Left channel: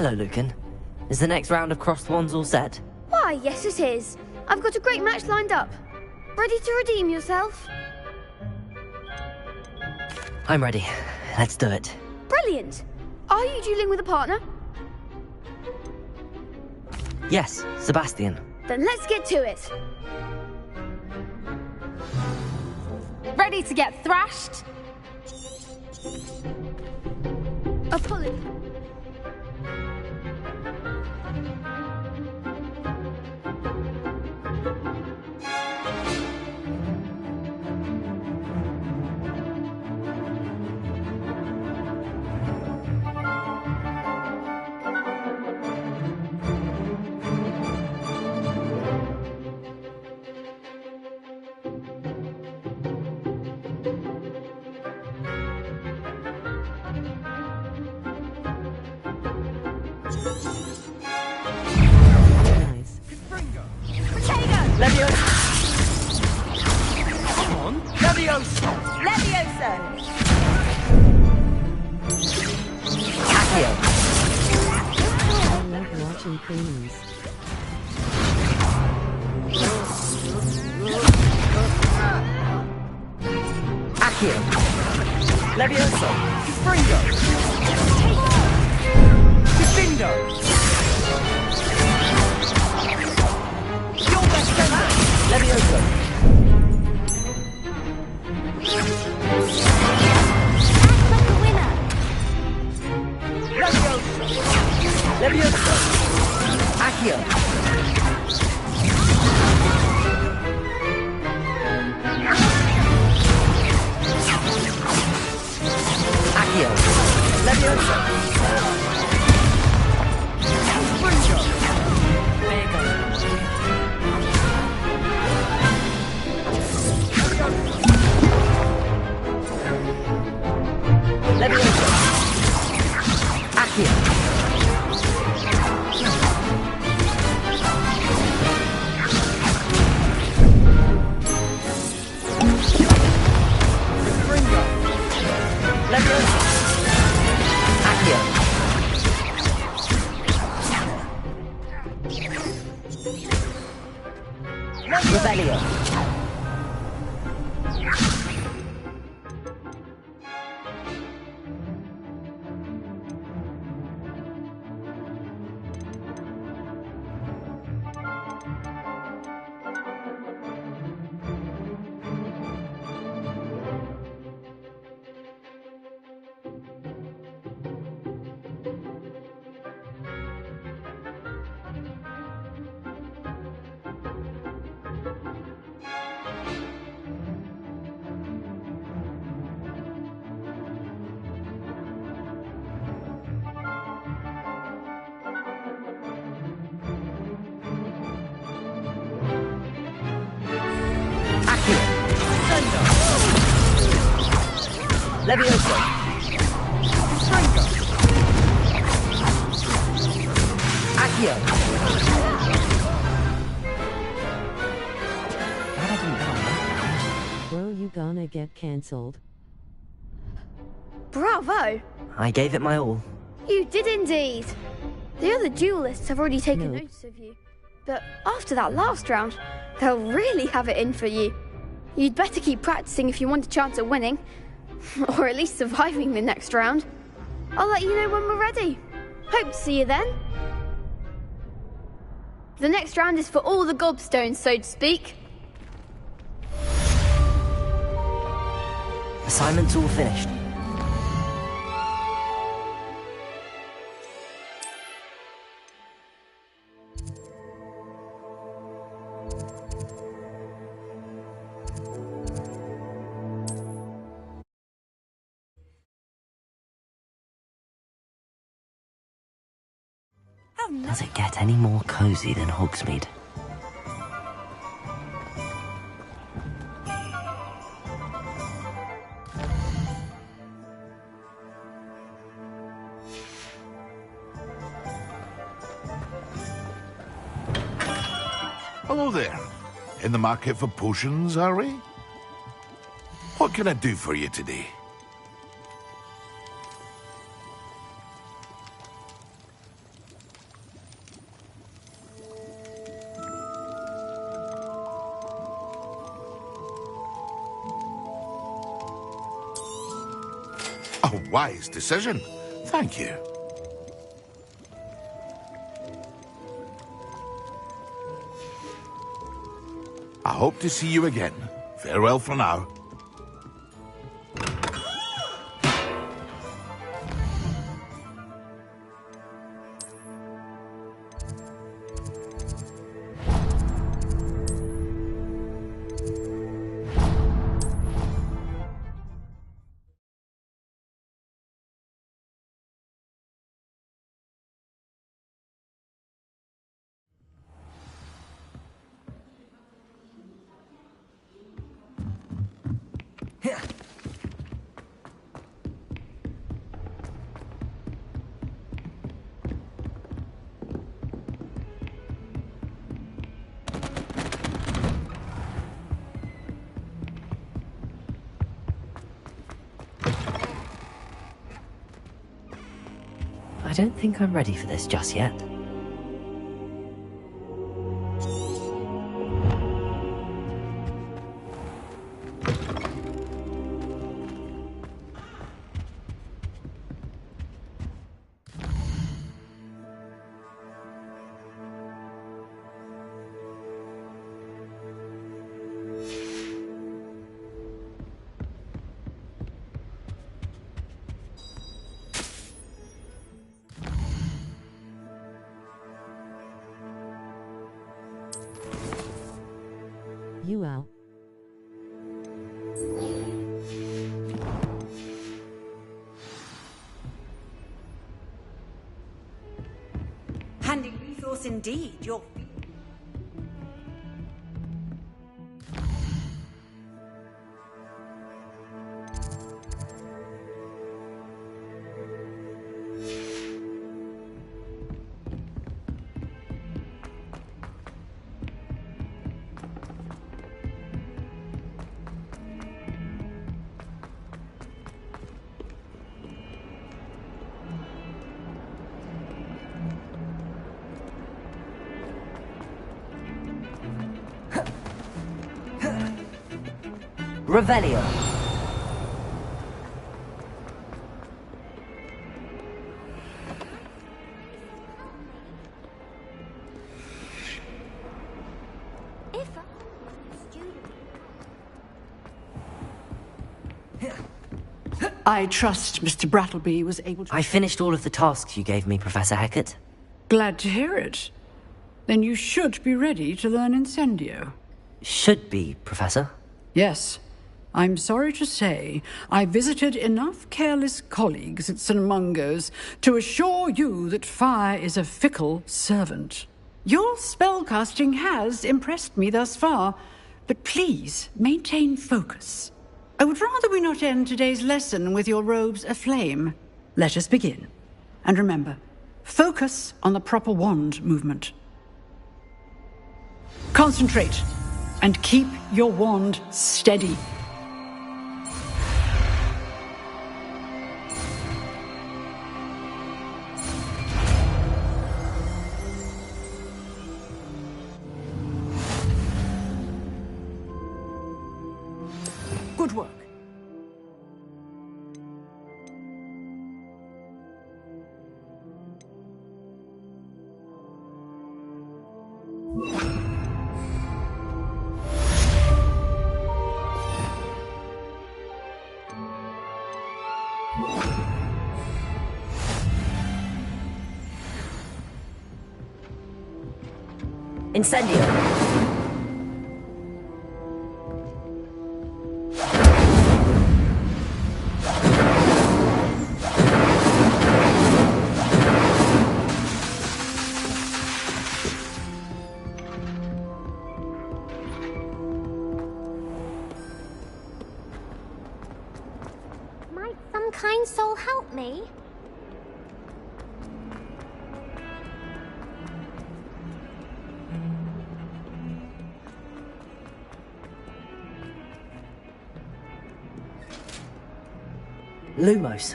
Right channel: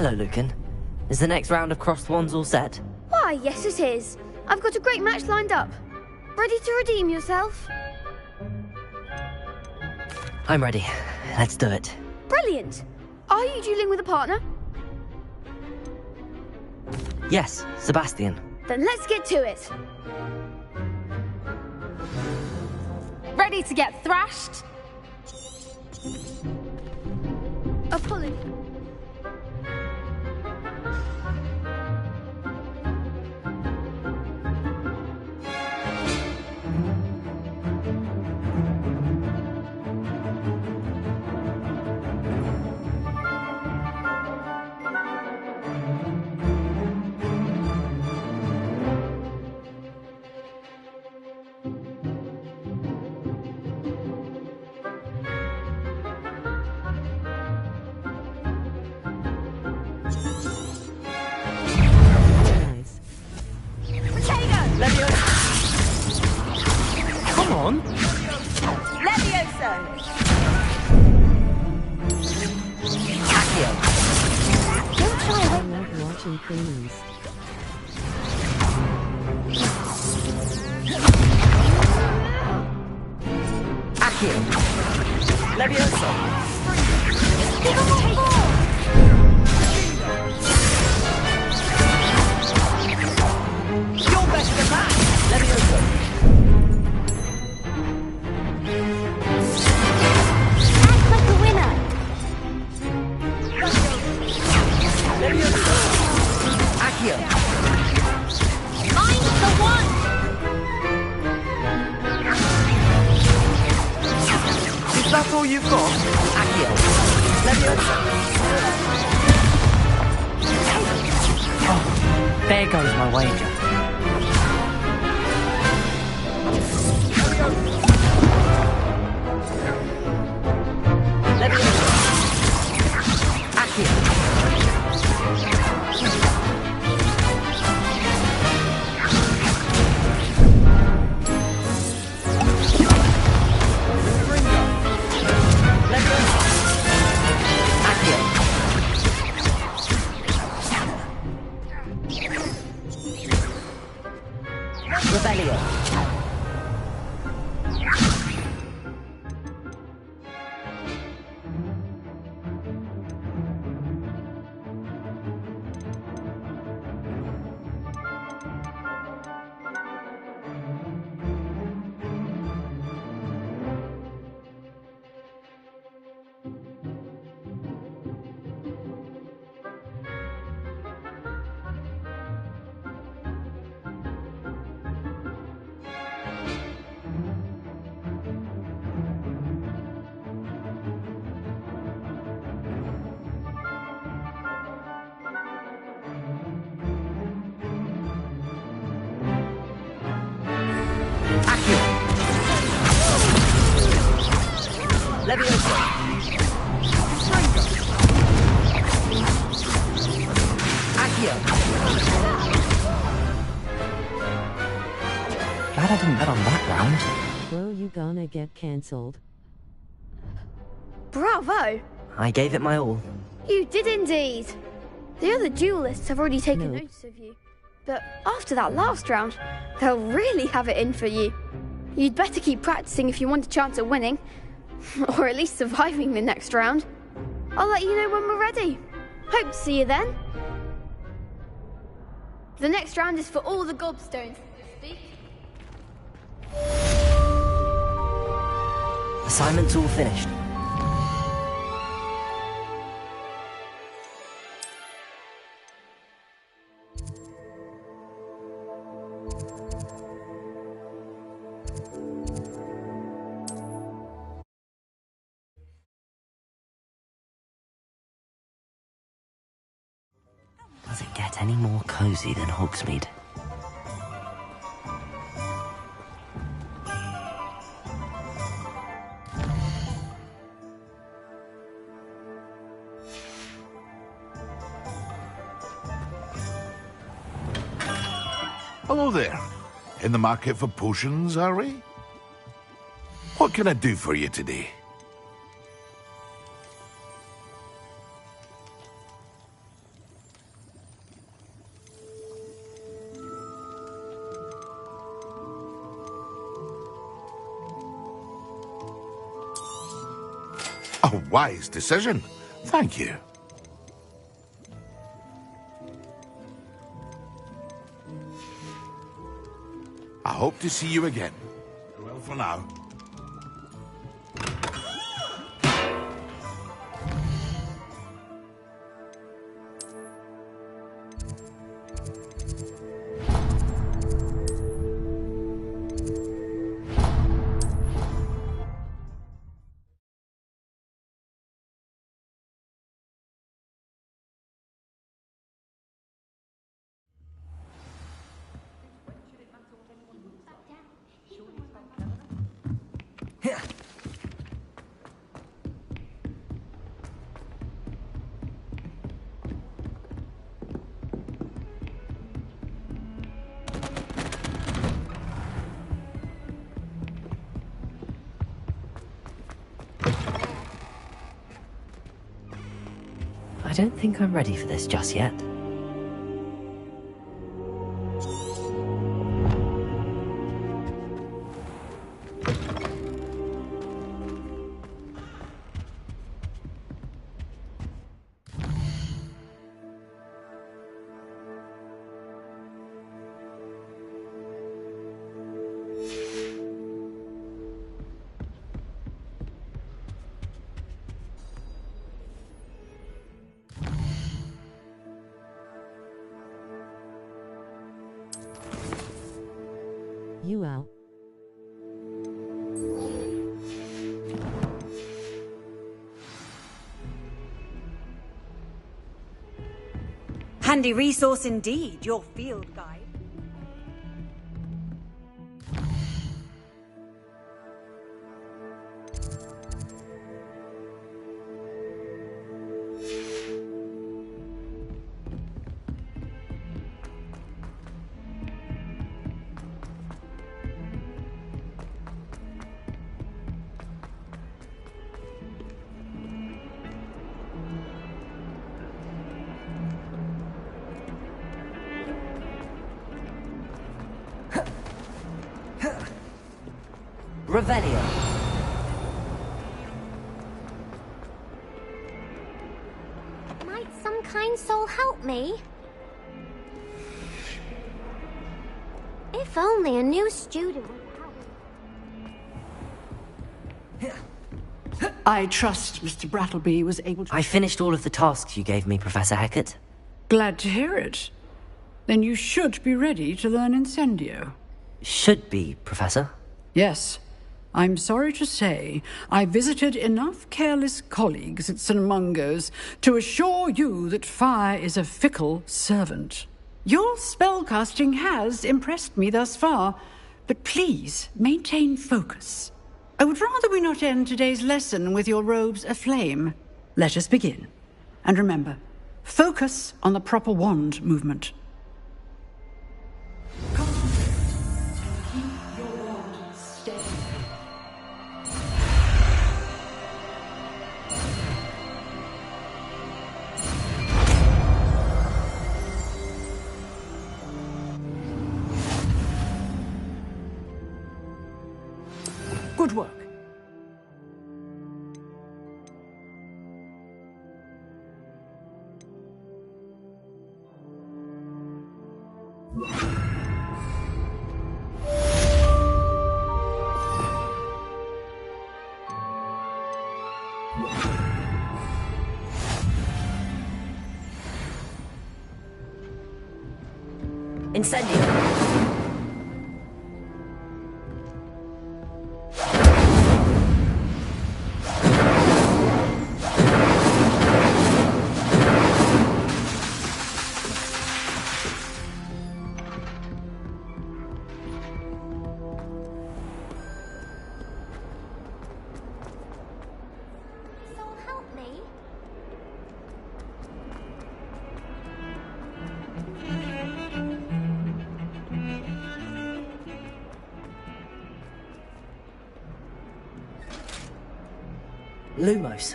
Hello, Lucan. Is the next round of crossed wands all set? Why, yes it is. I've got a great match lined up. Ready to redeem yourself? I'm ready. Let's do it. Brilliant! Are you dueling with a partner? Yes, Sebastian. Then let's get to it. Ready to get thrashed? Apologies. Come on! Levioso! Accio! I love watching criminals. Accio! Levioso! Springo! Bingo! You're best at that! Levioso! Act like a winner. Levioso! Accio! I'm the one. That's all you've got? Accio! Levioso! There goes my wager. Levioso! Accio! Levioso! Accio! Rebellion! Accio! Levioso! Springo! Accio! Glad I didn't bet on that round. Bro, you gonna get cancelled. Bravo! I gave it my all. You did indeed. The other duelists have already taken Nope. notice of you. But after that last round, they'll really have it in for you. You'd better keep practicing if you want a chance at winning. Or at least surviving the next round. I'll let you know when we're ready. Hope to see you then. The next round is for all the gobstones, so to speak. Assignment's all finished. Does it get any more cozy than Hogsmeade? Hello there. In the market for potions, are we? What can I do for you today? A wise decision. Thank you. I hope to see you again. Farewell for now. I don't think I'm ready for this just yet. You out. Handy resource indeed, your field guide. Revelio. Might some kind soul help me? If only a new student would help. I trust Mr. Brattleby was able to... I finished all of the tasks you gave me, Professor Hackett. Glad to hear it. Then you should be ready to learn Incendio. Should be, Professor. Yes. I'm sorry to say I visited enough careless colleagues at St. Mungo's to assure you that fire is a fickle servant. Your spellcasting has impressed me thus far, but please maintain focus. I would rather we not end today's lesson with your robes aflame. Let us begin. And remember, focus on the proper wand movement. Concentrate and keep your wand steady. Good work. Incendio. Might some kind soul help me? Lumos.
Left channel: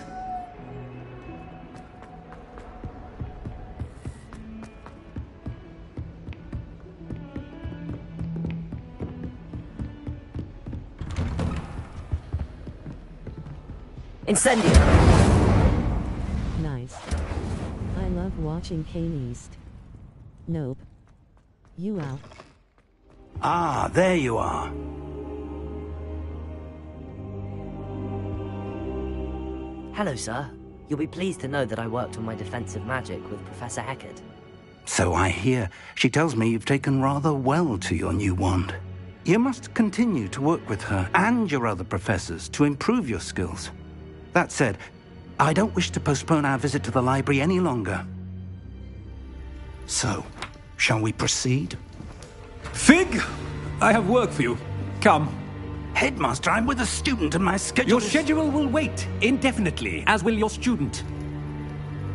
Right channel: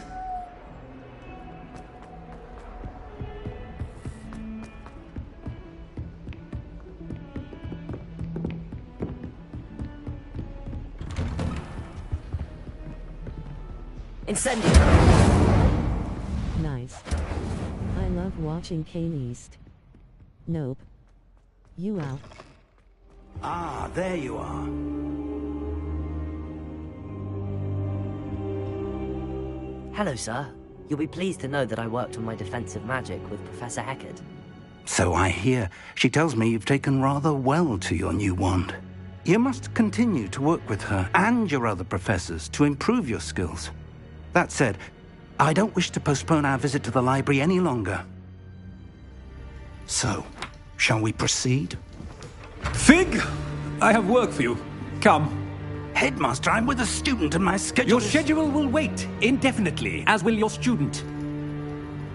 Incendio! Nice. I love watching Kanye East. Nope. You out. Ah, there you are. Hello, sir. You'll be pleased to know that I worked on my defensive magic with Professor Heckard. So I hear. She tells me you've taken rather well to your new wand. You must continue to work with her and your other professors to improve your skills. That said, I don't wish to postpone our visit to the library any longer. So, shall we proceed? Fig! I have work for you. Come. Headmaster, I'm with a student and my schedule Your is... schedule will wait indefinitely, as will your student.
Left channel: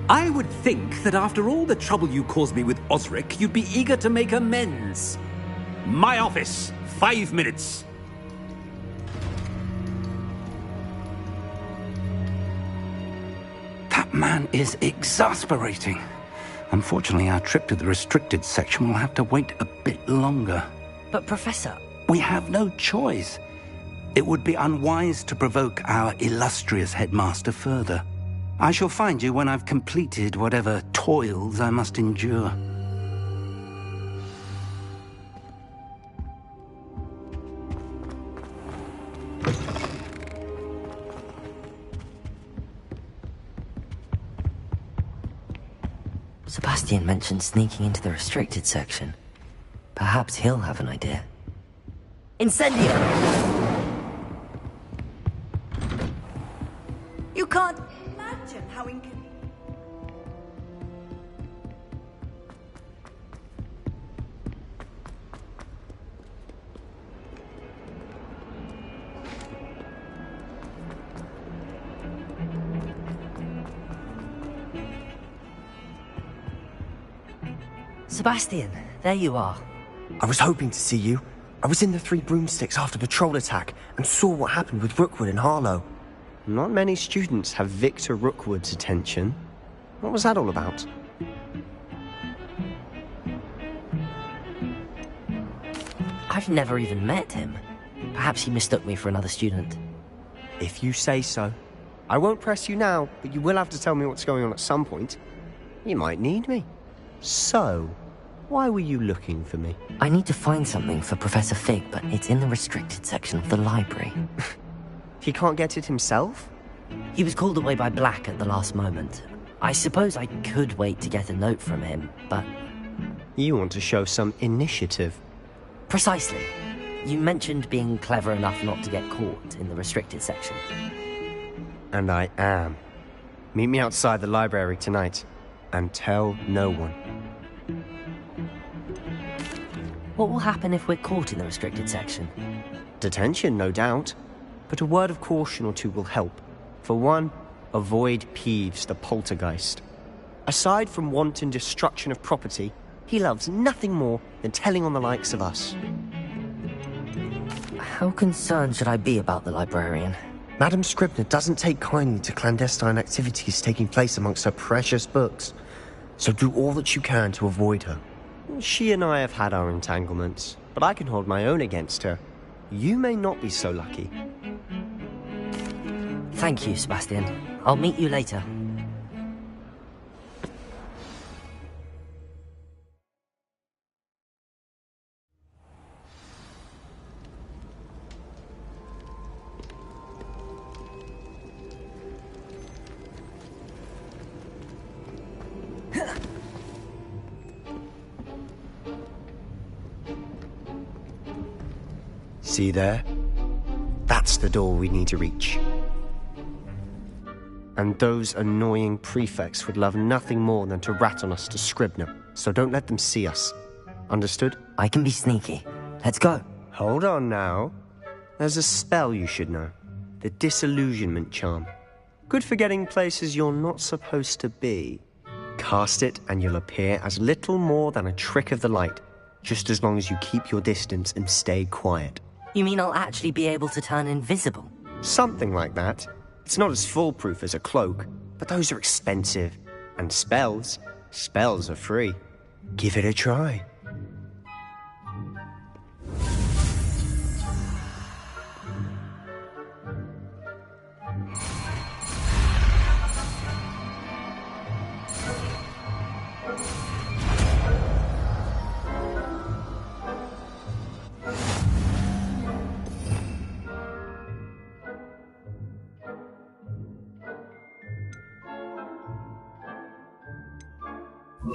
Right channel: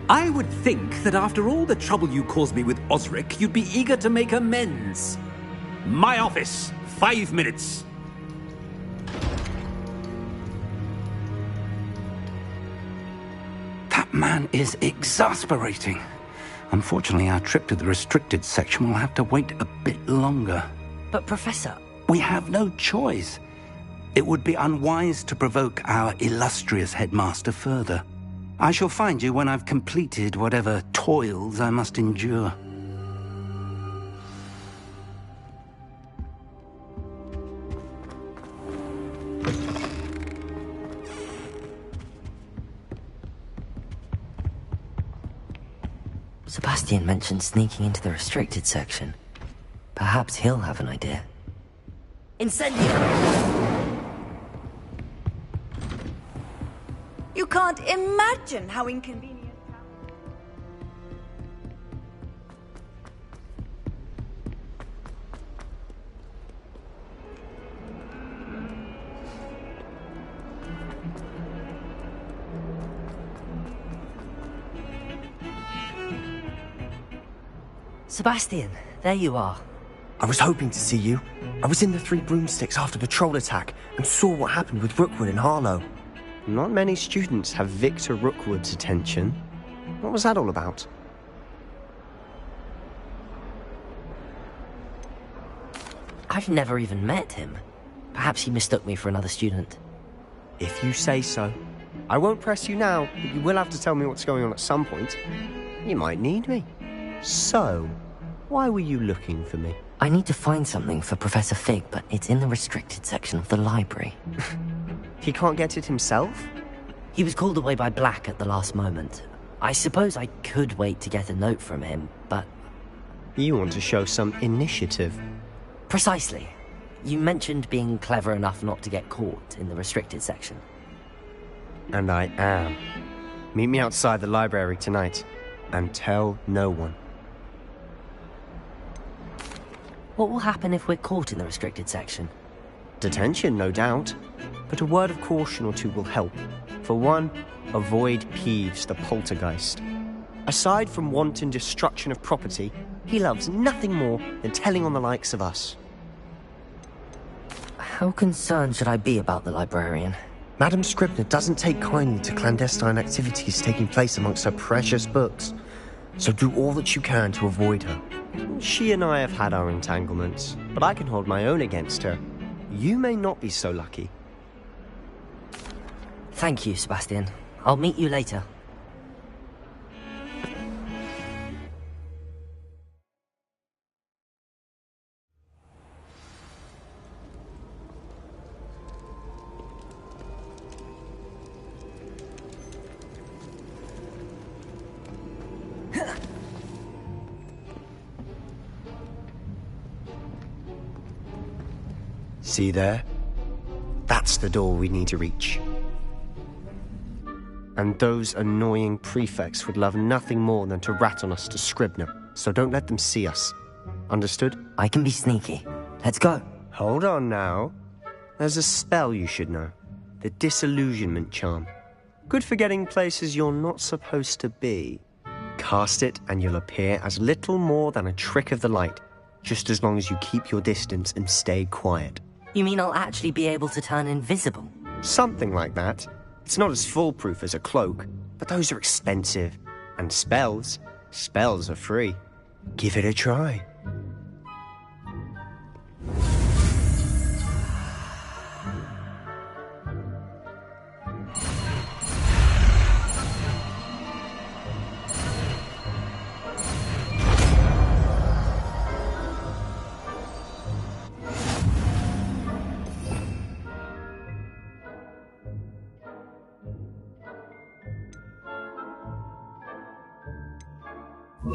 I would think that after all the trouble you caused me with Osric, you'd be eager to make amends. My office, 5 minutes. That man is exasperating. Unfortunately, our trip to the restricted section will have to wait a bit longer. But, Professor... We have no choice. It would be unwise to provoke our illustrious headmaster further. I shall find you when I've completed whatever toils I must endure. Sebastian mentioned sneaking into the restricted section. Perhaps he'll have an idea. Incendio! You can't imagine how inconvenient. Sebastian, there you are. I was hoping to see you. I was in the Three Broomsticks after the troll attack and saw what happened with Rookwood and Harlow. Not many students have Victor Rookwood's attention. What was that all about? I've never even met him. Perhaps he mistook me for another student. If you say so. I won't press you now, but you will have to tell me what's going on at some point. You might need me. So, why were you looking for me? I need to find something for Professor Fig, but it's in the restricted section of the library. He can't get it himself? He was called away by Black at the last moment. I suppose I could wait to get a note from him, but... You want to show some initiative. Precisely. You mentioned being clever enough not to get caught in the restricted section. And I am. Meet me outside the library tonight, and tell no one. What will happen if we're caught in the restricted section? Detention, no doubt. But a word of caution or two will help. For one, avoid Peeves the poltergeist. Aside from wanton destruction of property, he loves nothing more than telling on the likes of us. How concerned should I be about the librarian? Madam Scribner doesn't take kindly to clandestine activities taking place amongst her precious books. So do all that you can to avoid her. She and I have had our entanglements, but I can hold my own against her. You may not be so lucky. Thank you, Sebastian. I'll meet you later. See there? That's the door we need to reach. And those annoying prefects would love nothing more than to rat on us to Scribner, so don't let them see us. Understood? I can be sneaky. Let's go. Hold on now. There's a spell you should know. The Disillusionment Charm. Good for getting places you're not supposed to be. Cast it and you'll appear as little more than a trick of the light, just as long as you keep your distance and stay quiet. You mean I'll actually be able to turn invisible? Something like that. It's not as foolproof as a cloak, but those are expensive. And spells are free. Give it a try. We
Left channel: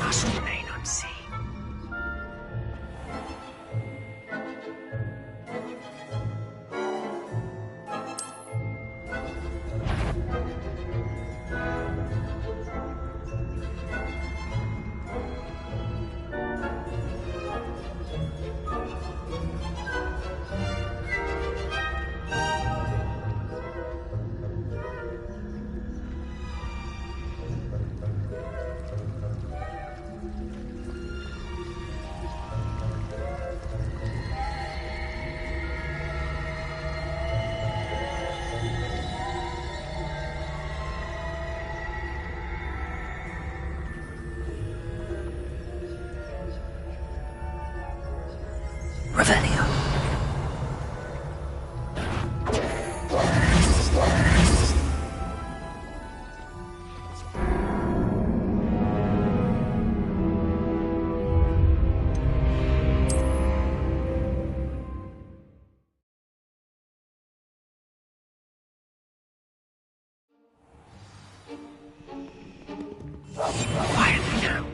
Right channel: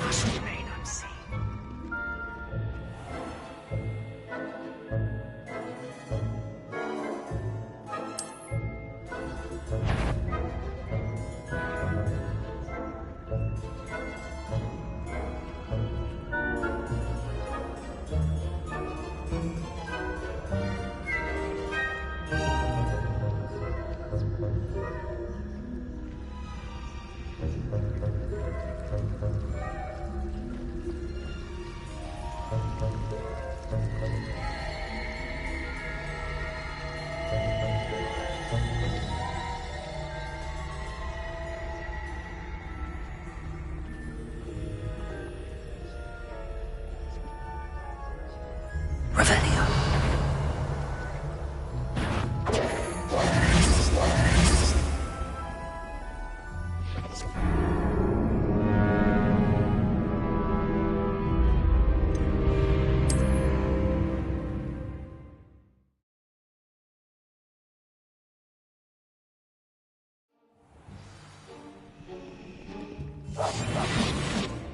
must remain unseen. Revelio. Quietly now.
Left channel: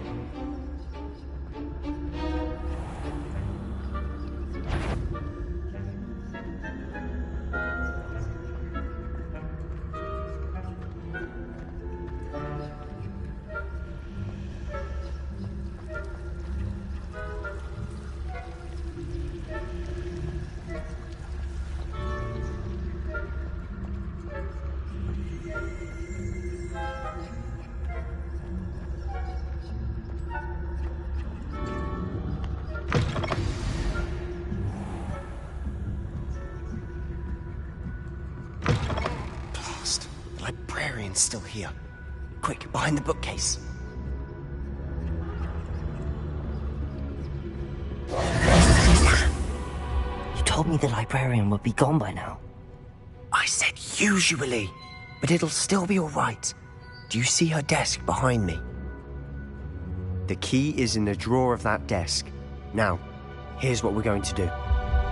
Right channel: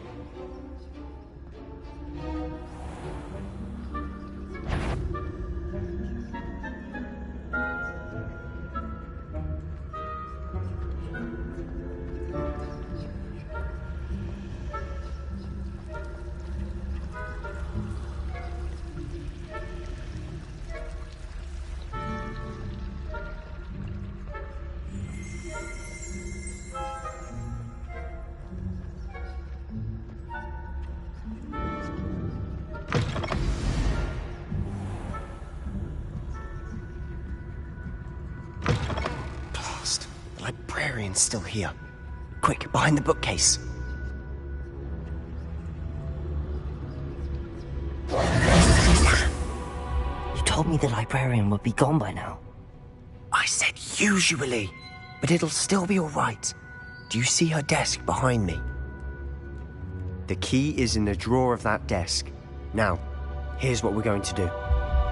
Blast. The librarian's still here. Quick, behind the bookcase. You told me the librarian would be gone by now. I said usually, but it'll still be alright. Do you see her desk behind me? The key is in the drawer of that desk. Now, here's what we're going to do.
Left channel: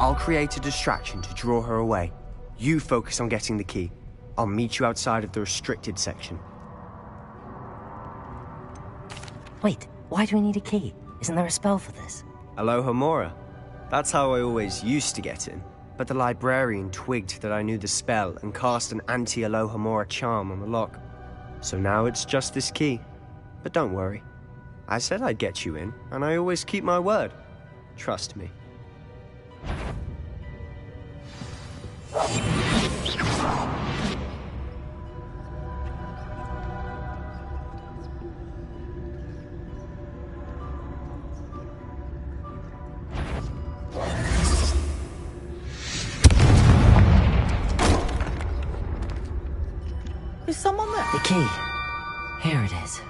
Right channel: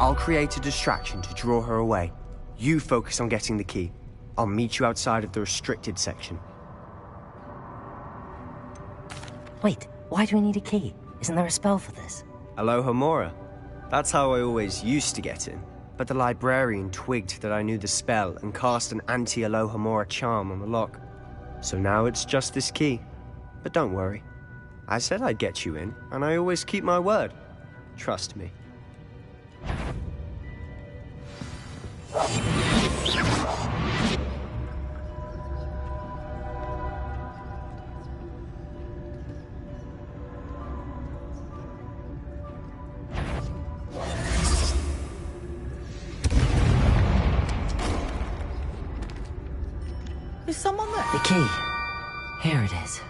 I'll create a distraction to draw her away. You focus on getting the key. I'll meet you outside of the restricted section. Wait, why do we need a key? Isn't there a spell for this? Alohomora. That's how I always used to get in. But the librarian twigged that I knew the spell and cast an anti-Alohomora charm on the lock. So now it's just this key. But don't worry. I said I'd get you in, and I always keep my word. Trust me. Is someone there? The key. Here it is.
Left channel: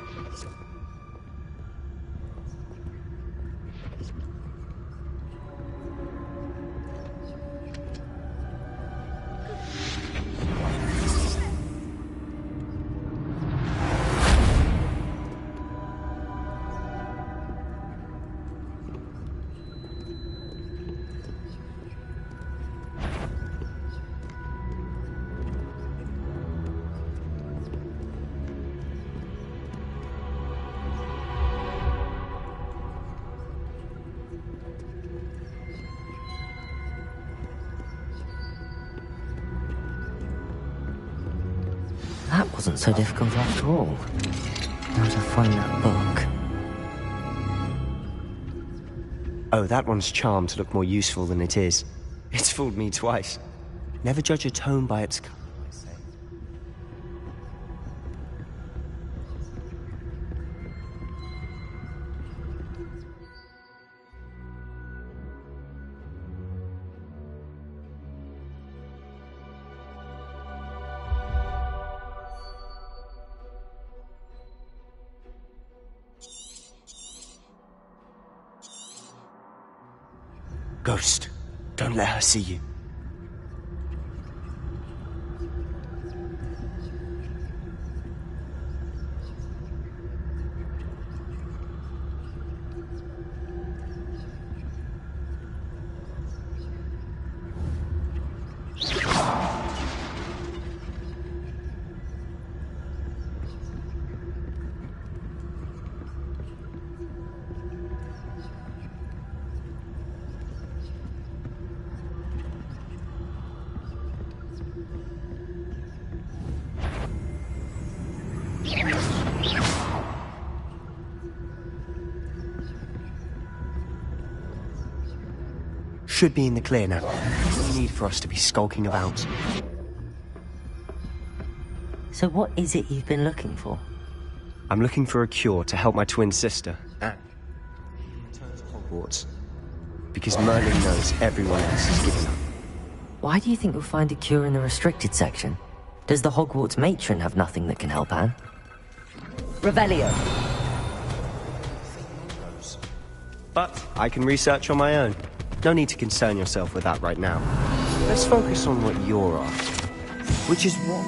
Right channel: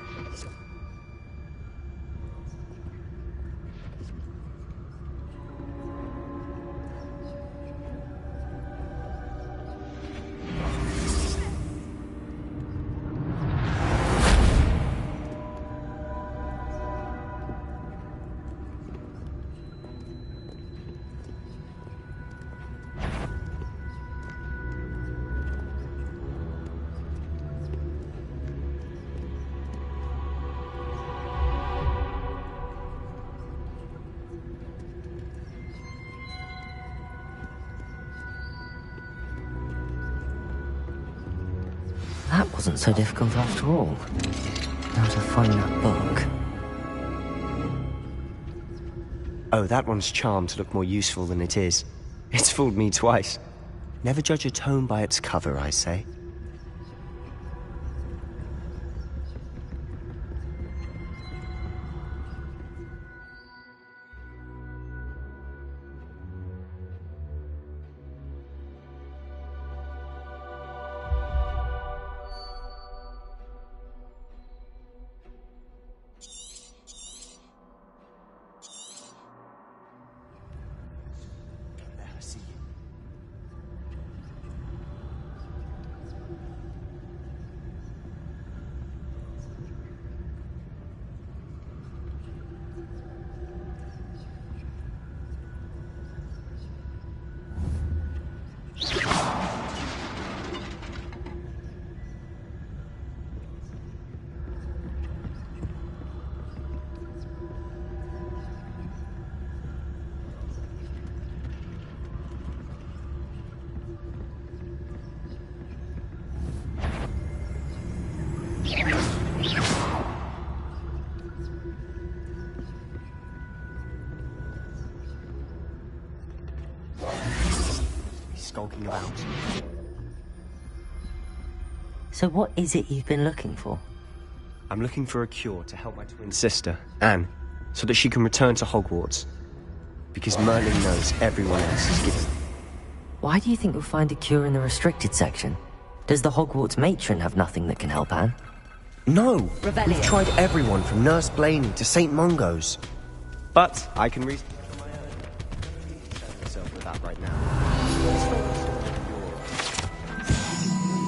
That wasn't so difficult after all. Now to find that book. Oh, that one's charmed to look more useful than it is. It's fooled me twice. Never judge a tome by its cover, I say. Ghost, don't let her see you. Should be in the clear now. No need for us to be skulking about. So what is it you've been looking for? I'm looking for a cure to help my twin sister, Anne, so that she can return to Hogwarts. Because Merlin knows everyone else is giving up. Why do you think you'll find a cure in the restricted section? Does the Hogwarts matron have nothing that can help Anne? No! Revelio! I've tried everyone from Nurse Blaney to St. Mungo's. But I can research on my own. No need to concern yourself with that right now. Let's focus on what you're after. Which is what?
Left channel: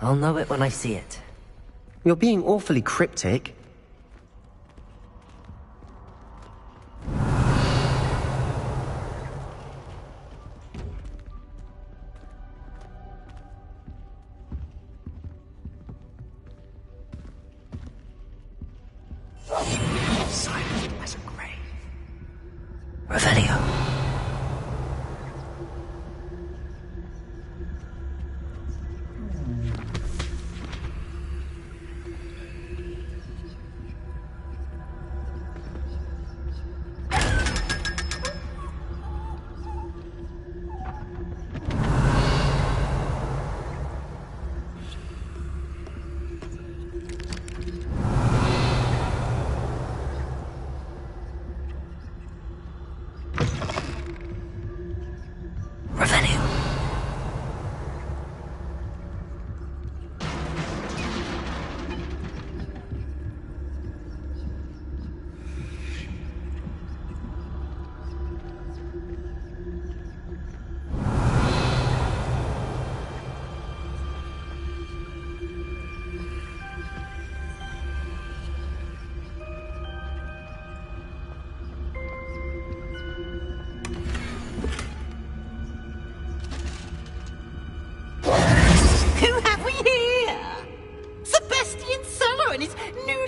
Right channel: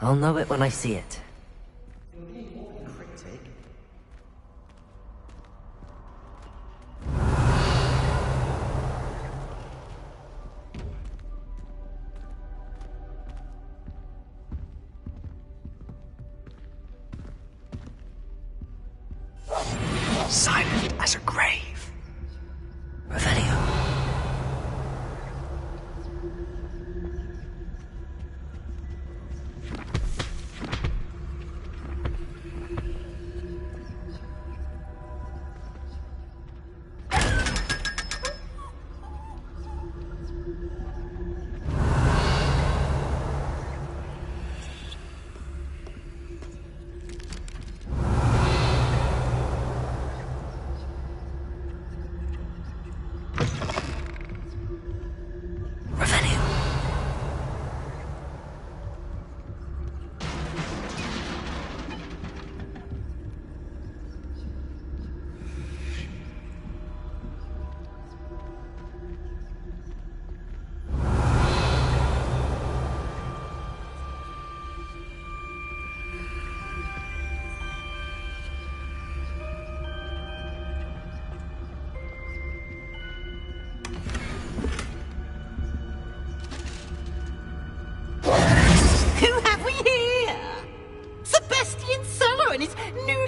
I'll know it when I see it. You're being awfully cryptic. Silent as a grave. Revelio.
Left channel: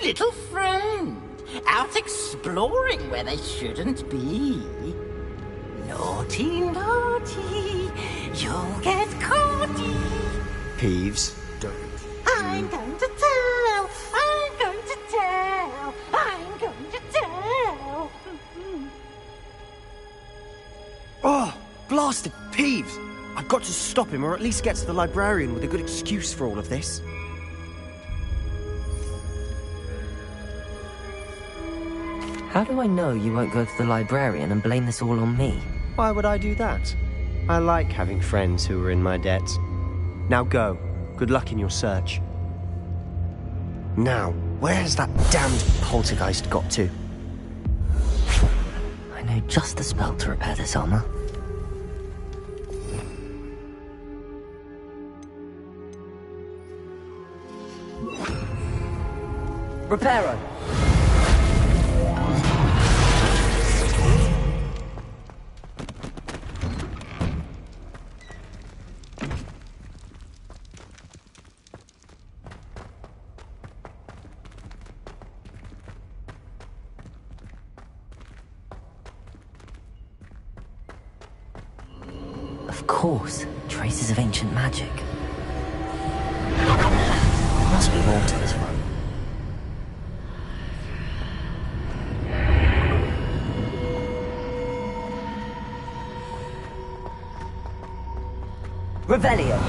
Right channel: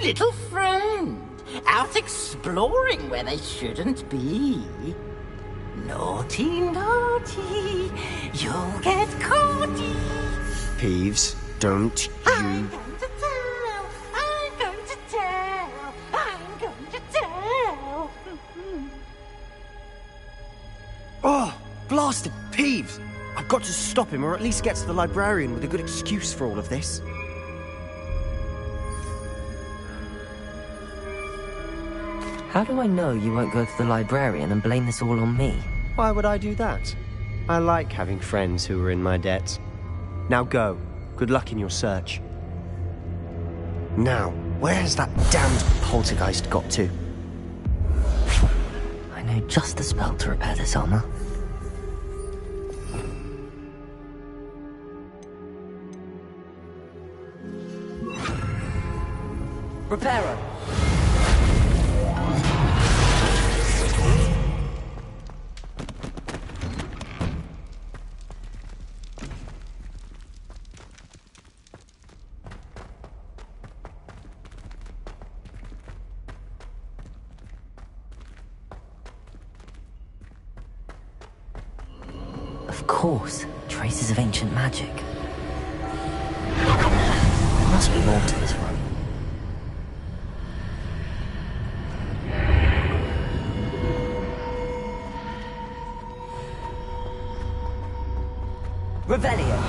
Little friend, out exploring where they shouldn't be. Naughty, naughty, you'll get caughty. Peeves, don't you... I'm going to tell, I'm going to tell, I'm going to tell. Oh, blasted Peeves! I've got to stop him, or at least get to the librarian with a good excuse for all of this. How do I know you won't go to the librarian and blame this all on me? Why would I do that? I like having friends who are in my debt. Now go. Good luck in your search. Now, where's that damned poltergeist got to? I know just the spell to repair this armor. Reparo! Of course, traces of ancient magic. There must be more to this one. Revelio.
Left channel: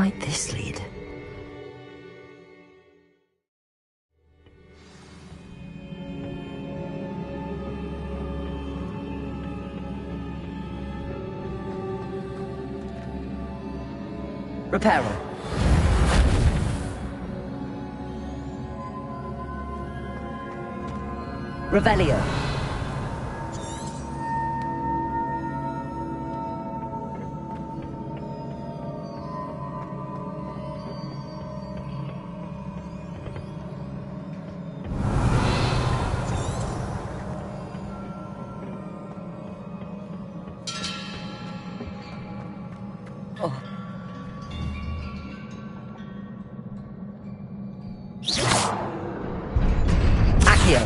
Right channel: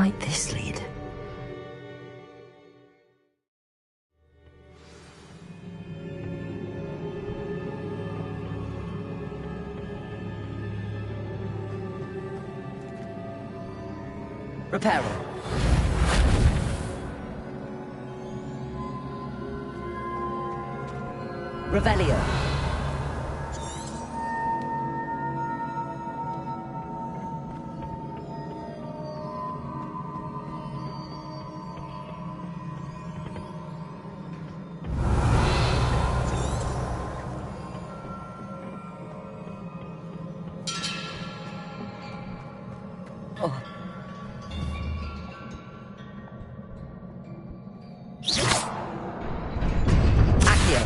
might this lead? Reparo. Revelio. Oh. Accio.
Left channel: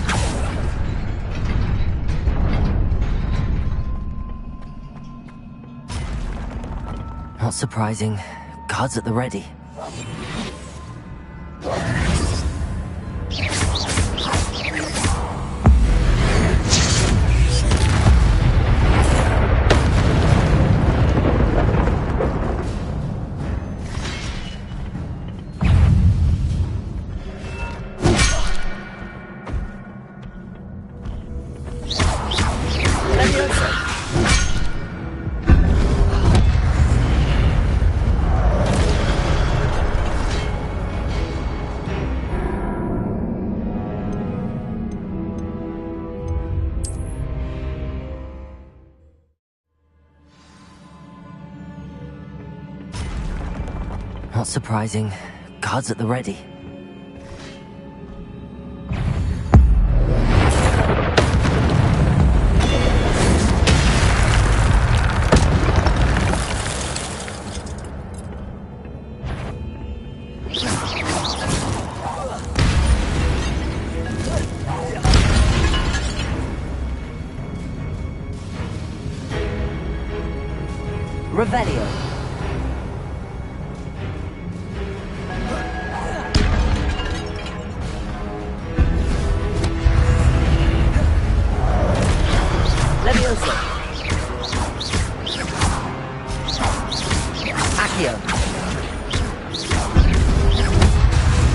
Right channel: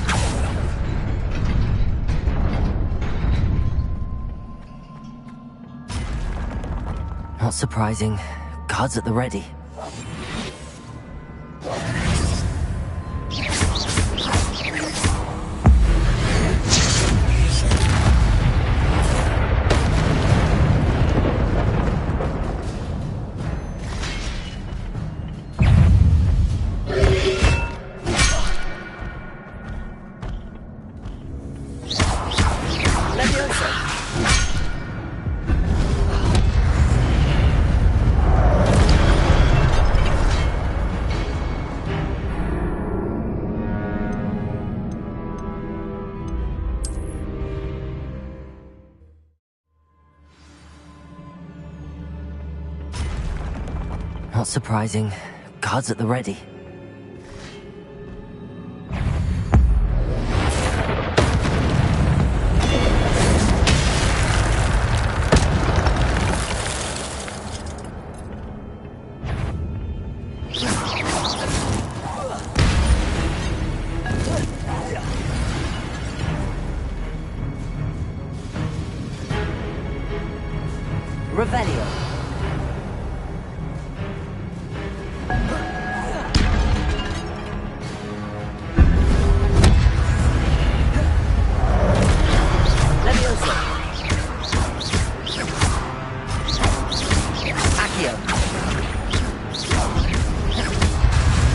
Not surprising. Guards at the ready. Not surprising. Guards at the ready. Revelio. Levioso. Accio.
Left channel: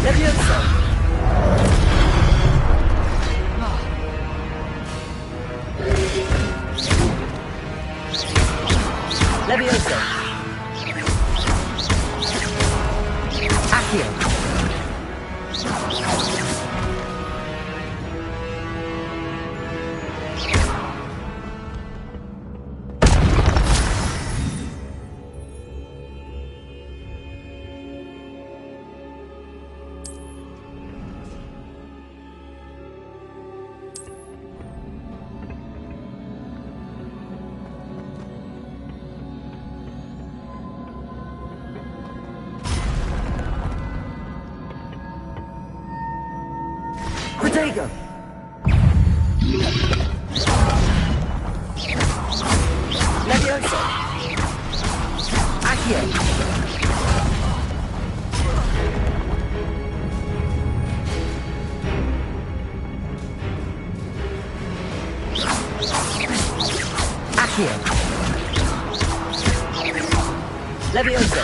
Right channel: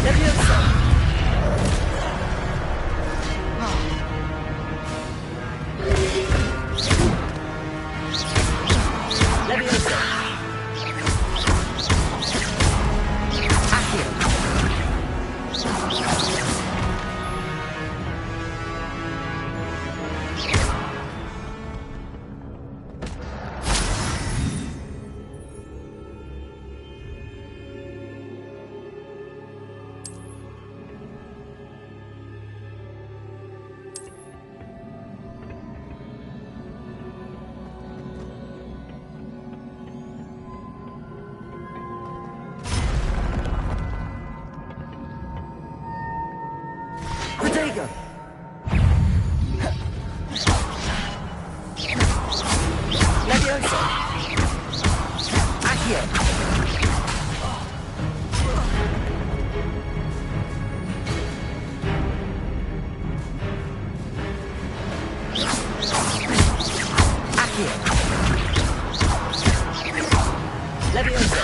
Levioso. Levioso. Accio. Protego. Levioso. Accio. Accio. Levioso.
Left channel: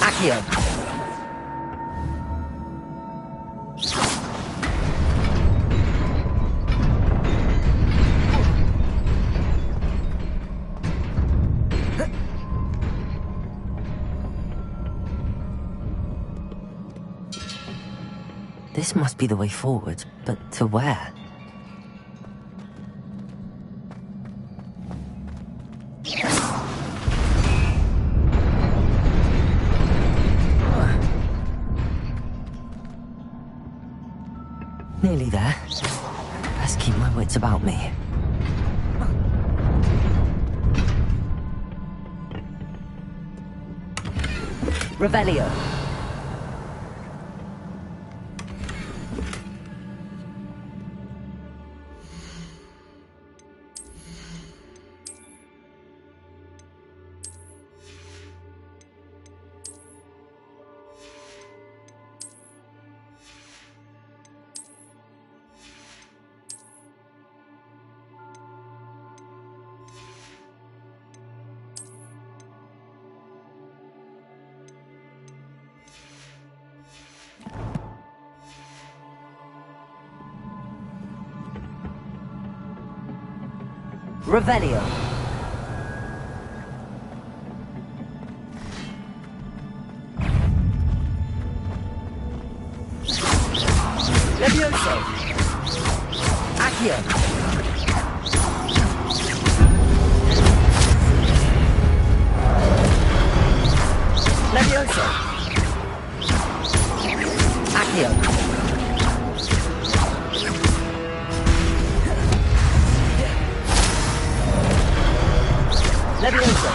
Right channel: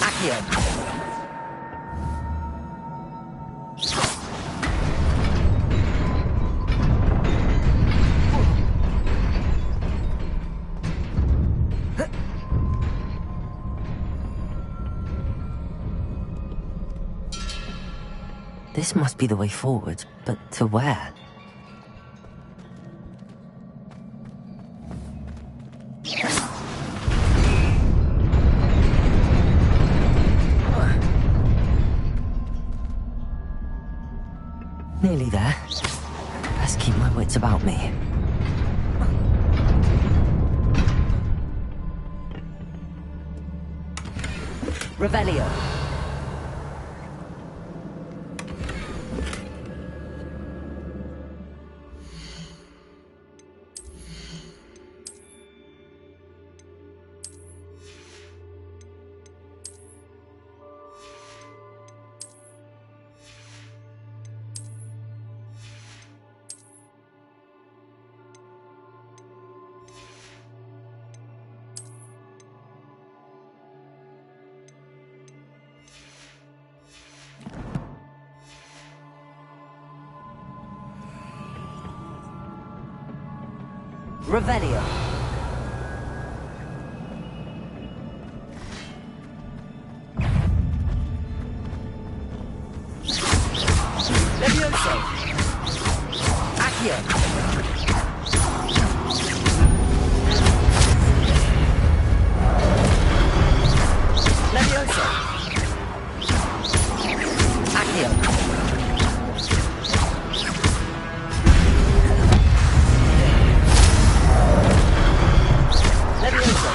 Accio. This must be the way forward, but to where? Nearly there. Best keep my wits about me. Revelio. Revelio. Levioso. Accio. Levioso. Accio. Levioso.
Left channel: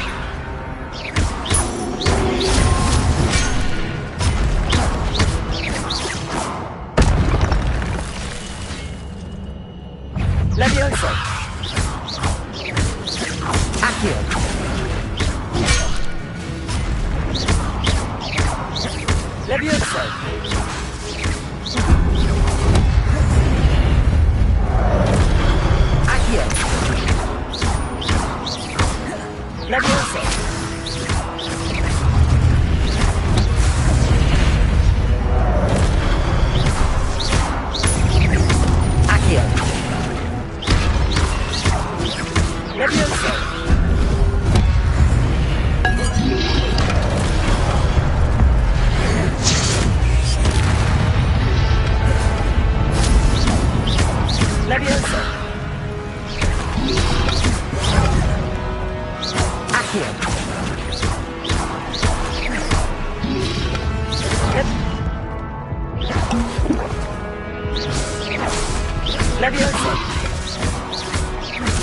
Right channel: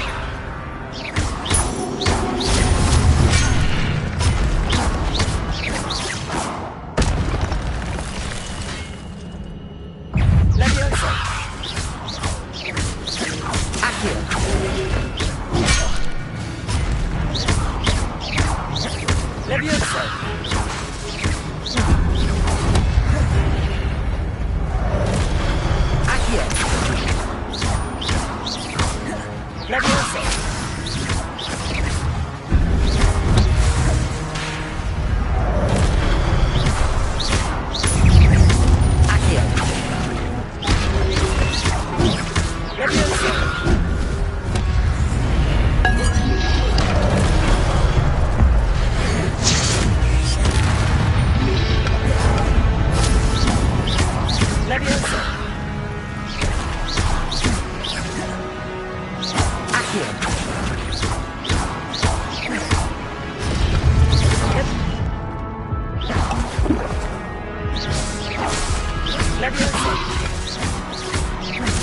Levioso. Accio. Levioso. Accio. Levioso. Accio. Levioso. Levioso. Accio. Levioso.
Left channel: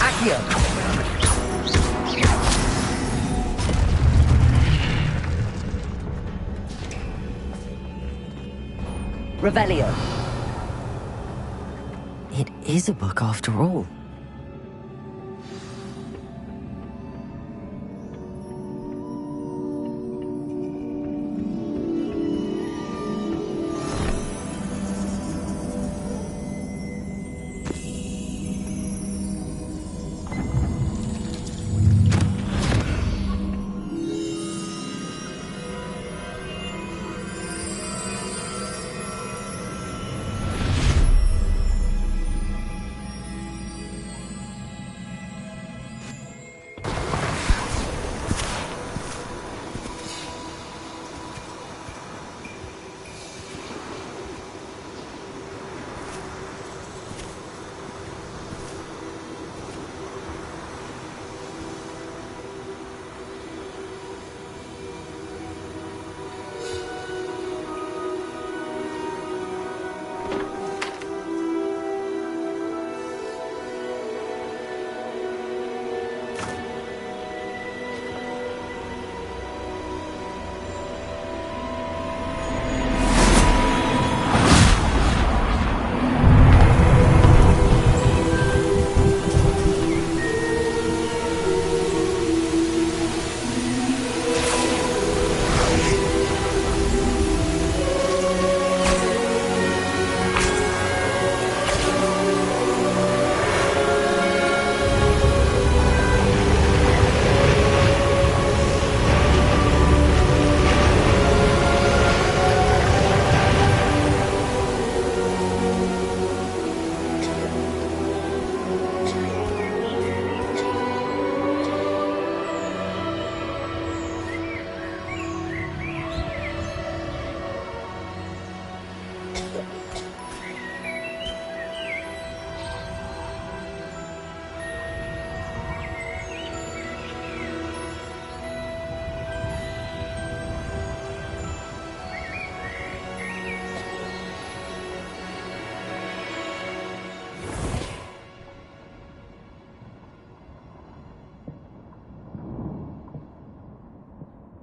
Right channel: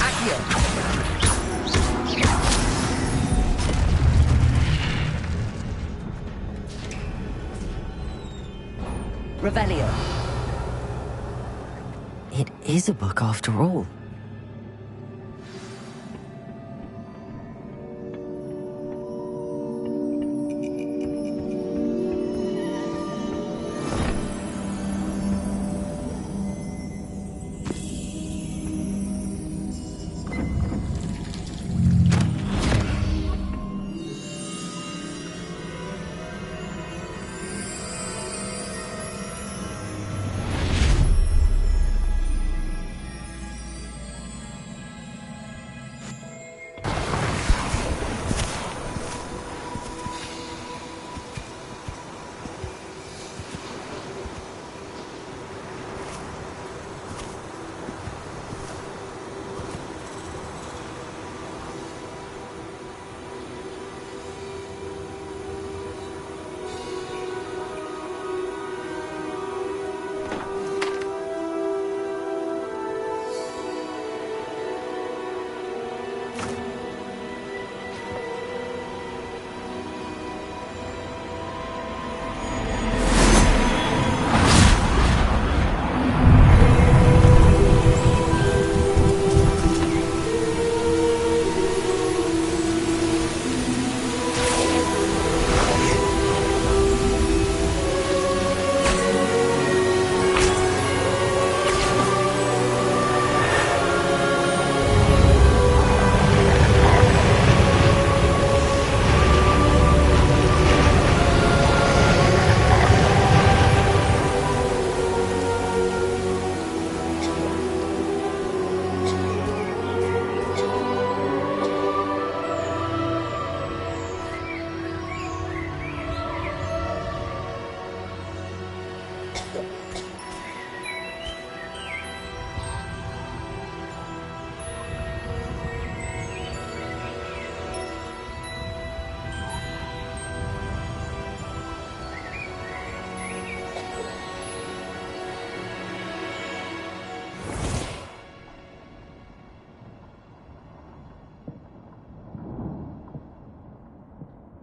Accio. Revelio. It is a book after all.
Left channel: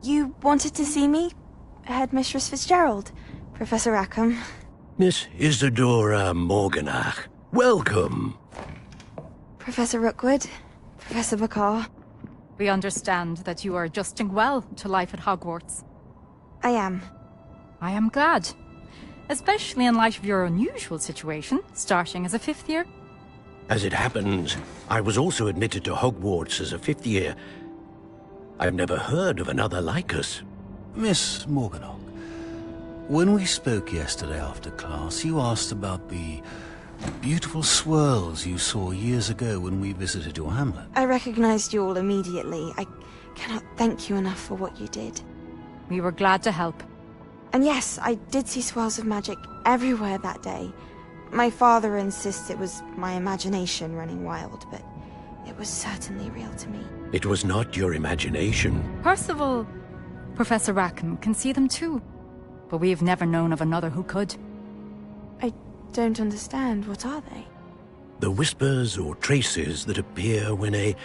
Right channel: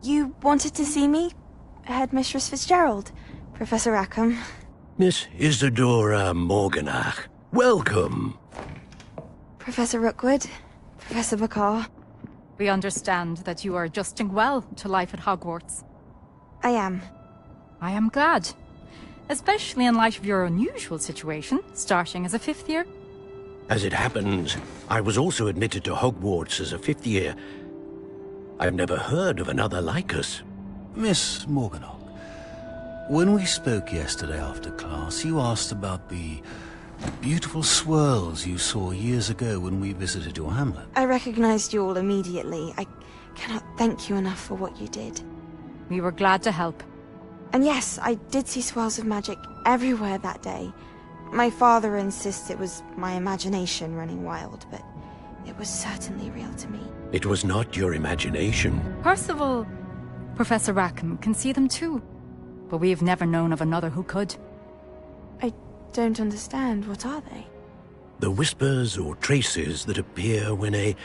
You wanted to see me? Headmistress Fitzgerald? Professor Rackham? Miss Isadora Morganach, welcome. Professor Rookwood? Professor Bakar? We understand that you are adjusting well to life at Hogwarts. I am. I am glad. Especially in light of your unusual situation, starting as a 5th year. As it happens, I was also admitted to Hogwarts as a 5th year. I've never heard of another like us. Miss Morganach, when we spoke yesterday after class, you asked about the Beautiful swirls you saw years ago when we visited your hamlet. I recognized you all immediately. I cannot thank you enough for what you did. We were glad to help. And yes, I did see swirls of magic everywhere that day. My father insists it was my imagination running wild, but it was certainly real to me. It was not your imagination. Percival, Professor Rackham can see them too. But we have never known of another who could. I don't understand. What are they? The whispers or traces that appear when a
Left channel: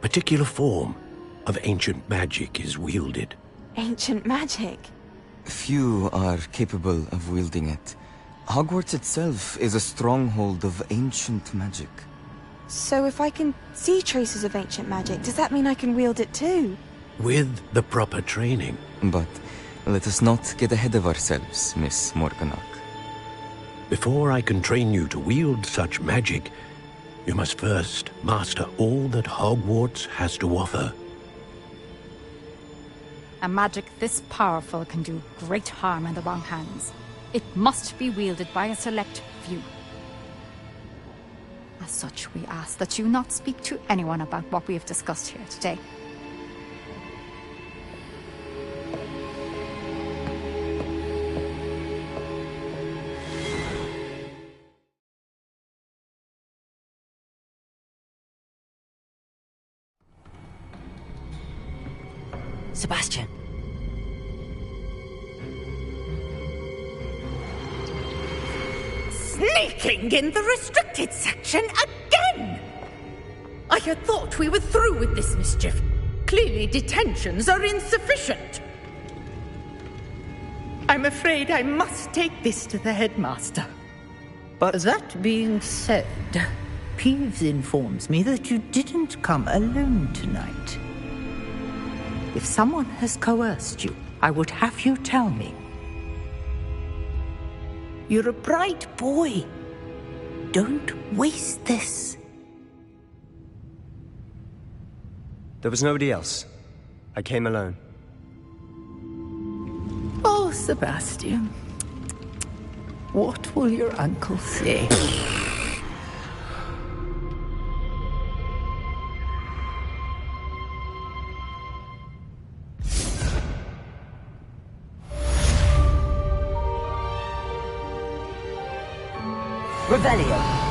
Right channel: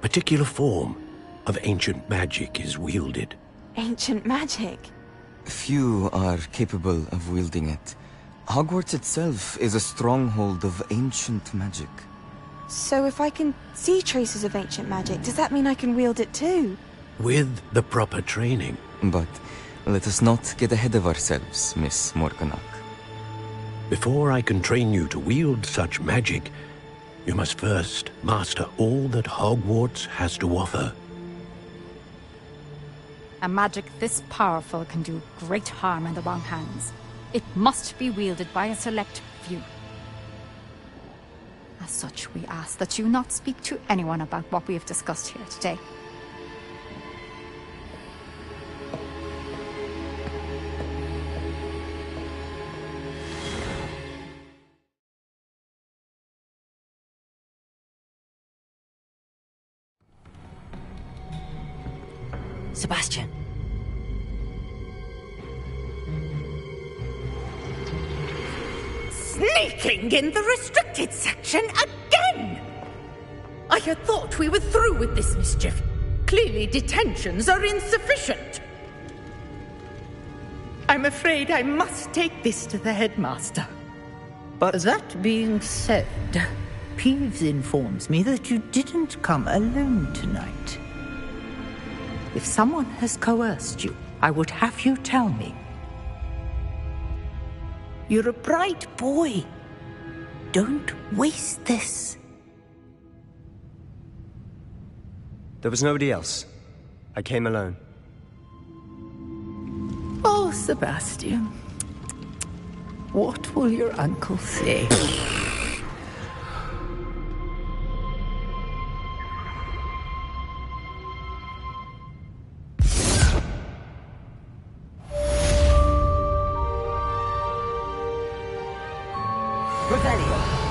particular form of ancient magic is wielded. Ancient magic? Few are capable of wielding it. Hogwarts itself is a stronghold of ancient magic. So if I can see traces of ancient magic, does that mean I can wield it too? With the proper training. But let us not get ahead of ourselves, Miss Morganach. Before I can train you to wield such magic, you must first master all that Hogwarts has to offer. A magic this powerful can do great harm in the wrong hands. It must be wielded by a select few. As such, we ask that you not speak to anyone about what we have discussed here today. Sebastian. Sneaking in the restricted section again! I had thought we were through with this mischief. Clearly detentions are insufficient. I'm afraid I must take this to the headmaster. But that being said, Peeves informs me that you didn't come alone tonight. If someone has coerced you, I would have you tell me. You're a bright boy. Don't waste this. There was nobody else. I came alone. Oh, Sebastian. What will your uncle say? Revelio.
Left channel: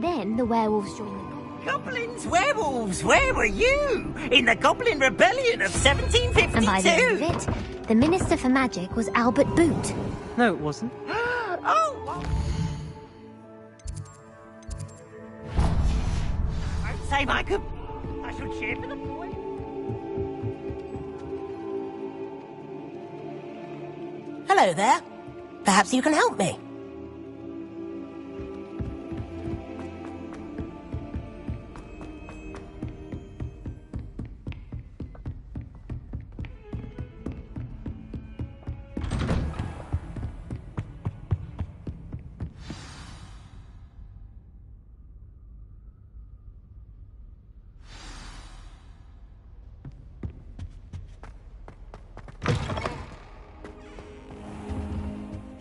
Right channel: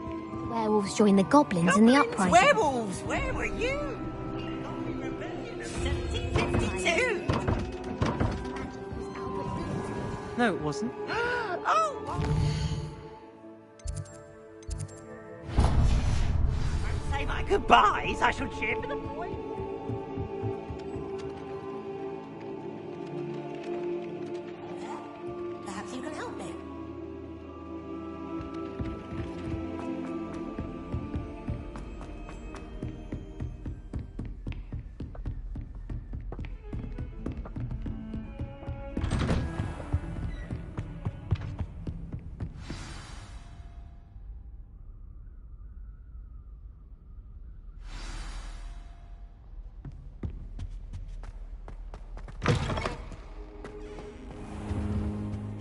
Then the werewolves joined the goblins in the uprising. Werewolves, where were you? In the Goblin Rebellion of 1752? And by the end of it, the Minister for Magic was Albert Boot. No, it wasn't. Oh! Don't say my goodbyes. I shall cheer for the boy. Hello there. Perhaps you can help me.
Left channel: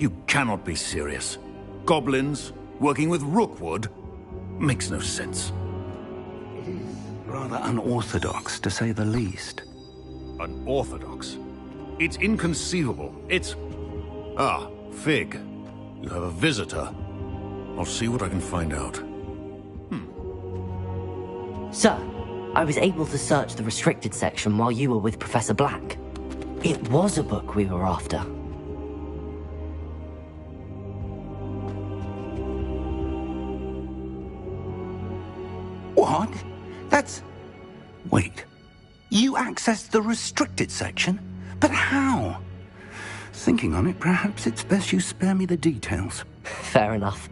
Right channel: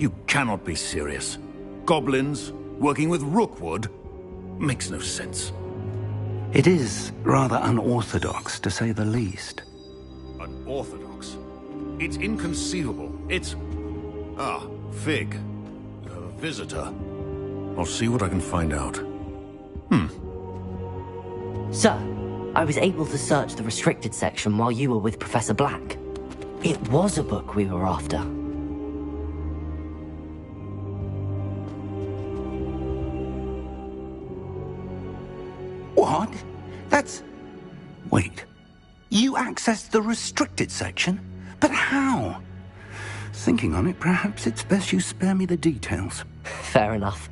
You cannot be serious. Goblins working with Rookwood? Makes no sense. It is rather unorthodox, to say the least. Unorthodox? It's inconceivable. It's... Ah, Fig. You have a visitor. I'll see what I can find out. Sir, I was able to search the restricted section while you were with Professor Black. It was a book we were after. What? That's... Wait. You accessed the restricted section? But how? Thinking on it, perhaps it's best you spare me the details. Fair enough.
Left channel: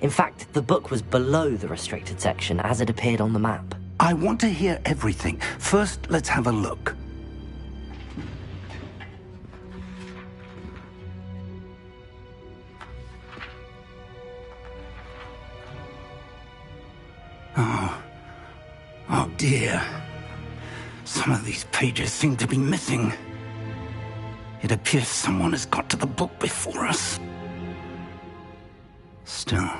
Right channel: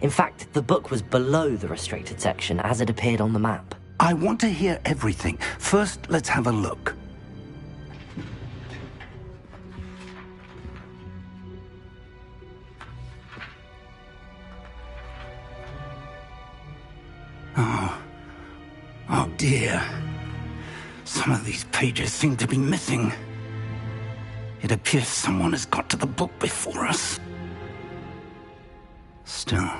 In fact, the book was below the restricted section as it appeared on the map. I want to hear everything. First, let's have a look. Oh dear. Some of these pages seem to be missing. It appears someone has got to the book before us. Still,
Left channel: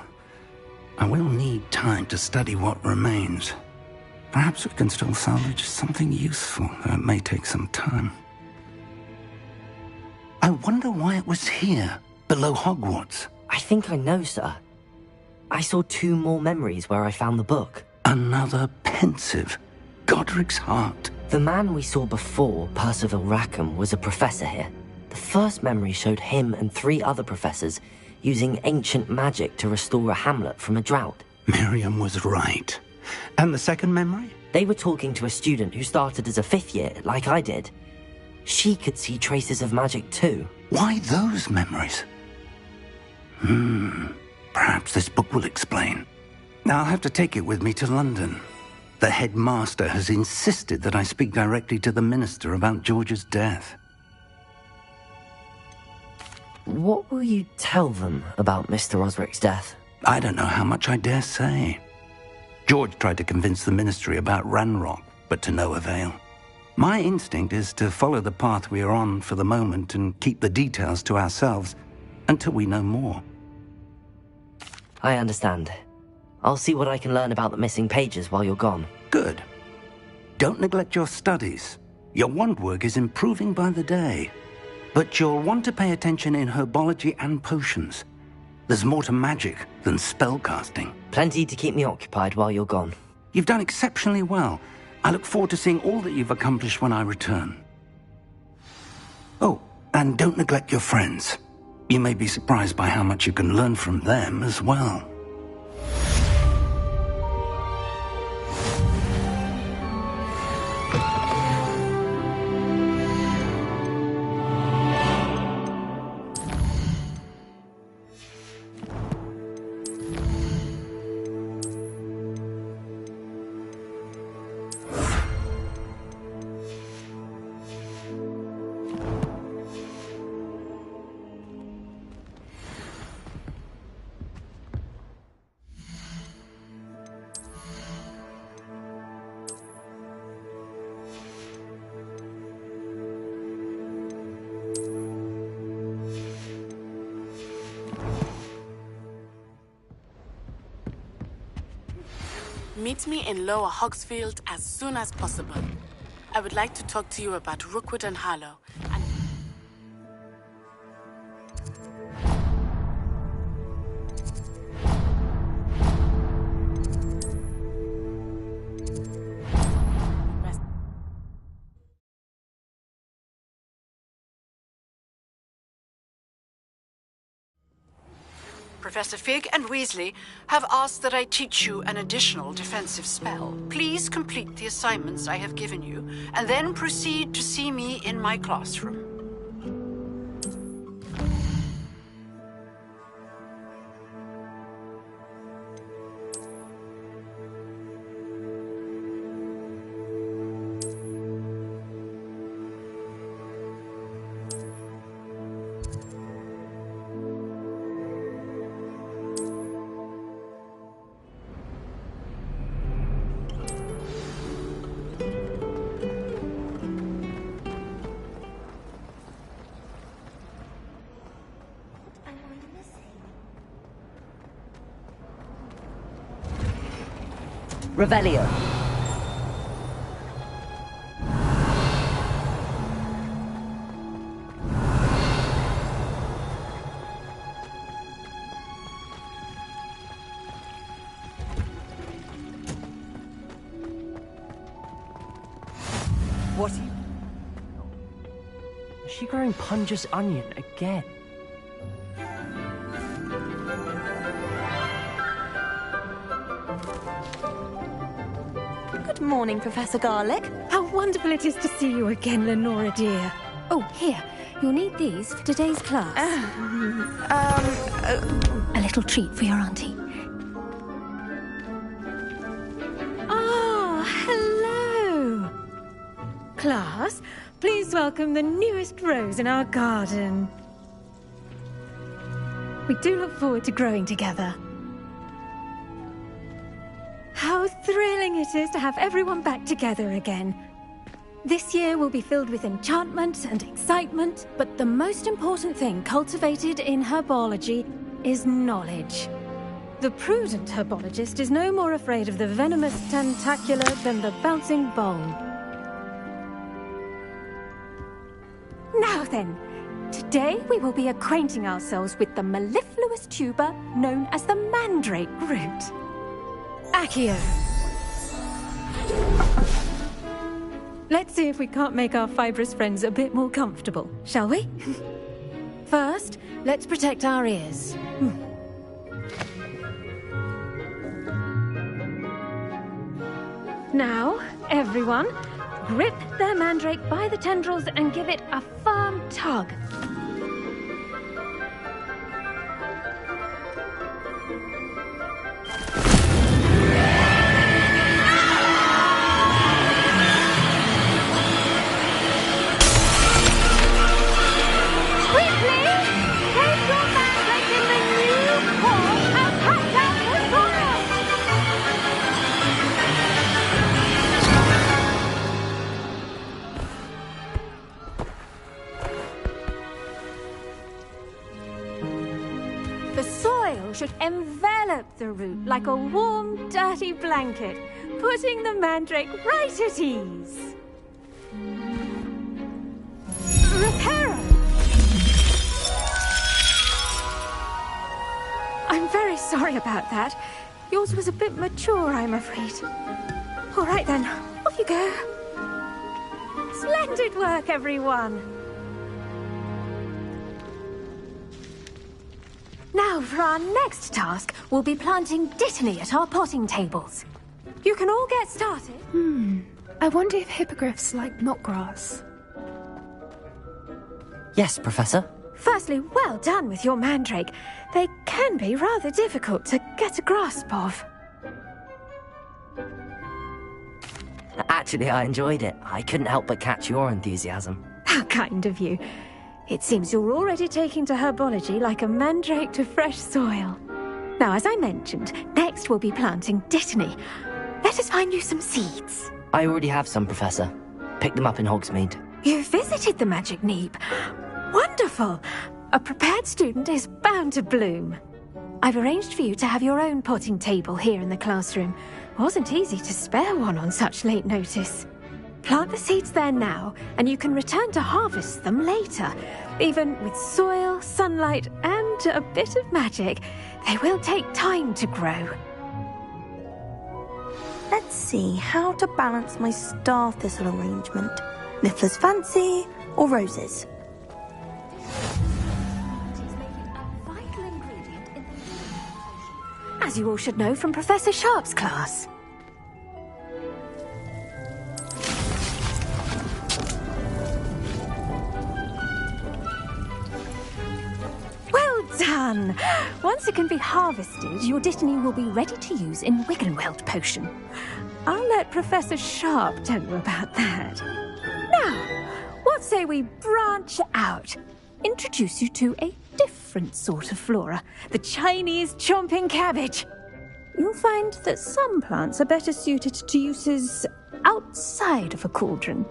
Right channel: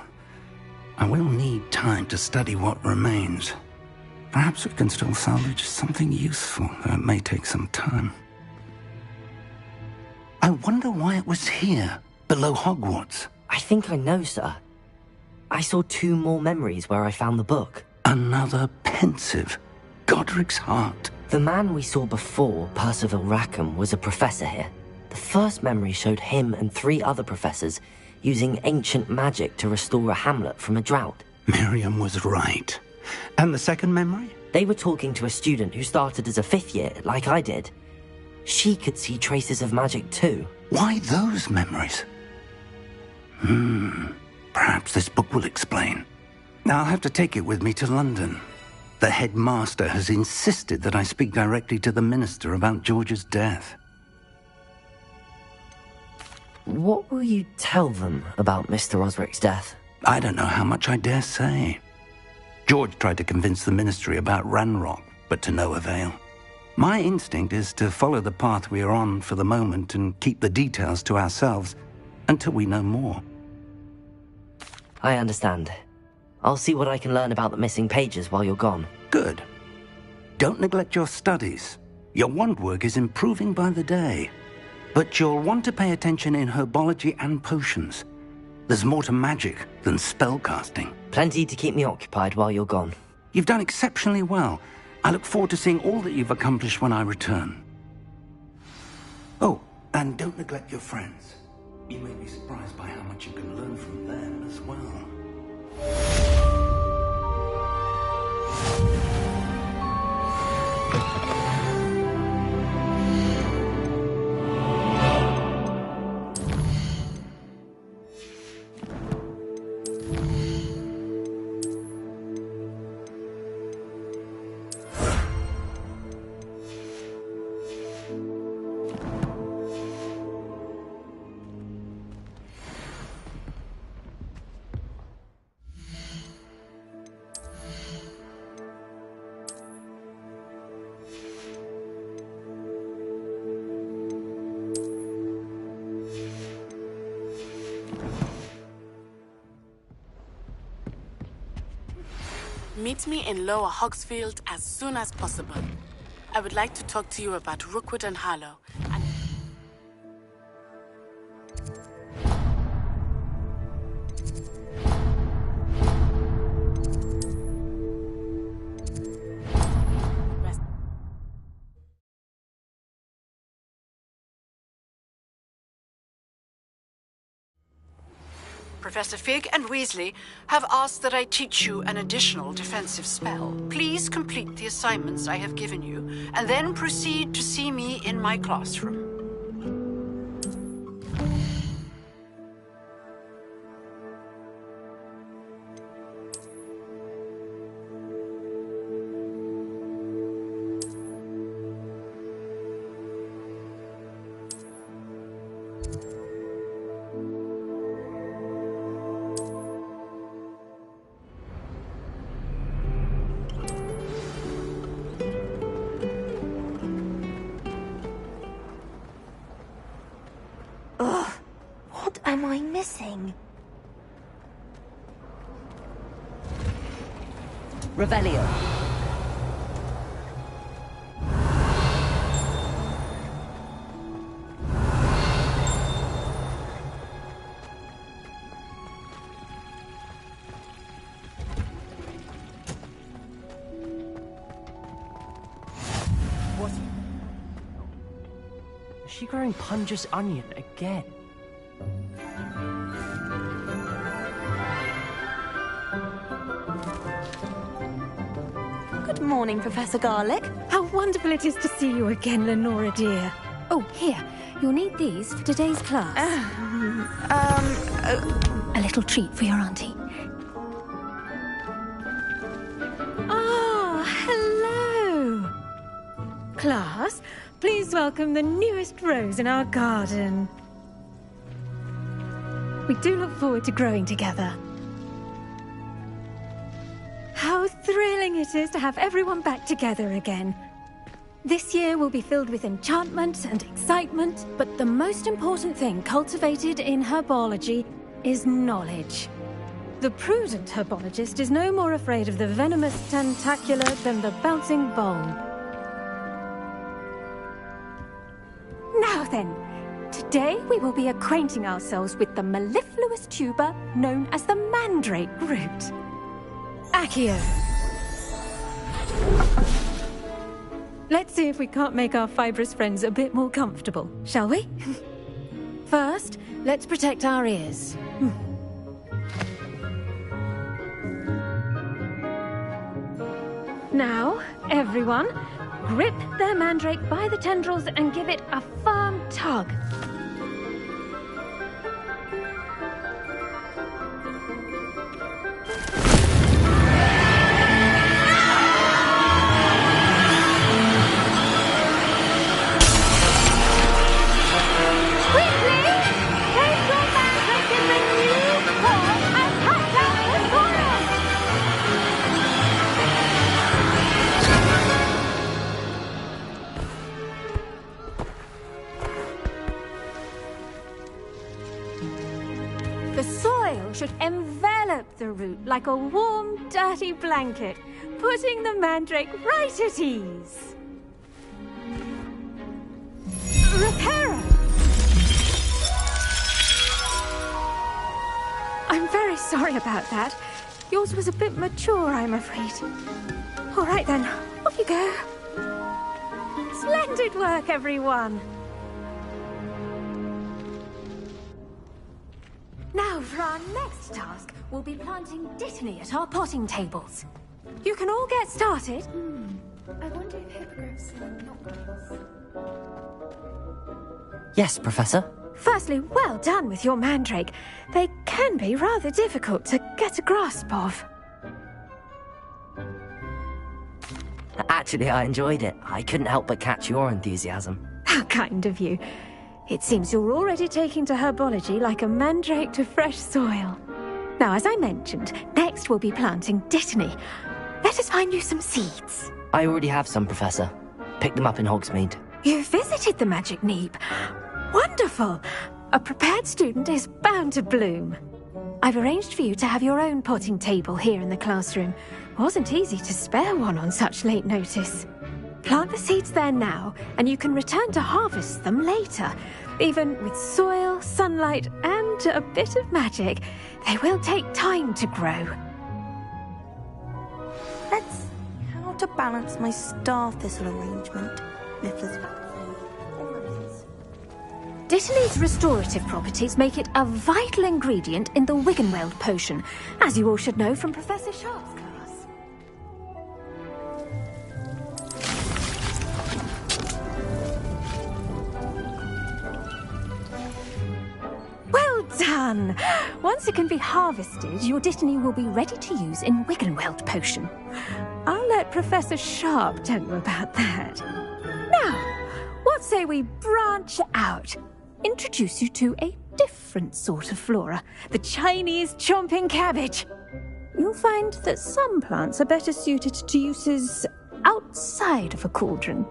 I will need time to study what remains. Perhaps we can still salvage something useful, though it may take some time. I wonder why it was here, below Hogwarts. I think I know, sir. I saw 2 more memories where I found the book. Another pensive. Godric's heart. The man we saw before, Percival Rackham, was a professor here. The first memory showed him and 3 other professors using ancient magic to restore a hamlet from a drought. Miriam was right. And the second memory? They were talking to a student who started as a 5th year, like I did. She could see traces of magic too. Why those memories? Perhaps this book will explain. I'll have to take it with me to London. The headmaster has insisted that I speak directly to the minister about George's death. What will you tell them about Mr. Osric's death? I don't know how much I dare say. George tried to convince the ministry about Ranrock, but to no avail. My instinct is to follow the path we are on for the moment and keep the details to ourselves until we know more. I understand. I'll see what I can learn about the missing pages while you're gone. Good. Don't neglect your studies. Your wand work is improving by the day. But you'll want to pay attention in herbology and potions. There's more to magic than spellcasting. Plenty to keep me occupied while you're gone. You've done exceptionally well. I look forward to seeing all that you've accomplished when I return. Oh, and don't neglect your friends. You may be surprised by how much you can learn from them as well. Meet me in Lower Hogsfield as soon as possible. I would like to talk to you about Rookwood and Harlow. Professor Fig and Weasley have asked that I teach you an additional defensive spell. Please complete the assignments I have given you, and then proceed to see me in my classroom. Revelio. What are you... Is she growing Punja's onion again? Good morning, Professor Garlic. How wonderful it is to see you again, Lenora dear. Oh, here. You'll need these for today's class. A little treat for your auntie. Ah, hello. Class, please welcome the newest rose in our garden. We do look forward to growing together. How thrilling it is to have everyone back together again. This year will be filled with enchantment and excitement, but the most important thing cultivated in herbology is knowledge. The prudent herbologist is no more afraid of the venomous tentacula than the bouncing bulb. Now then, today we will be acquainting ourselves with the mellifluous tuber known as the mandrake root. Accio. Let's see if we can't make our fibrous friends a bit more comfortable, shall we? First, let's protect our ears. Now, everyone, grip their mandrake by the tendrils and give it a firm tug. The soil should envelop the root like a warm, dirty blanket, putting the mandrake right at ease. Reparo! I'm very sorry about that. Yours was a bit mature, I'm afraid. All right then, off you go. Splendid work, everyone. Now, for our next task, we'll be planting dittany at our potting tables. You can all get started. I wonder if hippogriffs like knotgrass. Yes, Professor. Firstly, well done with your mandrake. They can be rather difficult to get a grasp of. Actually, I enjoyed it. I couldn't help but catch your enthusiasm. How kind of you. It seems you're already taking to herbology like a mandrake to fresh soil. Now, as I mentioned, next we'll be planting dittany. Let us find you some seeds. I already have some, Professor. Picked them up in Hogsmeade. You visited the Magic Neep. Wonderful! A prepared student is bound to bloom. I've arranged for you to have your own potting table here in the classroom. Wasn't easy to spare one on such late notice. Plant the seeds there now, and you can return to harvest them later. Even with soil, sunlight, and a bit of magic, they will take time to grow. Let's see how to balance my star thistle arrangement. Niffler's fancy or roses? Dittany's restorative properties make it a vital ingredient in the Wiggenweld potion, as you all should know from Professor Sharp's class. Well done! Once it can be harvested, your dittany will be ready to use in Wiggenweld potion. I'll let Professor Sharp tell you about that. Now, what say we branch out? Introduce you to a different sort of flora, the Chinese chomping cabbage. You'll find that some plants are better suited to uses outside of a cauldron.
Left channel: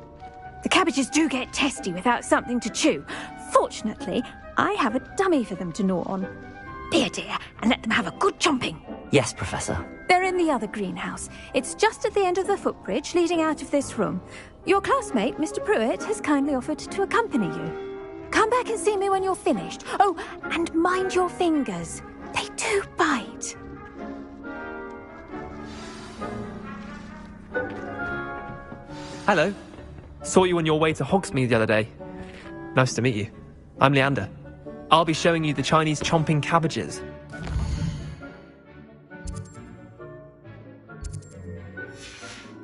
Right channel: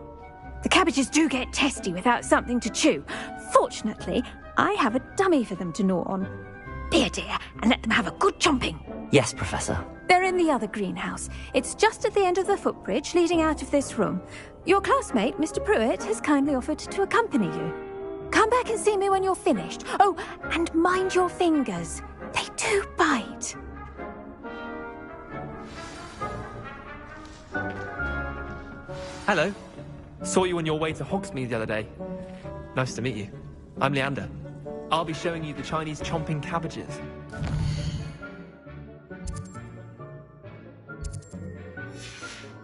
The cabbages do get testy without something to chew. Fortunately, I have a dummy for them to gnaw on. Be a dear and let them have a good chomping. Yes, Professor. They're in the other greenhouse. It's just at the end of the footbridge leading out of this room. Your classmate, Mr. Pruitt, has kindly offered to accompany you. Come back and see me when you're finished. Oh, and mind your fingers. They do bite. Hello. Saw you on your way to Hogsmeade the other day. Nice to meet you. I'm Leander. I'll be showing you the Chinese chomping cabbages.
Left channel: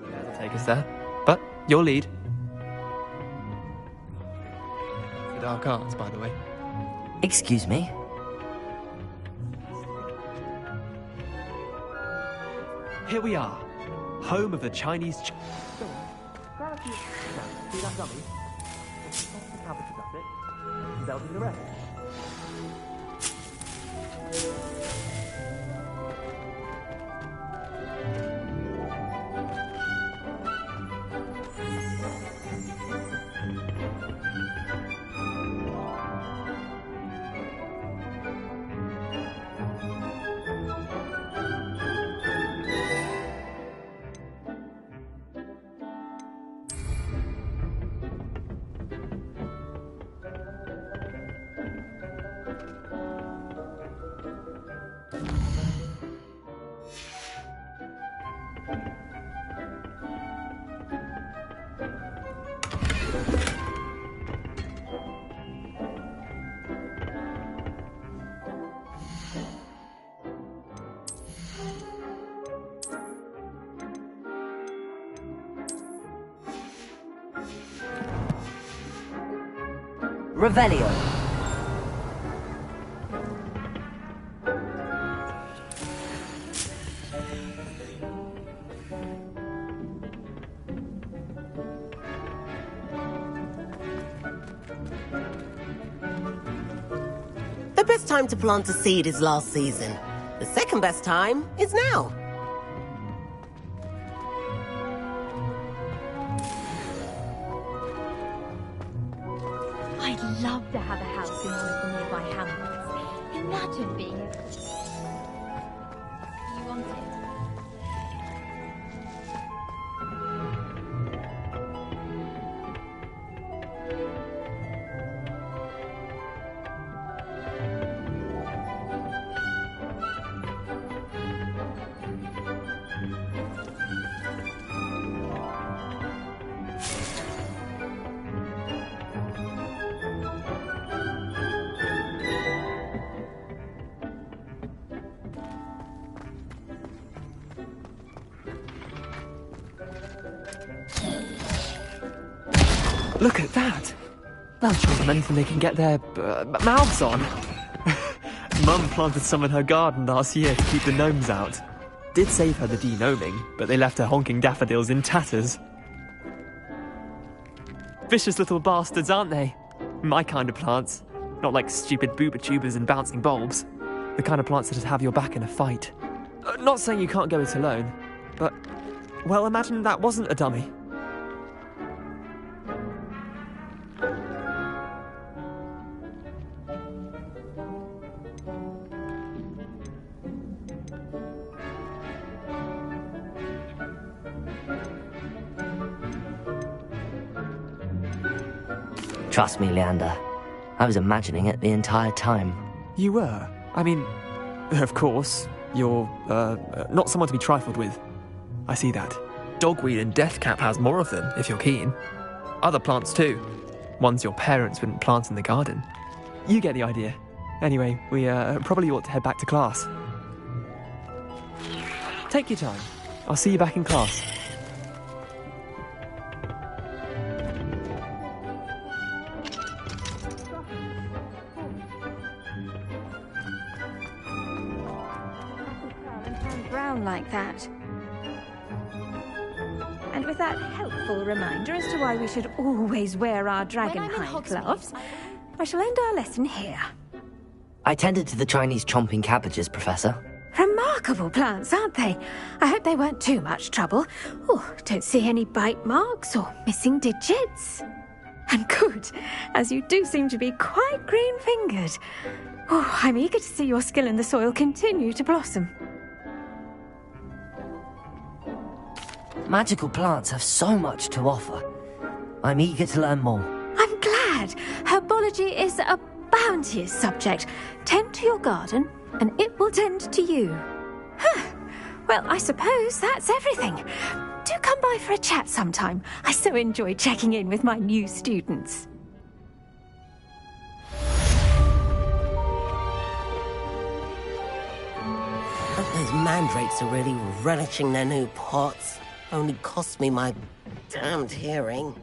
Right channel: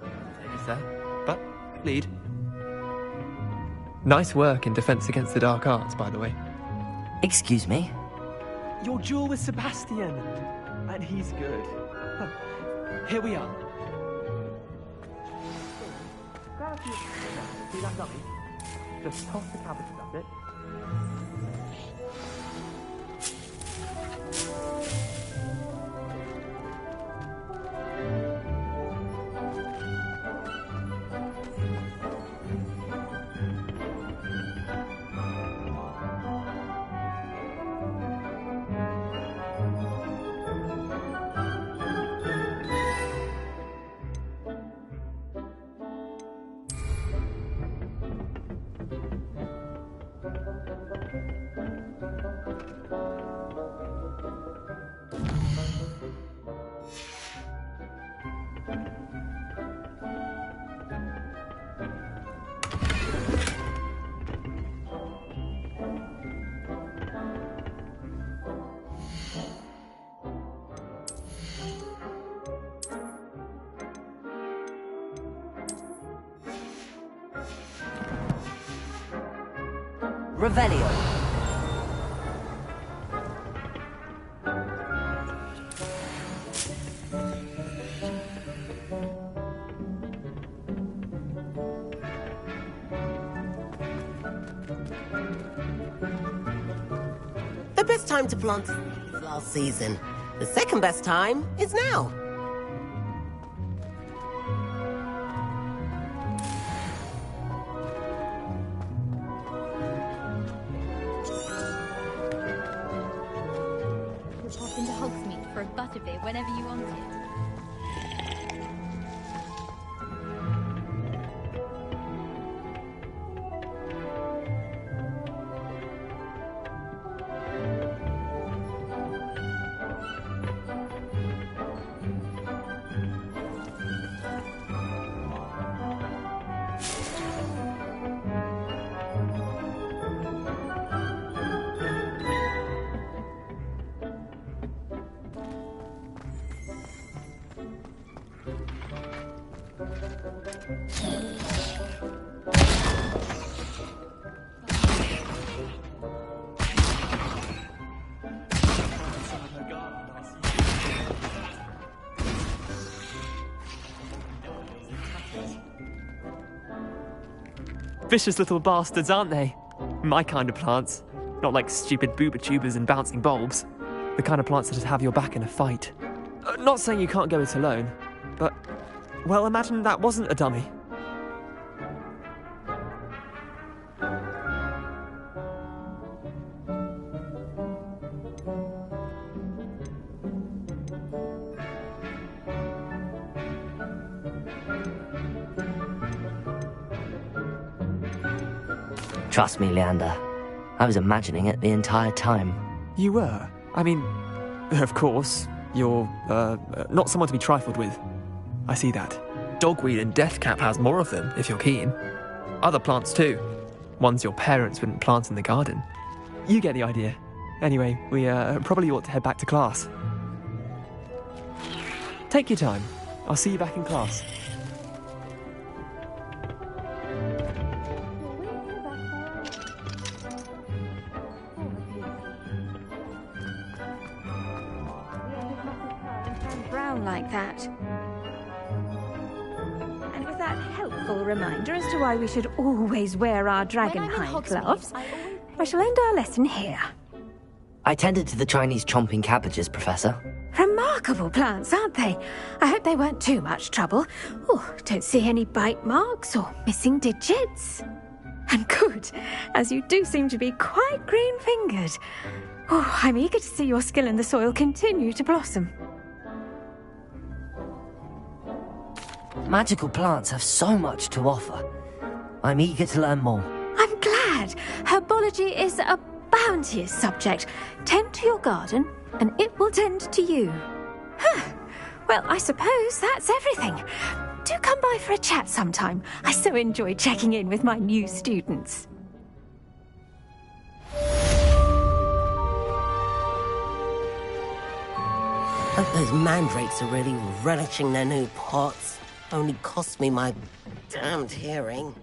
That'll take us there. But your lead. Nice work in Defense Against the Dark Arts, by the way. Excuse me? Your duel with Sebastian. And he's good. Here we are. Home of the Chinese... Go on. Grab a few... Now, see that dummy? Just toss the cabbages at it. They'll do the rest. Revelio. The best time to plant a seed is last season. The second best time is now. I'd love to have a house in nearby Hamilton. Imagine being able to pop into Hogsmeade for a butterbeer whenever you wanted. Look at that! That's just anything they can get their mouths on. Mum planted some in her garden last year to keep the gnomes out. Did save her the de-gnoming, but they left her honking daffodils in tatters. Vicious little bastards, aren't they? My kind of plants. Not like stupid booba tubers and bouncing bulbs. The kind of plants that have your back in a fight. Not saying you can't go it alone, but... well, imagine that wasn't a dummy. Trust me, Leander. I was imagining it the entire time. You were? I mean, of course, you're, not someone to be trifled with. I see that. Dogweed and deathcap has more of them, if you're keen. Other plants too. Ones your parents wouldn't plant in the garden. You get the idea. Anyway, we, probably ought to head back to class. Take your time. I'll see you back in class. Brown like that. And with that helpful reminder as to why we should always wear our dragonhide gloves, I shall end our lesson here. I tended to the Chinese chomping cabbages, Professor. Remarkable plants, aren't they? I hope they weren't too much trouble. Oh, don't see any bite marks or missing digits. And good, as you do seem to be quite green-fingered. Oh, I'm eager to see your skill in the soil continue to blossom. Magical plants have so much to offer. I'm eager to learn more. I'm glad. Herbology is a bounteous subject. Tend to your garden, and it will tend to you. Huh. Well, I suppose that's everything. Do come by for a chat sometime. I so enjoy checking in with my new students. Hope those mandrakes are really relishing their new pots. Only cost me my damned hearing.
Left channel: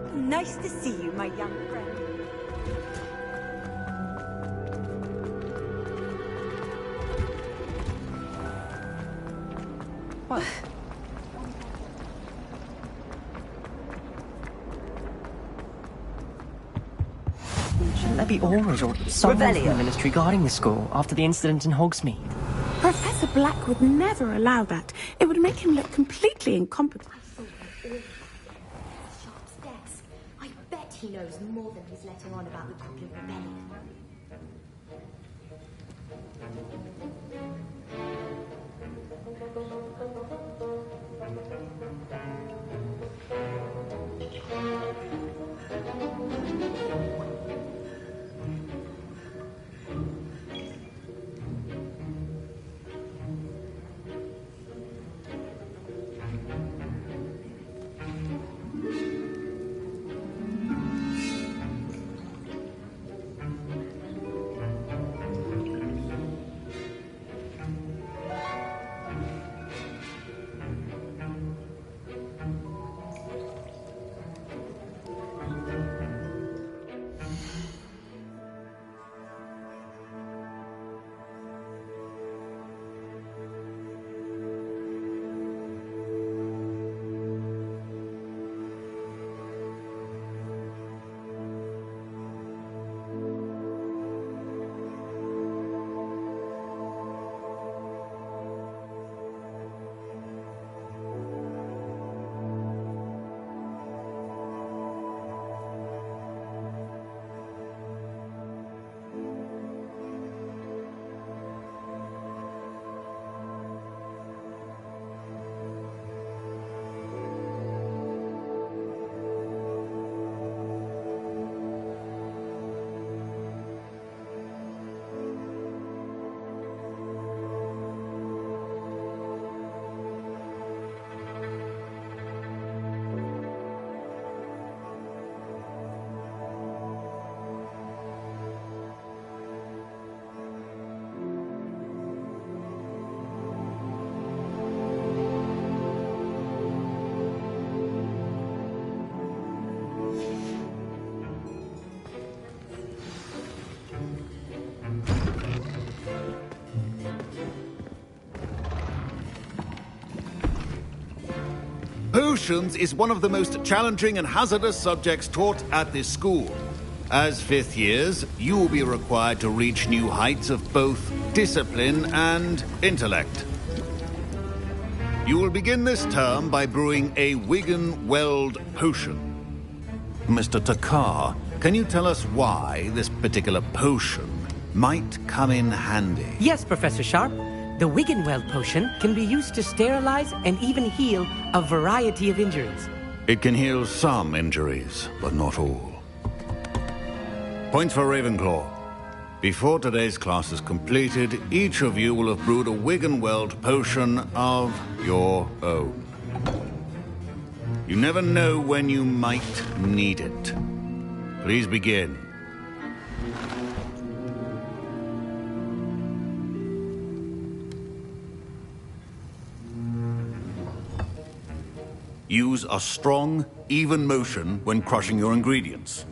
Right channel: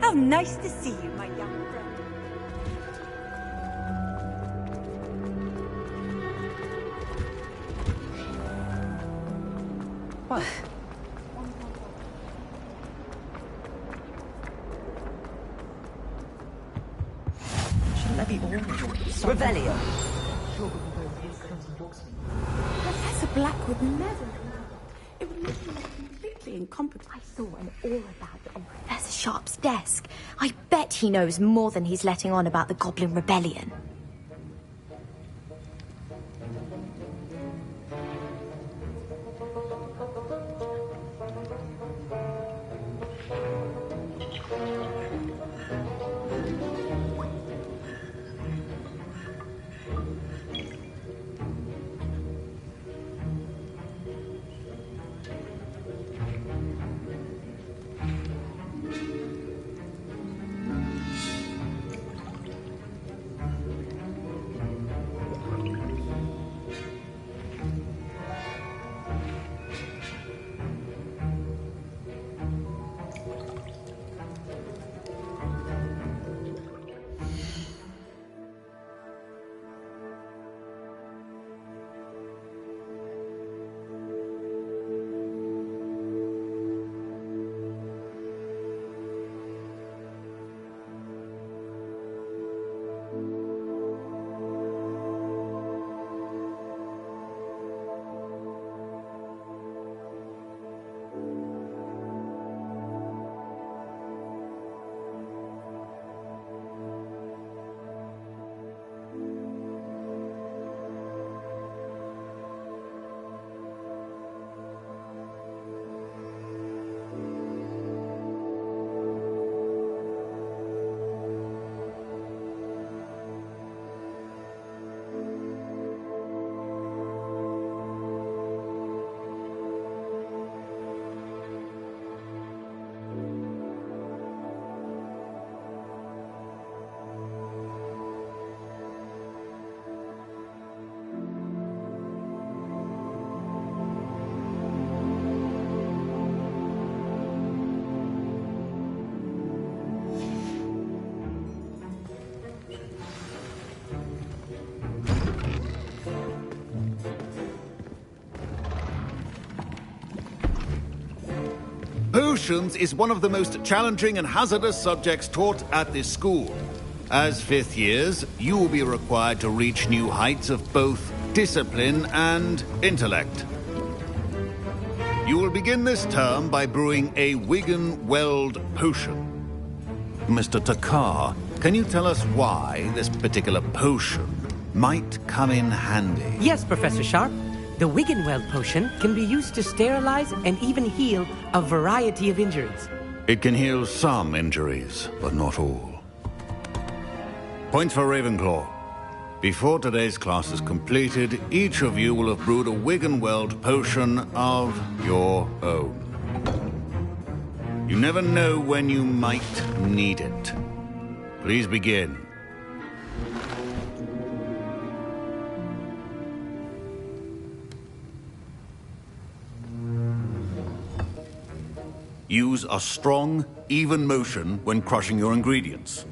How nice to see you, my young friend. What? Shouldn't there be orders or some military guarding the school after the incident in Hogsmeade? Professor Black would never allow that. It would make him look completely incompetent. I saw an all about it on Professor Sharp's desk. I bet he knows more than he's letting on about the Goblin Rebellion. Potions is one of the most challenging and hazardous subjects taught at this school. As fifth years, you will be required to reach new heights of both discipline and intellect. You will begin this term by brewing a Wigan-Weld potion. Mr. Takar, can you tell us why this particular potion might come in handy? Yes, Professor Sharp. The Wigan-Weld potion can be used to sterilize and even heal a variety of injuries. It can heal some injuries, but not all. Points for Ravenclaw. Before today's class is completed, each of you will have brewed a Wigan-Weld potion of your own. You never know when you might need it. Please begin. Use a strong, even motion when crushing your ingredients.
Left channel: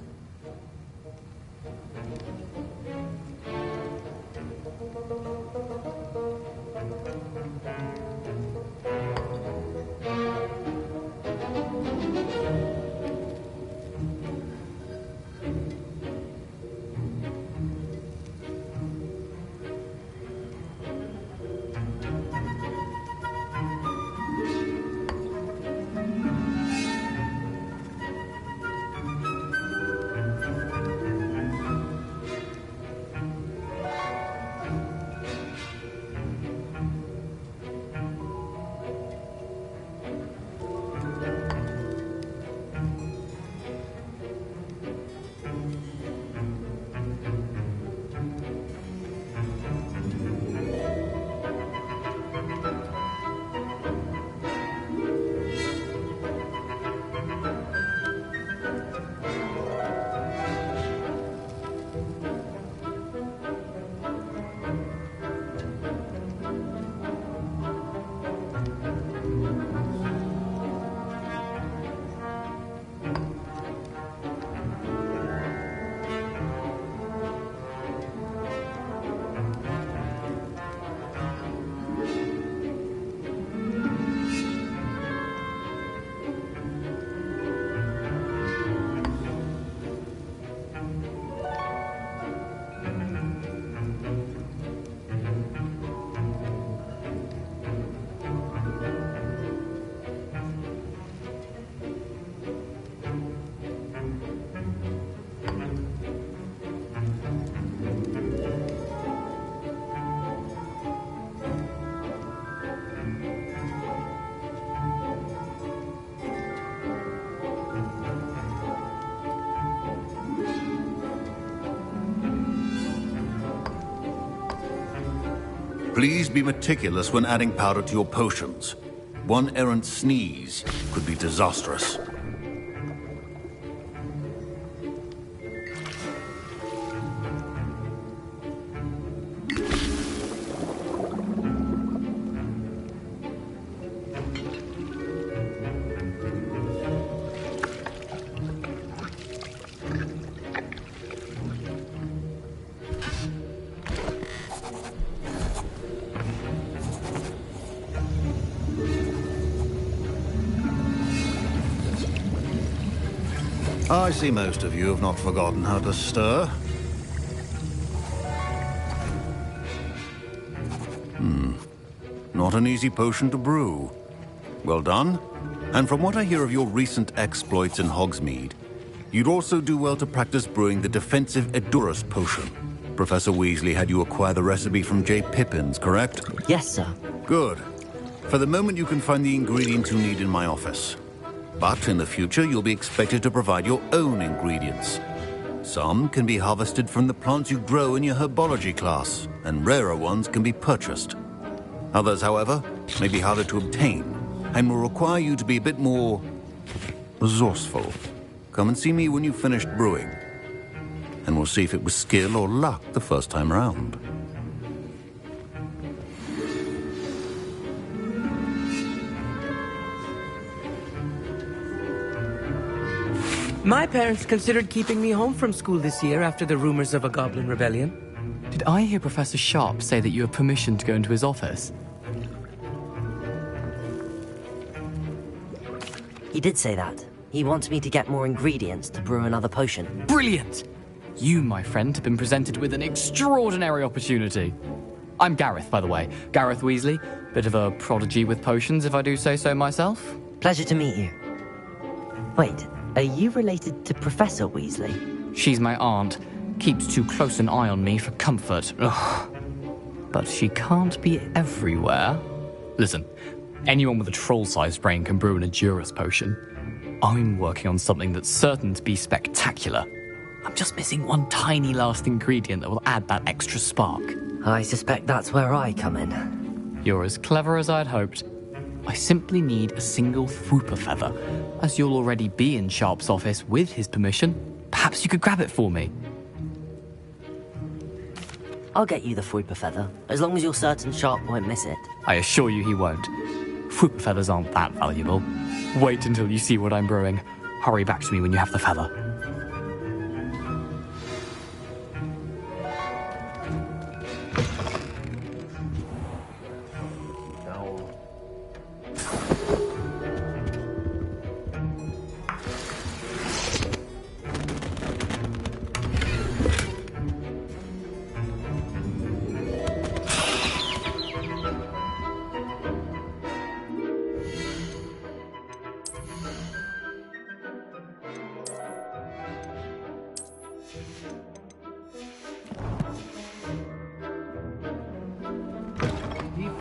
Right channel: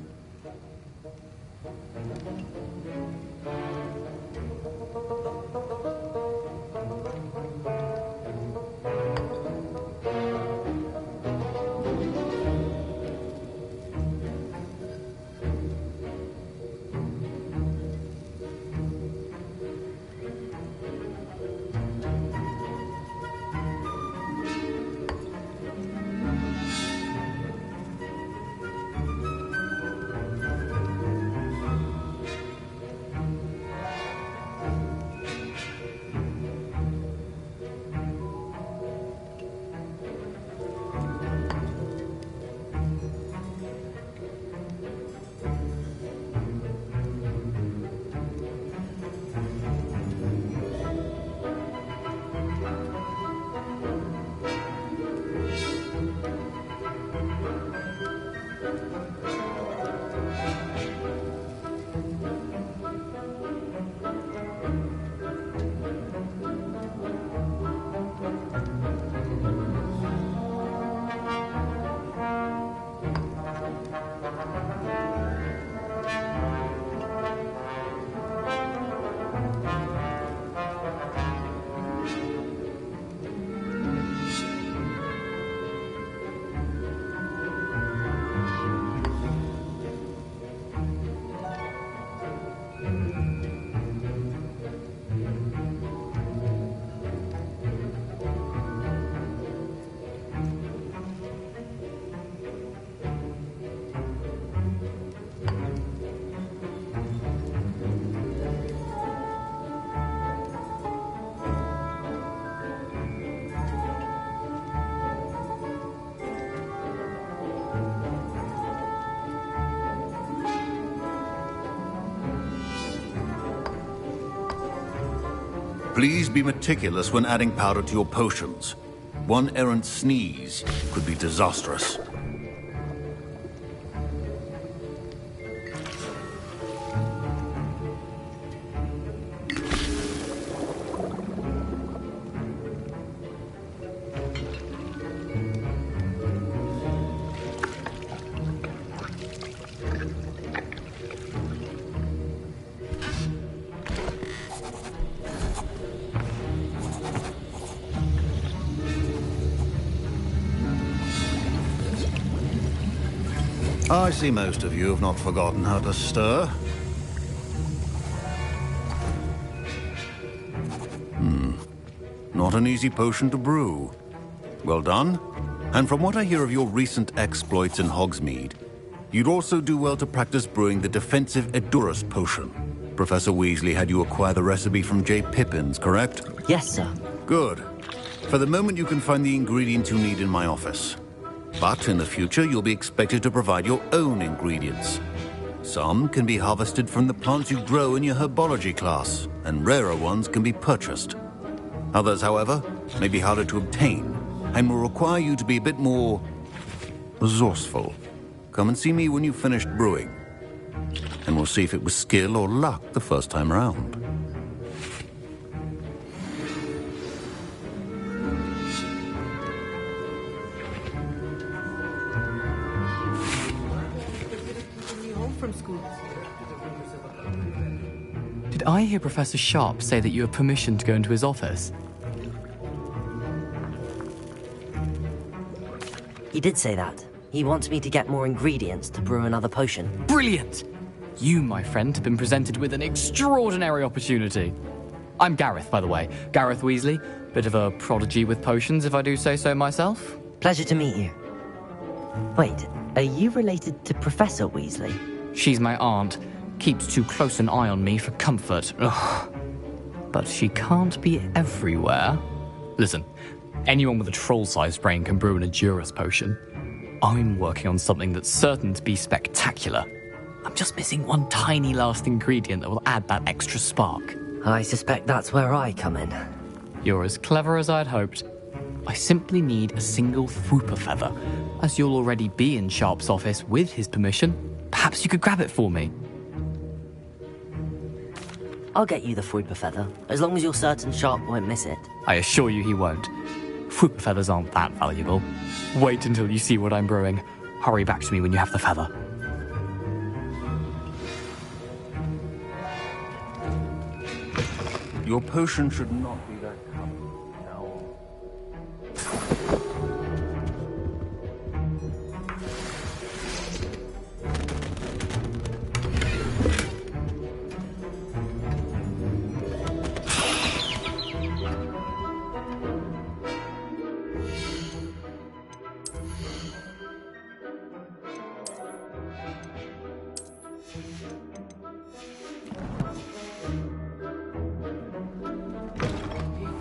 Please be meticulous when adding powder to your potions. One errant sneeze could be disastrous. I see most of you have not forgotten how to stir. Not an easy potion to brew. Well done. And from what I hear of your recent exploits in Hogsmeade, you'd also do well to practice brewing the defensive Edurus potion. Professor Weasley had you acquire the recipe from J. Pippin's, correct? Yes, sir. Good. For the moment, you can find the ingredients you need in my office. But in the future, you'll be expected to provide your own ingredients. Some can be harvested from the plants you grow in your herbology class, and rarer ones can be purchased. Others, however, may be harder to obtain, and will require you to be a bit more resourceful. Come and see me when you've finished brewing, and we'll see if it was skill or luck the first time around. My parents considered keeping me home from school this year after the rumors of a goblin rebellion. Did I hear Professor Sharp say that you have permission to go into his office? He did say that. He wants me to get more ingredients to brew another potion. Brilliant! You, my friend, have been presented with an extraordinary opportunity. I'm Gareth, by the way. Gareth Weasley. Bit of a prodigy with potions, if I do say so myself. Pleasure to meet you. Wait, are you related to Professor Weasley? She's my aunt. Keeps too close an eye on me for comfort. Ugh. But she can't be everywhere. Listen, anyone with a troll-sized brain can brew an Edurus potion. I'm working on something that's certain to be spectacular. I'm just missing one tiny last ingredient that will add that extra spark. I suspect that's where I come in. You're as clever as I'd hoped. I simply need a single Fwooper feather. As you'll already be in Sharp's office with his permission, perhaps you could grab it for me. I'll get you the Fwooper feather, as long as you're certain Sharp won't miss it. I assure you he won't. Fwooper feathers aren't that valuable. Wait until you see what I'm brewing. Hurry back to me when you have the feather. Your potion should not be very common now.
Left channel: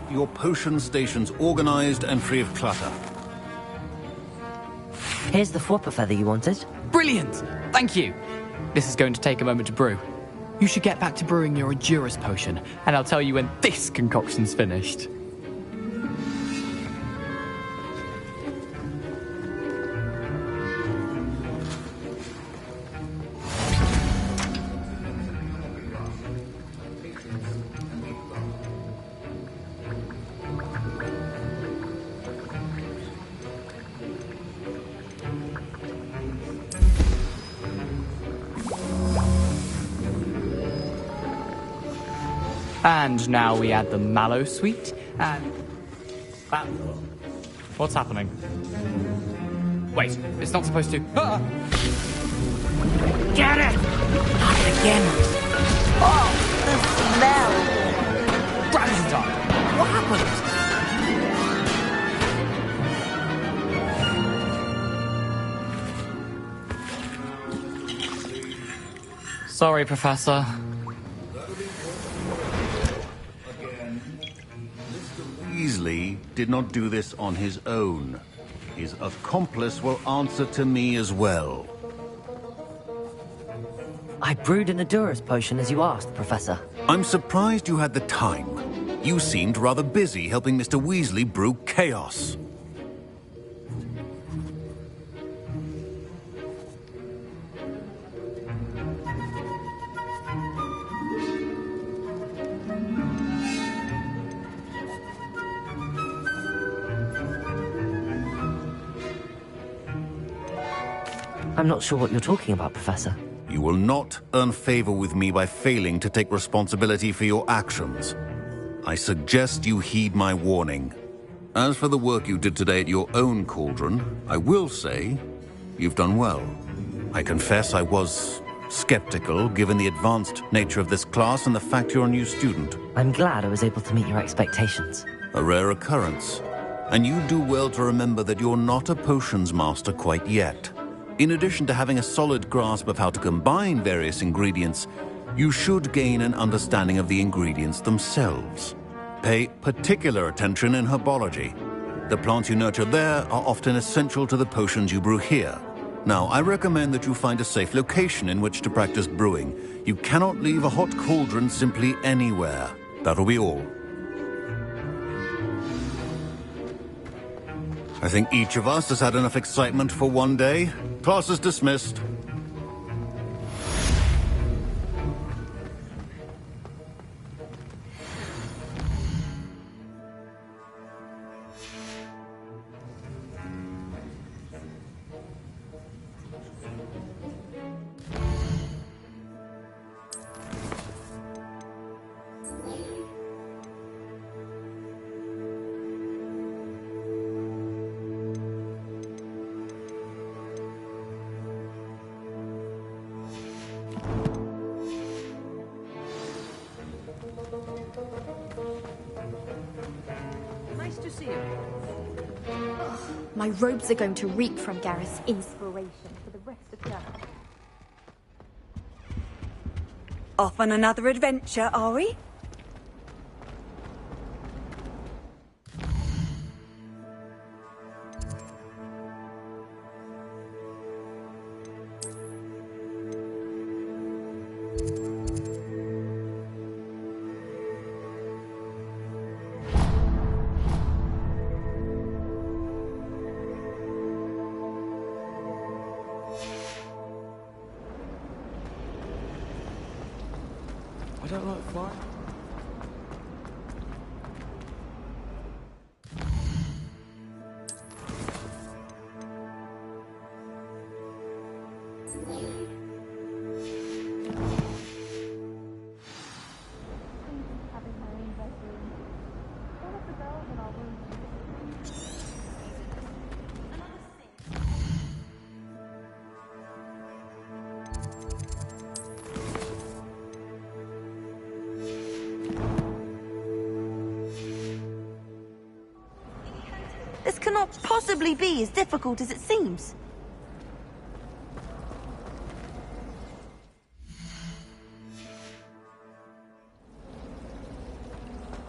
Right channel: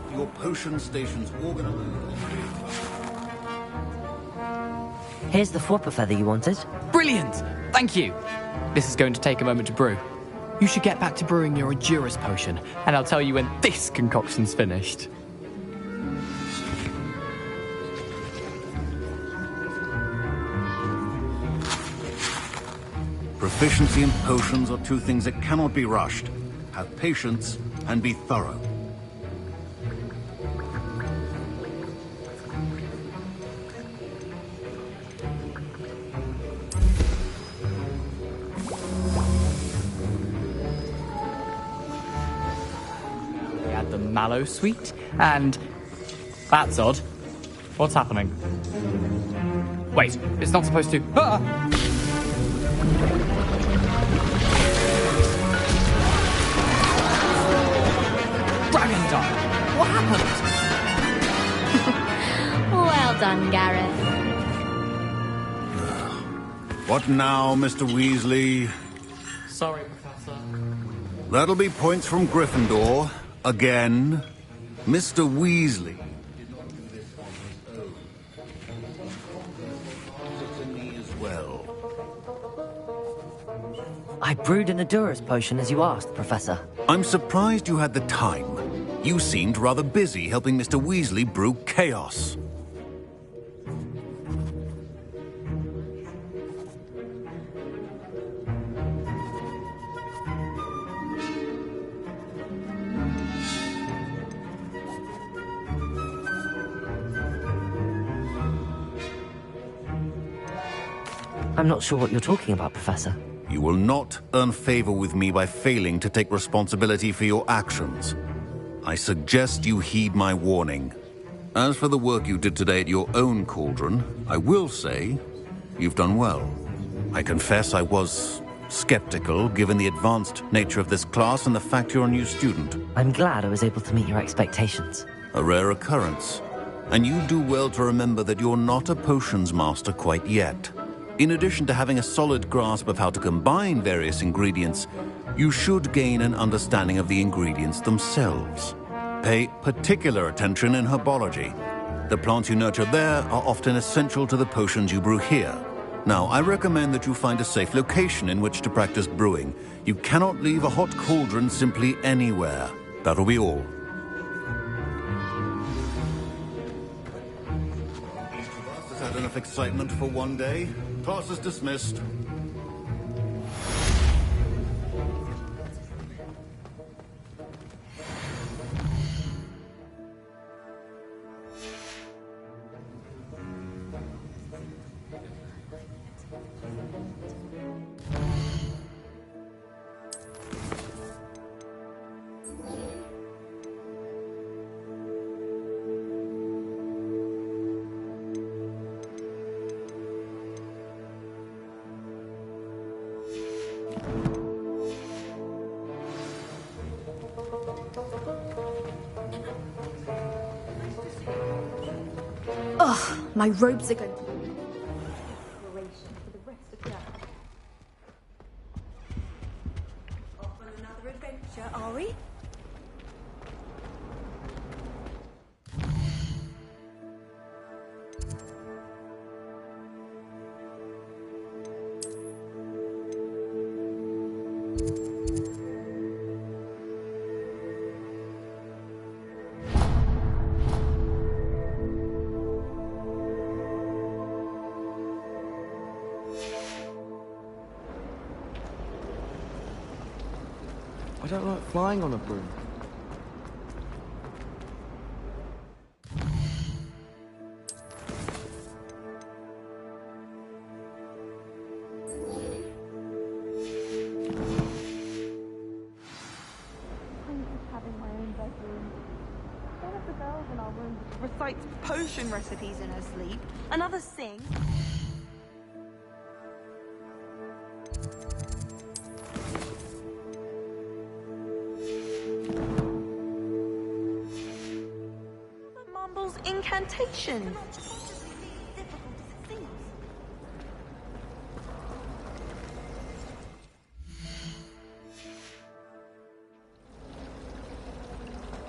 Your potion stations organized and free of clutter. Here's the Fwooper feather you wanted. Brilliant! Thank you! This is going to take a moment to brew. You should get back to brewing your Edurus potion, and I'll tell you when this concoction's finished. Proficiency in potions are two things that cannot be rushed. Have patience and be thorough. And now we add the mallow sweet, and... That's odd. What's happening? Wait, it's not supposed to... Ah! Get it! Dragon's What happened? Well done, Gareth. What now, Mr. Weasley? Sorry, Professor. That'll be points from Gryffindor. Again. Mr. Weasley did not do this on his own. His accomplice will answer to me as well. I brewed an Edurus potion as you asked, Professor. I'm surprised you had the time. You seemed rather busy helping Mr. Weasley brew chaos. I'm not sure what you're talking about, Professor. You will not earn favor with me by failing to take responsibility for your actions. I suggest you heed my warning. As for the work you did today at your own cauldron, I will say you've done well. I confess I was skeptical given the advanced nature of this class and the fact you're a new student. I'm glad I was able to meet your expectations. A rare occurrence. And you do well to remember that you're not a potions master quite yet. In addition to having a solid grasp of how to combine various ingredients, you should gain an understanding of the ingredients themselves. Pay particular attention in herbology. The plants you nurture there are often essential to the potions you brew here. Now, I recommend that you find a safe location in which to practice brewing. You cannot leave a hot cauldron simply anywhere. That'll be all. I think each of us has had enough excitement for one day. Class is dismissed. Ugh, my robes are going to reek from Gareth's inspiration for the rest of term. Off on another adventure, are we? I don't like flying on a broom. Having my own bedroom. One of the girls in our room recites potion recipes in her sleep. Another sings. Mumbles incantations. This cannot possibly be as difficult as it seems.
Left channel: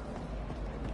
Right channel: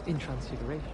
In Transfiguration.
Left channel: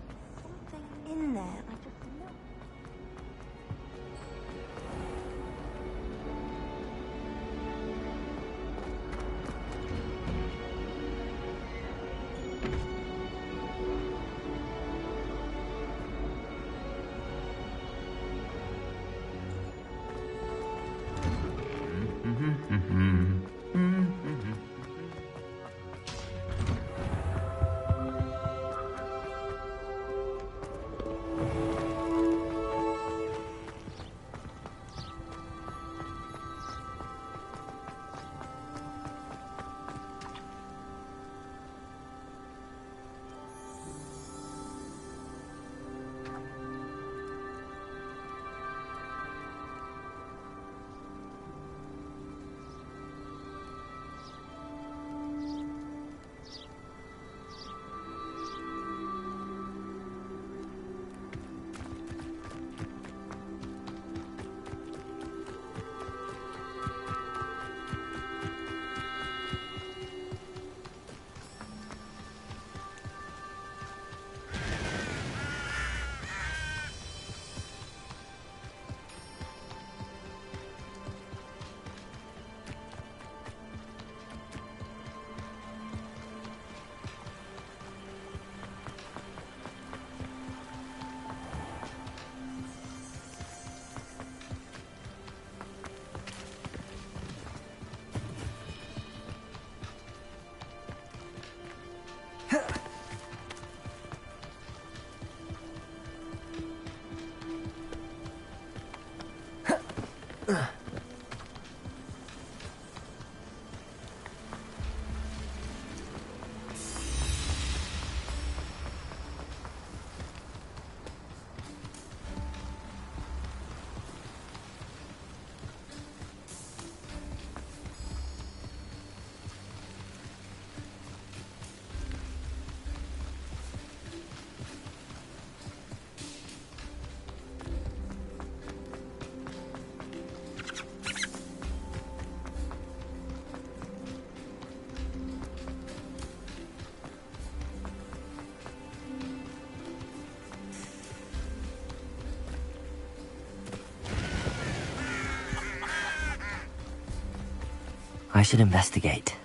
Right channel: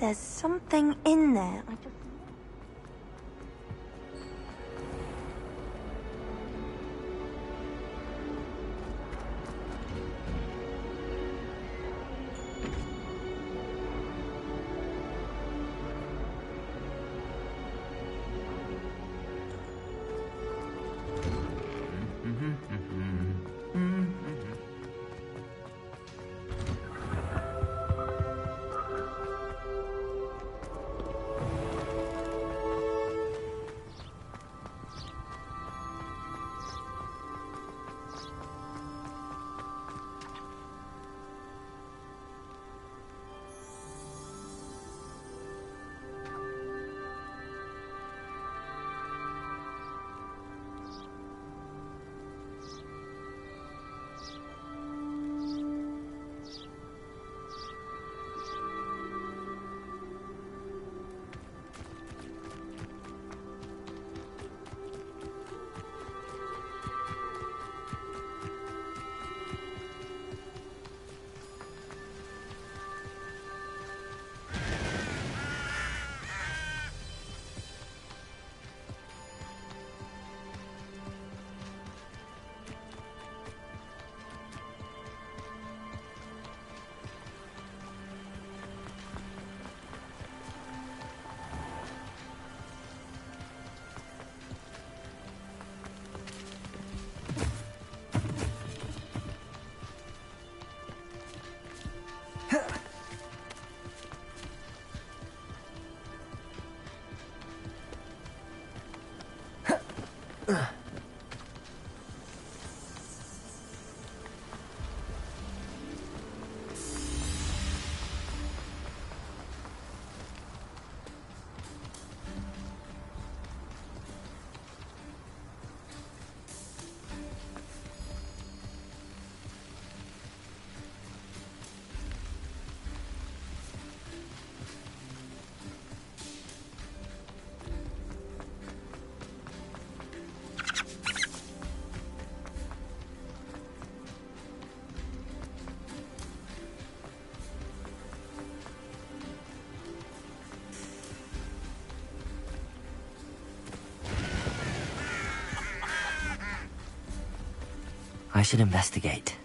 There's something in there. I just... I should investigate.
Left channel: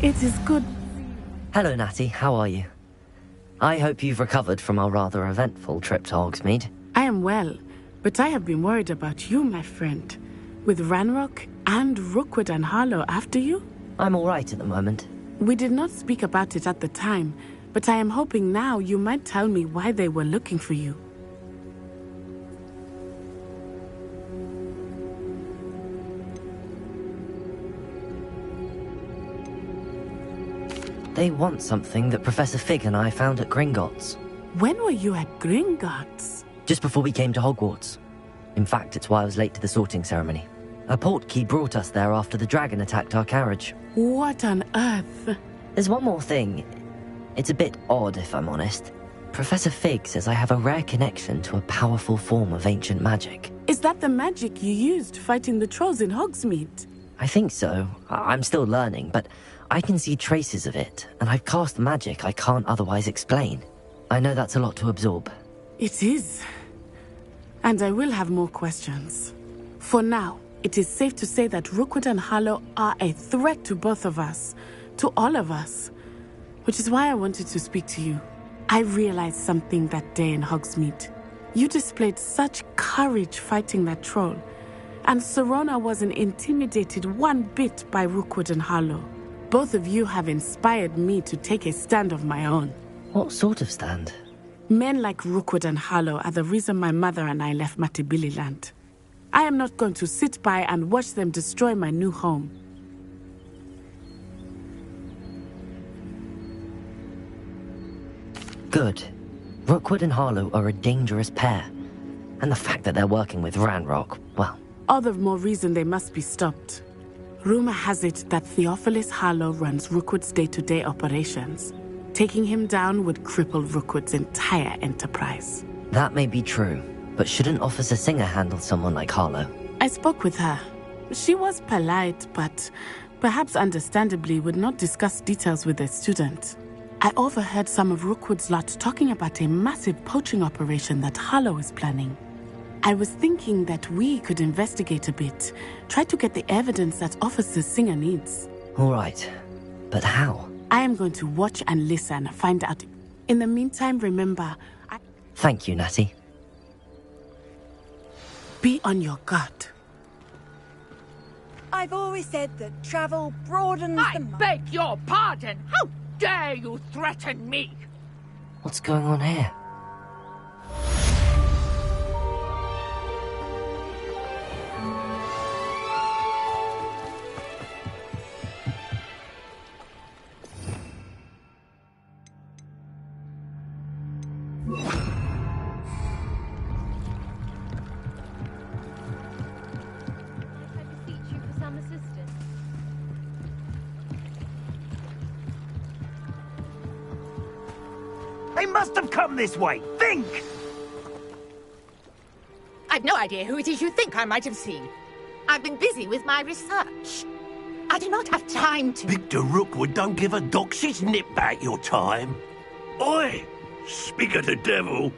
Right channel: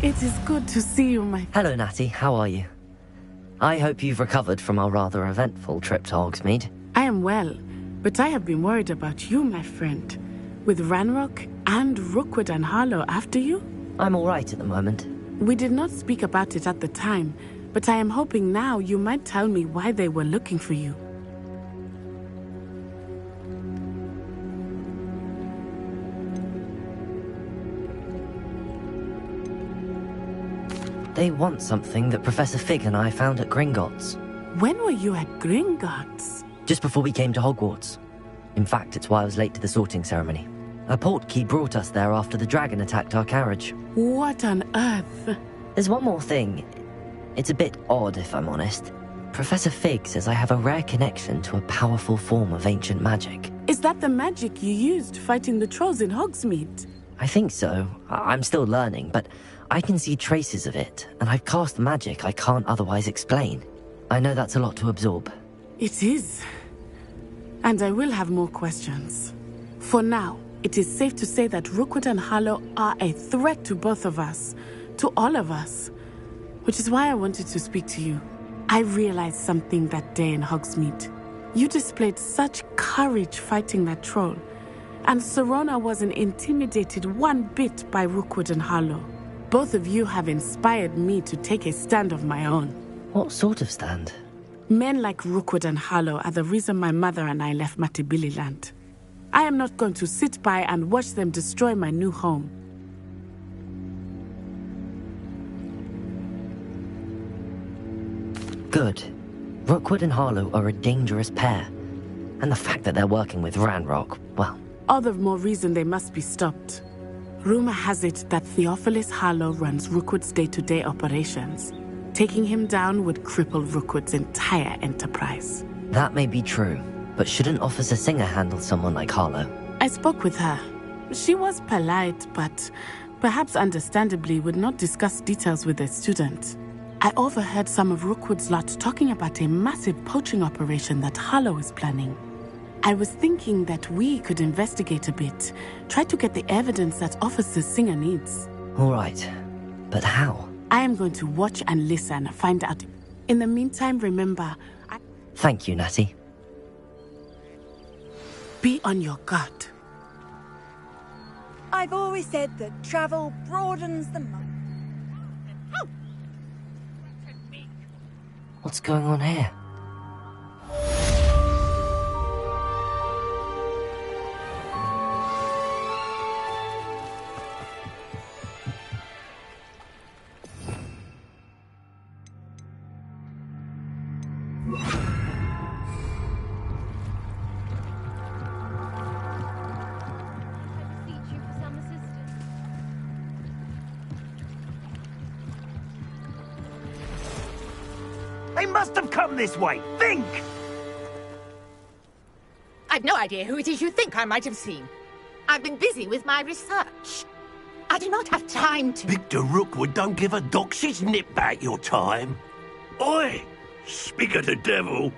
It is good to see you, my... Hello, Natty. How are you? I hope you've recovered from our rather eventful trip to Hogsmeade. I am well, but I have been worried about you, my friend. With Ranrock and Rookwood and Harlow after you? I'm all right at the moment. We did not speak about it at the time, but I am hoping now you might tell me why they were looking for you. They want something that Professor Fig and I found at Gringotts. When were you at Gringotts? Just before we came to Hogwarts. In fact, it's why I was late to the sorting ceremony. A portkey brought us there after the dragon attacked our carriage. What on earth? There's one more thing. It's a bit odd, if I'm honest. Professor Fig says I have a rare connection to a powerful form of ancient magic. Is that the magic you used fighting the trolls in Hogsmeade? I think so. I'm still learning, but I can see traces of it, and I've cast magic I can't otherwise explain. I know that's a lot to absorb. It is. And I will have more questions. For now, it is safe to say that Rookwood and Harlow are a threat to both of us, to all of us. Which is why I wanted to speak to you. I realized something that day in Hogsmeade. You displayed such courage fighting that troll, and Serona wasn't intimidated one bit by Rookwood and Harlow. Both of you have inspired me to take a stand of my own. What sort of stand? Men like Rookwood and Harlow are the reason my mother and I left Matabeleland. I am not going to sit by and watch them destroy my new home. Good. Rookwood and Harlow are a dangerous pair. And the fact that they're working with Ranrock, well... All the more reason they must be stopped. Rumor has it that Theophilus Harlow runs Rookwood's day-to-day operations. Taking him down would cripple Rookwood's entire enterprise. That may be true, but shouldn't Officer Singer handle someone like Harlow? I spoke with her. She was polite, but perhaps understandably would not discuss details with a student. I overheard some of Rookwood's lot talking about a massive poaching operation that Harlow is planning. I was thinking that we could investigate a bit, try to get the evidence that Officer Singer needs. All right, but how? I am going to watch and listen, find out. In the meantime, remember, Thank you, Natty. Be on your guard. I've always said that travel broadens the mind. I beg your pardon! How dare you threaten me? What's going on here? They must have come this way. Think! I've no idea who it is you think I might have seen. I've been busy with my research. I do not have time to... Victor Rookwood don't give a doxy's nip back your time. Oi! Speak of the devil.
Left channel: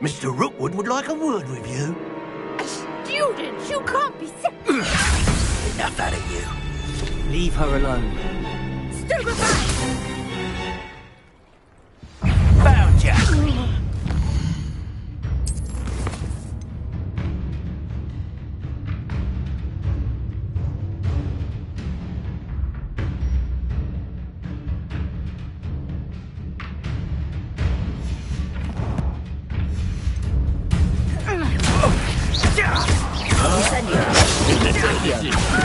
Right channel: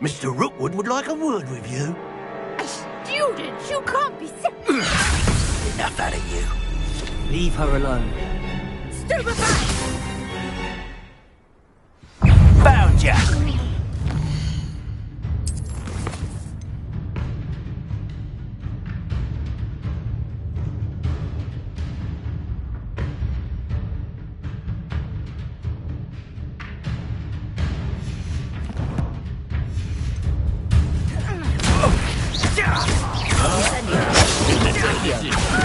Mr. Rookwood would like a word with you. A student? You can't be so... Enough out of you. Leave her alone. Stupefy! Found ya!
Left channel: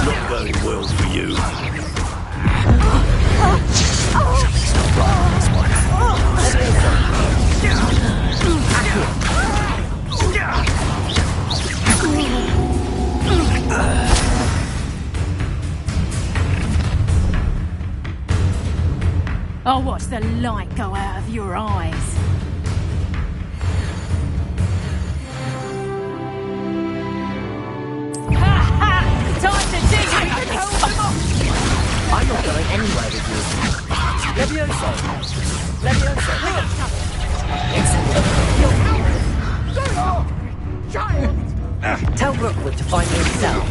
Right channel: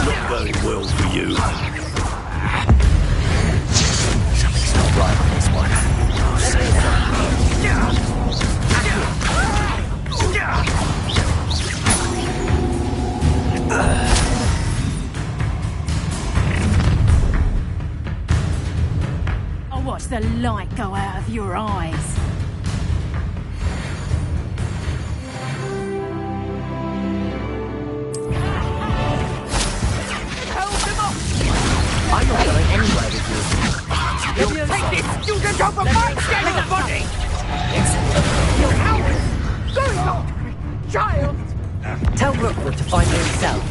Not going well for you. Something's not right on this one. I'll watch the light go out of your eyes. I'm not going anywhere with you. Levioso! Levioso! Child! Tell Rookwood to find me himself.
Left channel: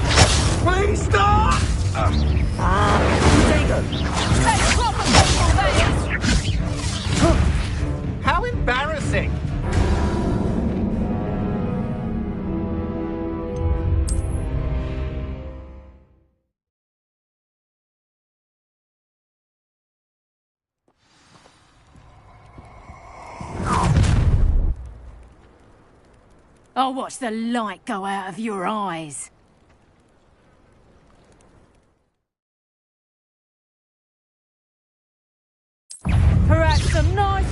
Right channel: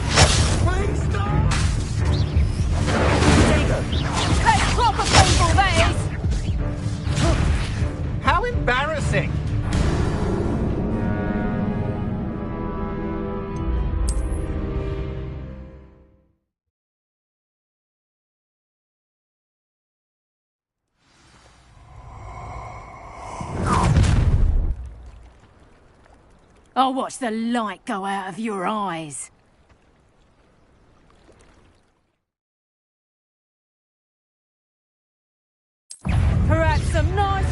Please stop! There you go. Let's proper people, that is! How embarrassing! I'll watch the light go out of your eyes. Perhaps some nice...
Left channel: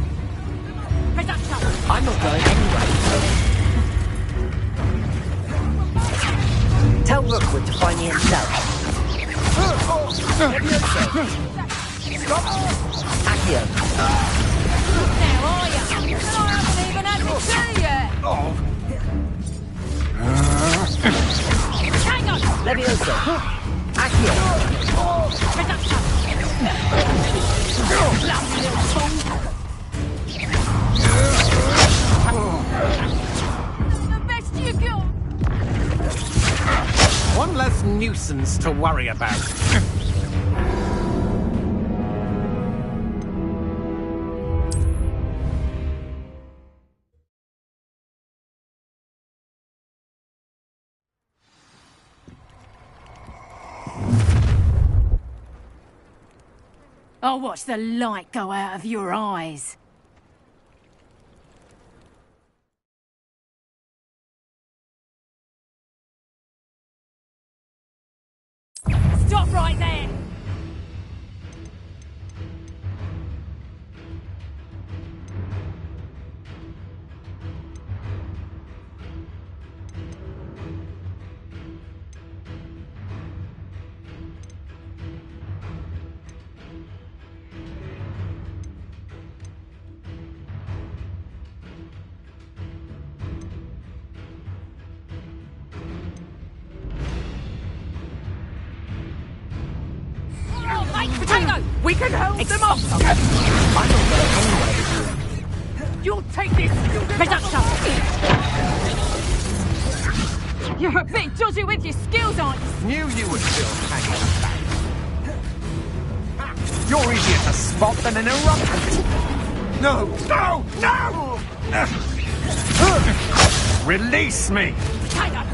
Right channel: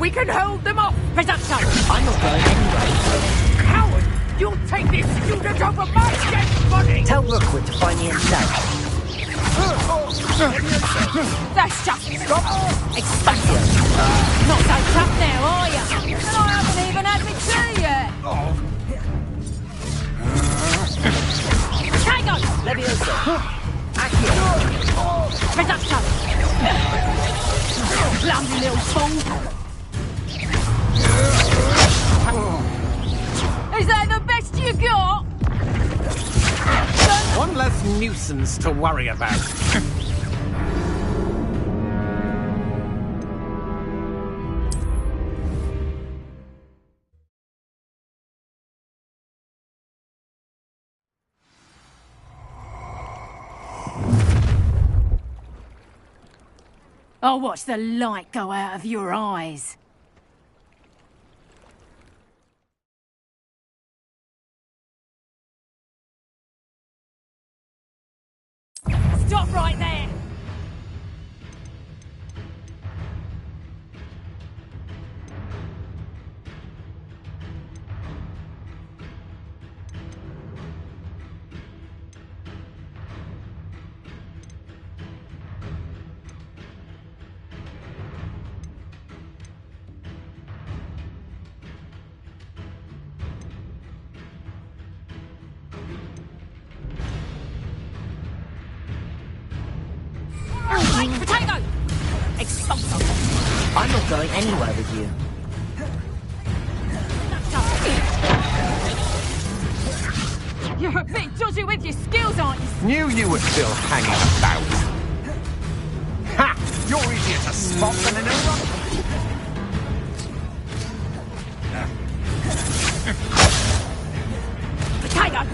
We can hold them off! Reducto! I'm not going anywhere. Coward! You'll take this student over my dead body! Tell Rookwood to find me himself. That's just stop! Expaccio. Not so tough now, are you? And I haven't even had my tea yet! Hang on! Levioso. Accio. Clumsy little fool! Is that the best you got? One less nuisance to worry about. I'll watch the light go out of your eyes. Stop right there! Potato! We can help them up! I'm not going anywhere with you. You'll take this! Reducto! You're a bit dodgy with your skills, aren't you? Knew you were still hanging about. Ha! You're easier to spot than an eruption. No! No! No! Release me! Potato!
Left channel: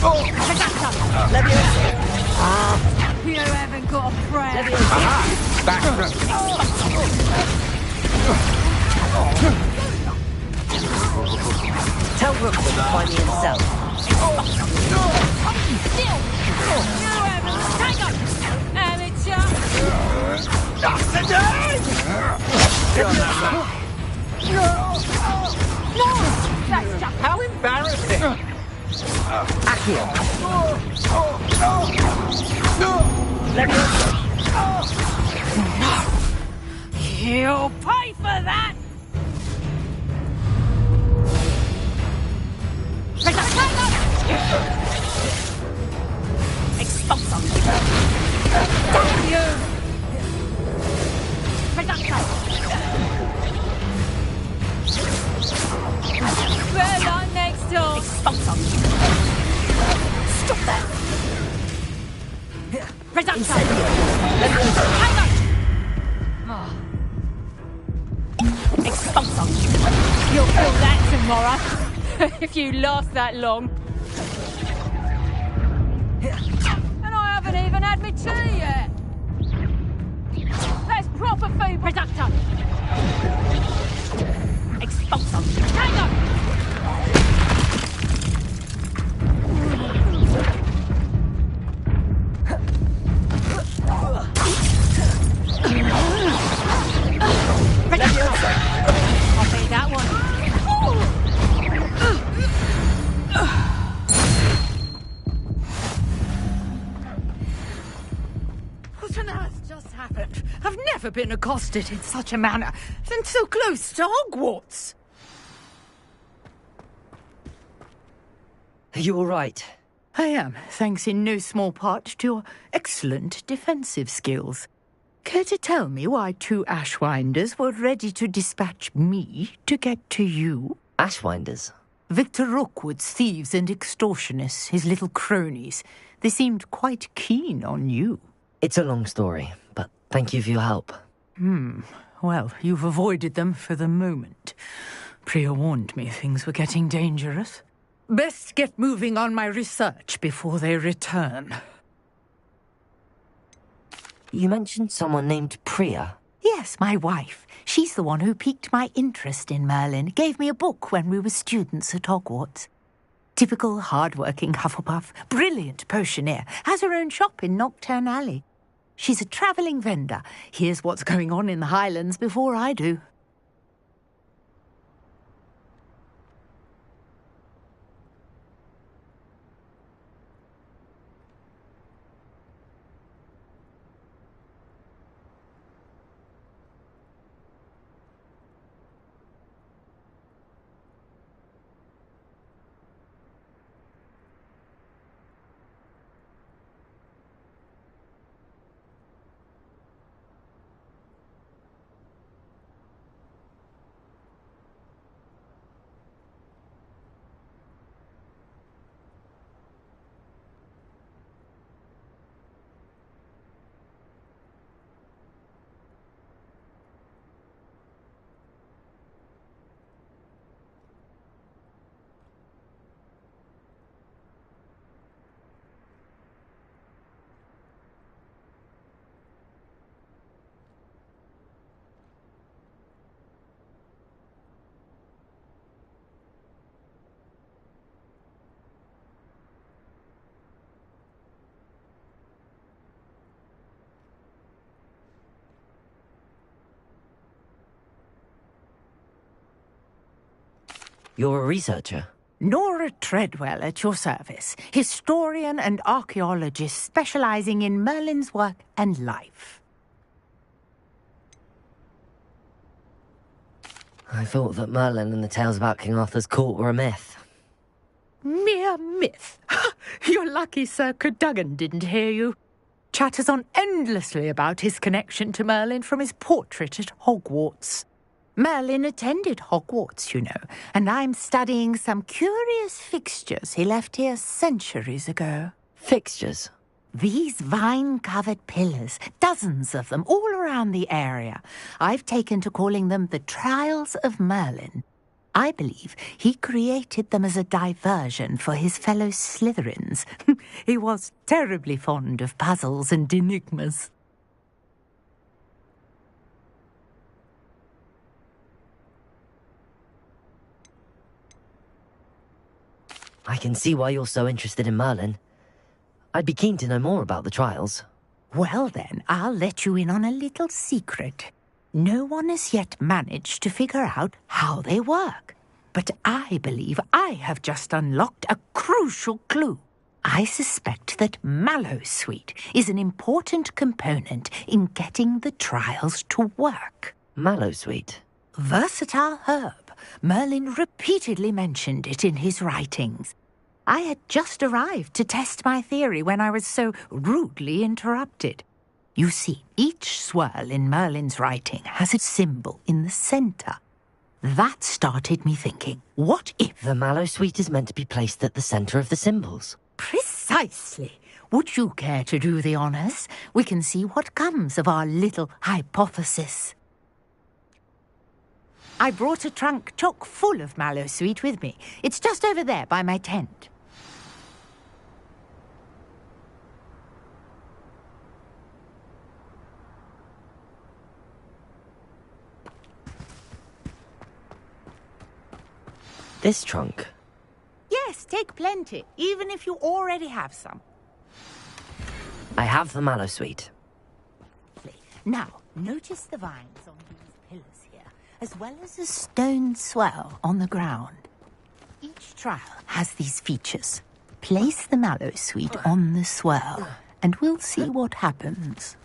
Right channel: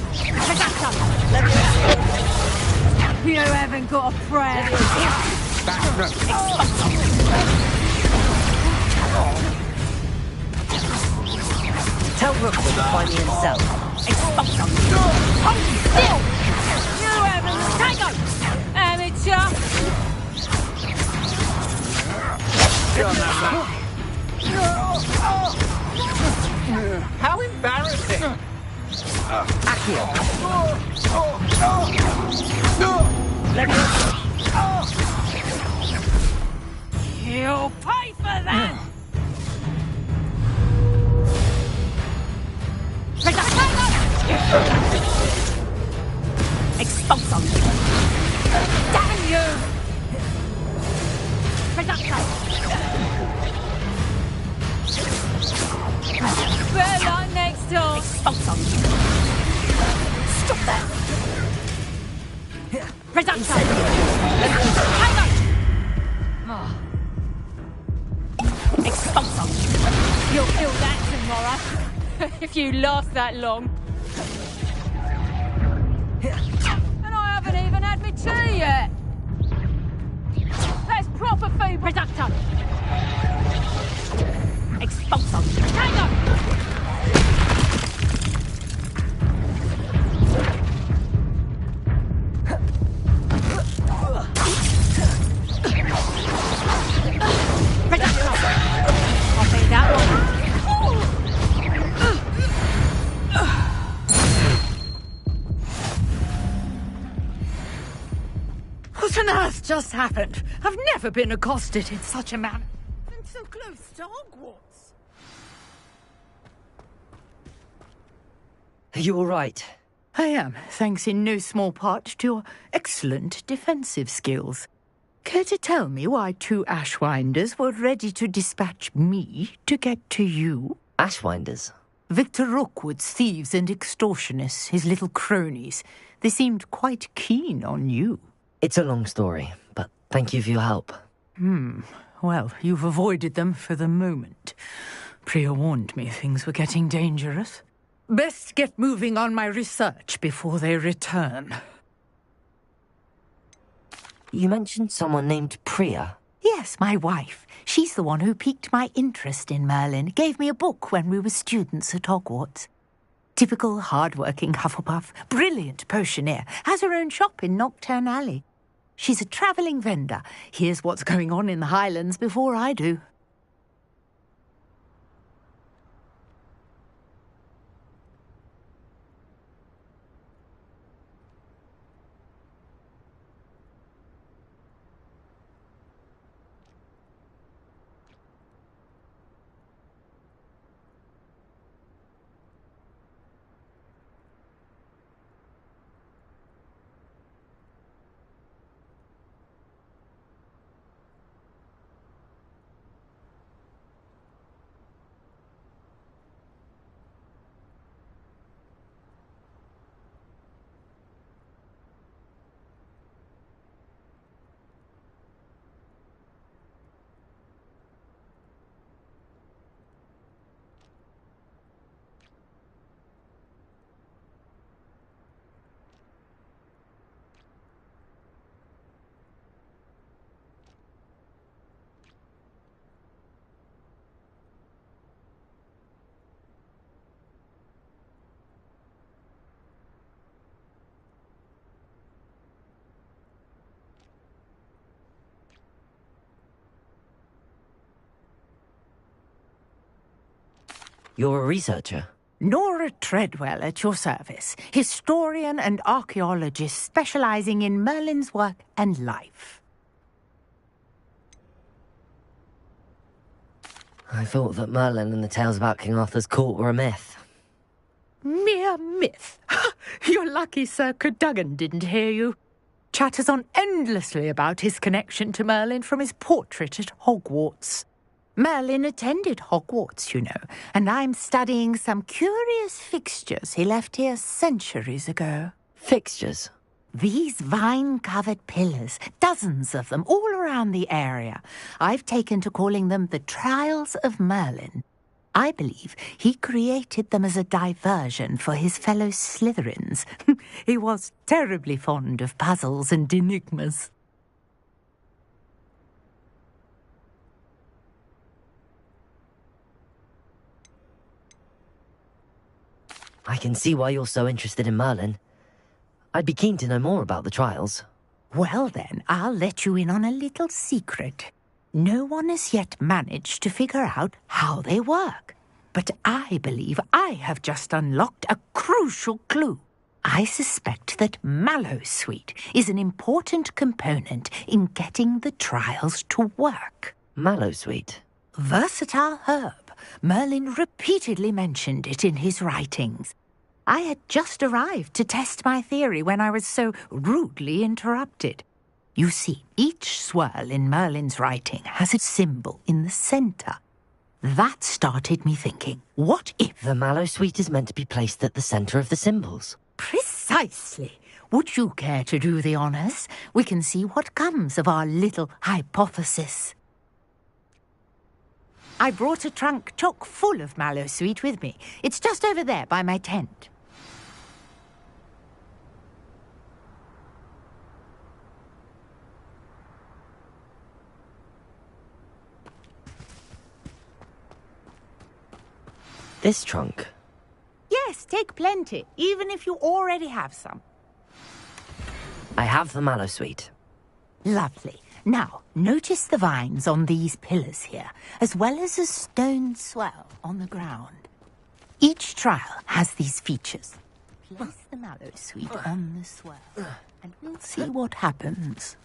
Oh. Let me You haven't got a prayer. Back Tell Rookwood to find me himself. Hold still! You haven't. Potato! Amateur! How embarrassing! Accio. You'll pay for that! Expulso! Damn you! Better luck next time! Expulso! Stop that! Reducto! Expulso! You'll feel that tomorrow, if you last that long. And I haven't even had my tea yet. That's proper food, Reducto! Expulso! Tango! I'll be that one. What on earth just happened? I've never been accosted in such a manner, and so close to Hogwarts. Are you all right? I am, thanks in no small part to your excellent defensive skills. Care to tell me why two Ashwinders were ready to dispatch me to get to you? Ashwinders? Victor Rookwood's thieves and extortionists, his little cronies. They seemed quite keen on you. It's a long story, but thank you for your help. Well, you've avoided them for the moment. Priya warned me things were getting dangerous. Best get moving on my research before they return. You mentioned someone named Priya. Yes, my wife. She's the one who piqued my interest in Merlin. Gave me a book when we were students at Hogwarts. Typical hard-working Hufflepuff. Brilliant potioneer. Has her own shop in Knockturn Alley. She's a travelling vendor. Hears what's going on in the Highlands before I do. You're a researcher? Nora Treadwell at your service, historian and archaeologist specializing in Merlin's work and life. I thought that Merlin and the tales about King Arthur's court were a myth. Mere myth. You're lucky Sir Cadogan didn't hear you. Chatters on endlessly about his connection to Merlin from his portrait at Hogwarts. Merlin attended Hogwarts, you know, and I'm studying some curious fixtures he left here centuries ago. Fixtures? These vine-covered pillars, dozens of them, all around the area. I've taken to calling them the Trials of Merlin. I believe he created them as a diversion for his fellow Slytherins. He was terribly fond of puzzles and enigmas. I can see why you're so interested in Merlin. I'd be keen to know more about the trials. Well then, I'll let you in on a little secret. No one has yet managed to figure out how they work. But I believe I have just unlocked a crucial clue. I suspect that Mallowsweet is an important component in getting the trials to work. Mallowsweet? Versatile herb. Merlin repeatedly mentioned it in his writings. I had just arrived to test my theory when I was so rudely interrupted. You see, each swirl in Merlin's writing has a symbol in the centre. That started me thinking, what if... The Mallowsweet is meant to be placed at the centre of the symbols. Precisely. Would you care to do the honours? We can see what comes of our little hypothesis. I brought a trunk chock full of Mallowsweet with me. It's just over there by my tent. This trunk? Yes, take plenty, even if you already have some. I have the Mallowsweet. Lovely. Now, notice the vines on these pillars here, as well as a stone swell on the ground. Each trial has these features. Place the Mallowsweet on the swell, and we'll see what happens.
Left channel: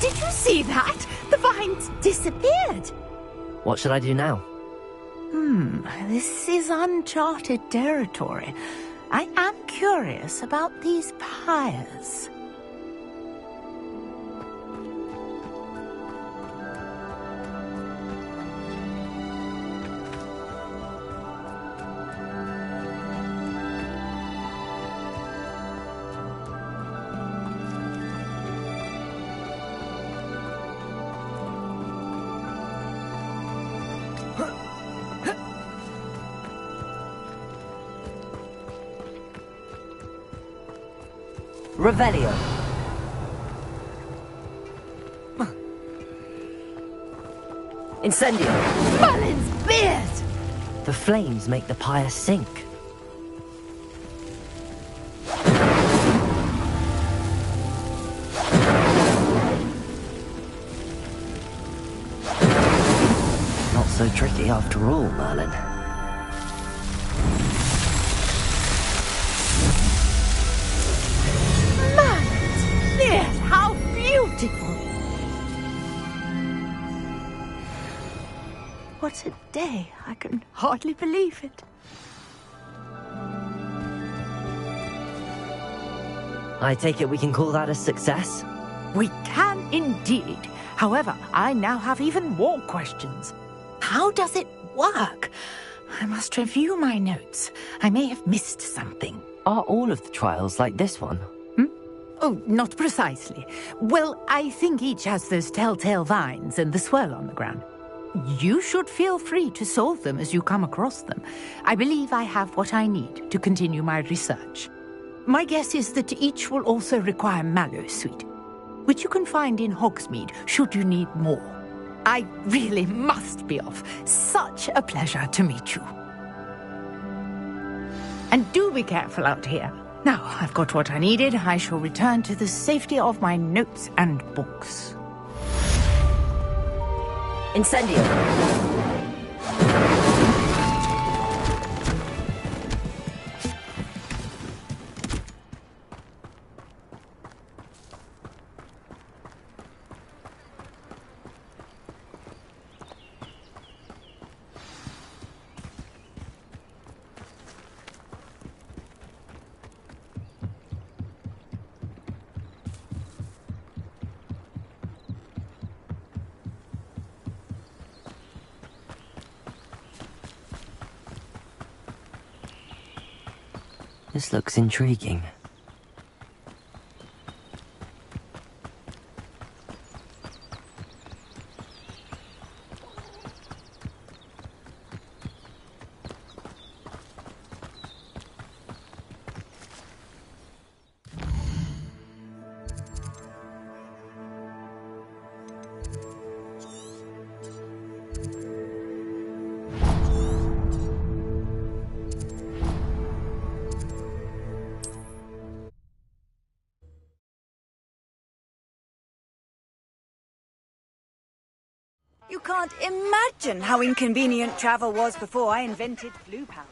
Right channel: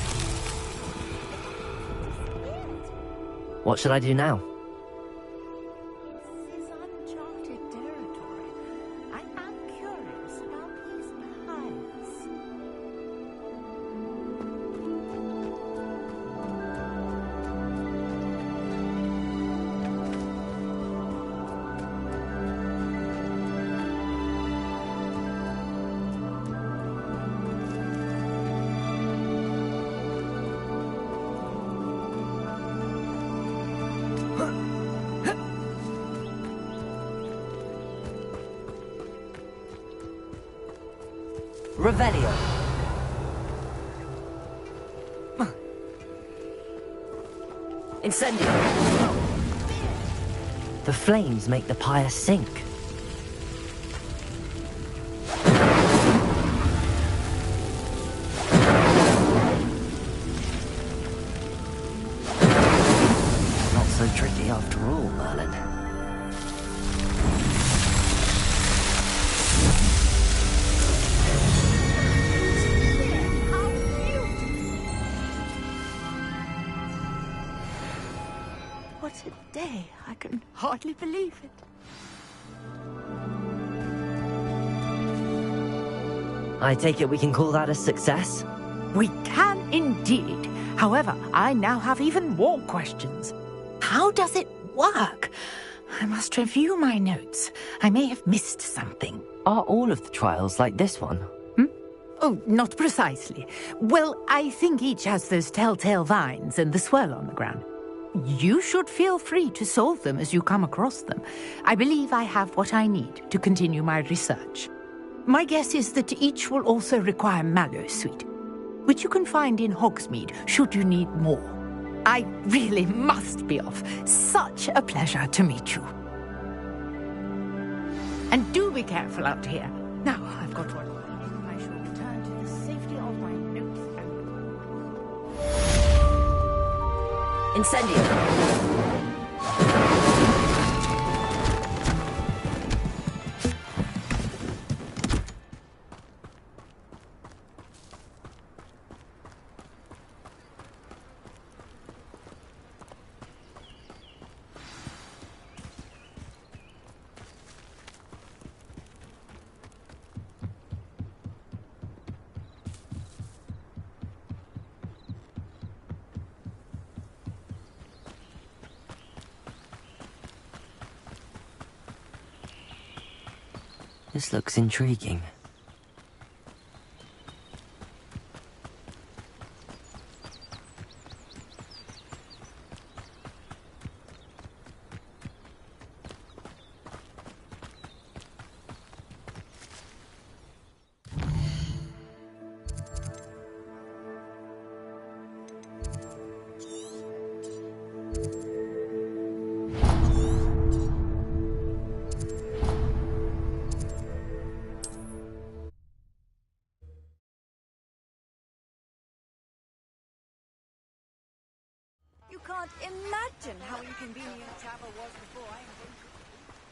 Did you see that? The vines disappeared. What should I do now? This is uncharted territory. I am curious about these pyres. Revelio. Incendio. Merlin's beard! The flames make the pyre sink. Not so tricky after all, Merlin. How beautiful! What a day. I can hardly believe it. I take it we can call that a success? We can indeed. However, I now have even more questions. How does it work? I must review my notes. I may have missed something. Are all of the trials like this one? Oh, not precisely. Well, I think each has those telltale vines and the swirl on the ground. You should feel free to solve them as you come across them. I believe I have what I need to continue my research. My guess is that each will also require Mallowsweet, which you can find in Hogsmeade should you need more. I really must be off. Such a pleasure to meet you. And do be careful out here. Now, I've got what I needed. I shall return to the safety of my notes and books. Incendio! This looks intriguing. You can't imagine how inconvenient travel was before I invented blue powder.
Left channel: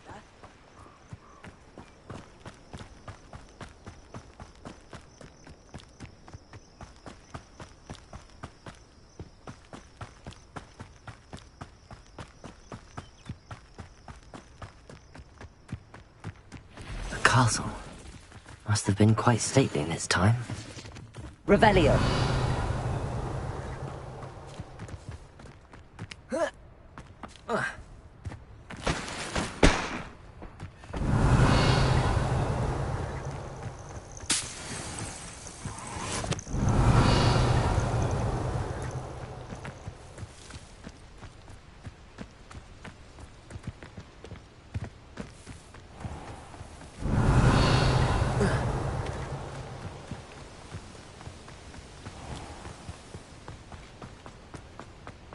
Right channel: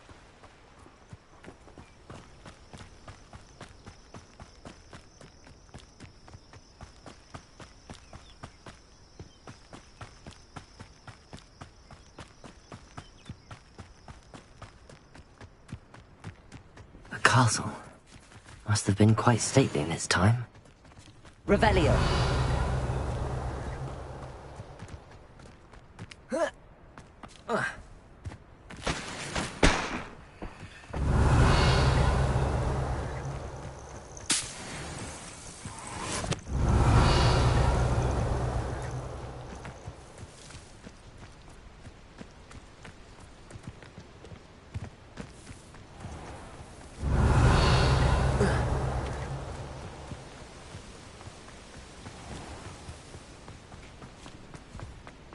A castle. Must have been quite stately in its time. Revelio.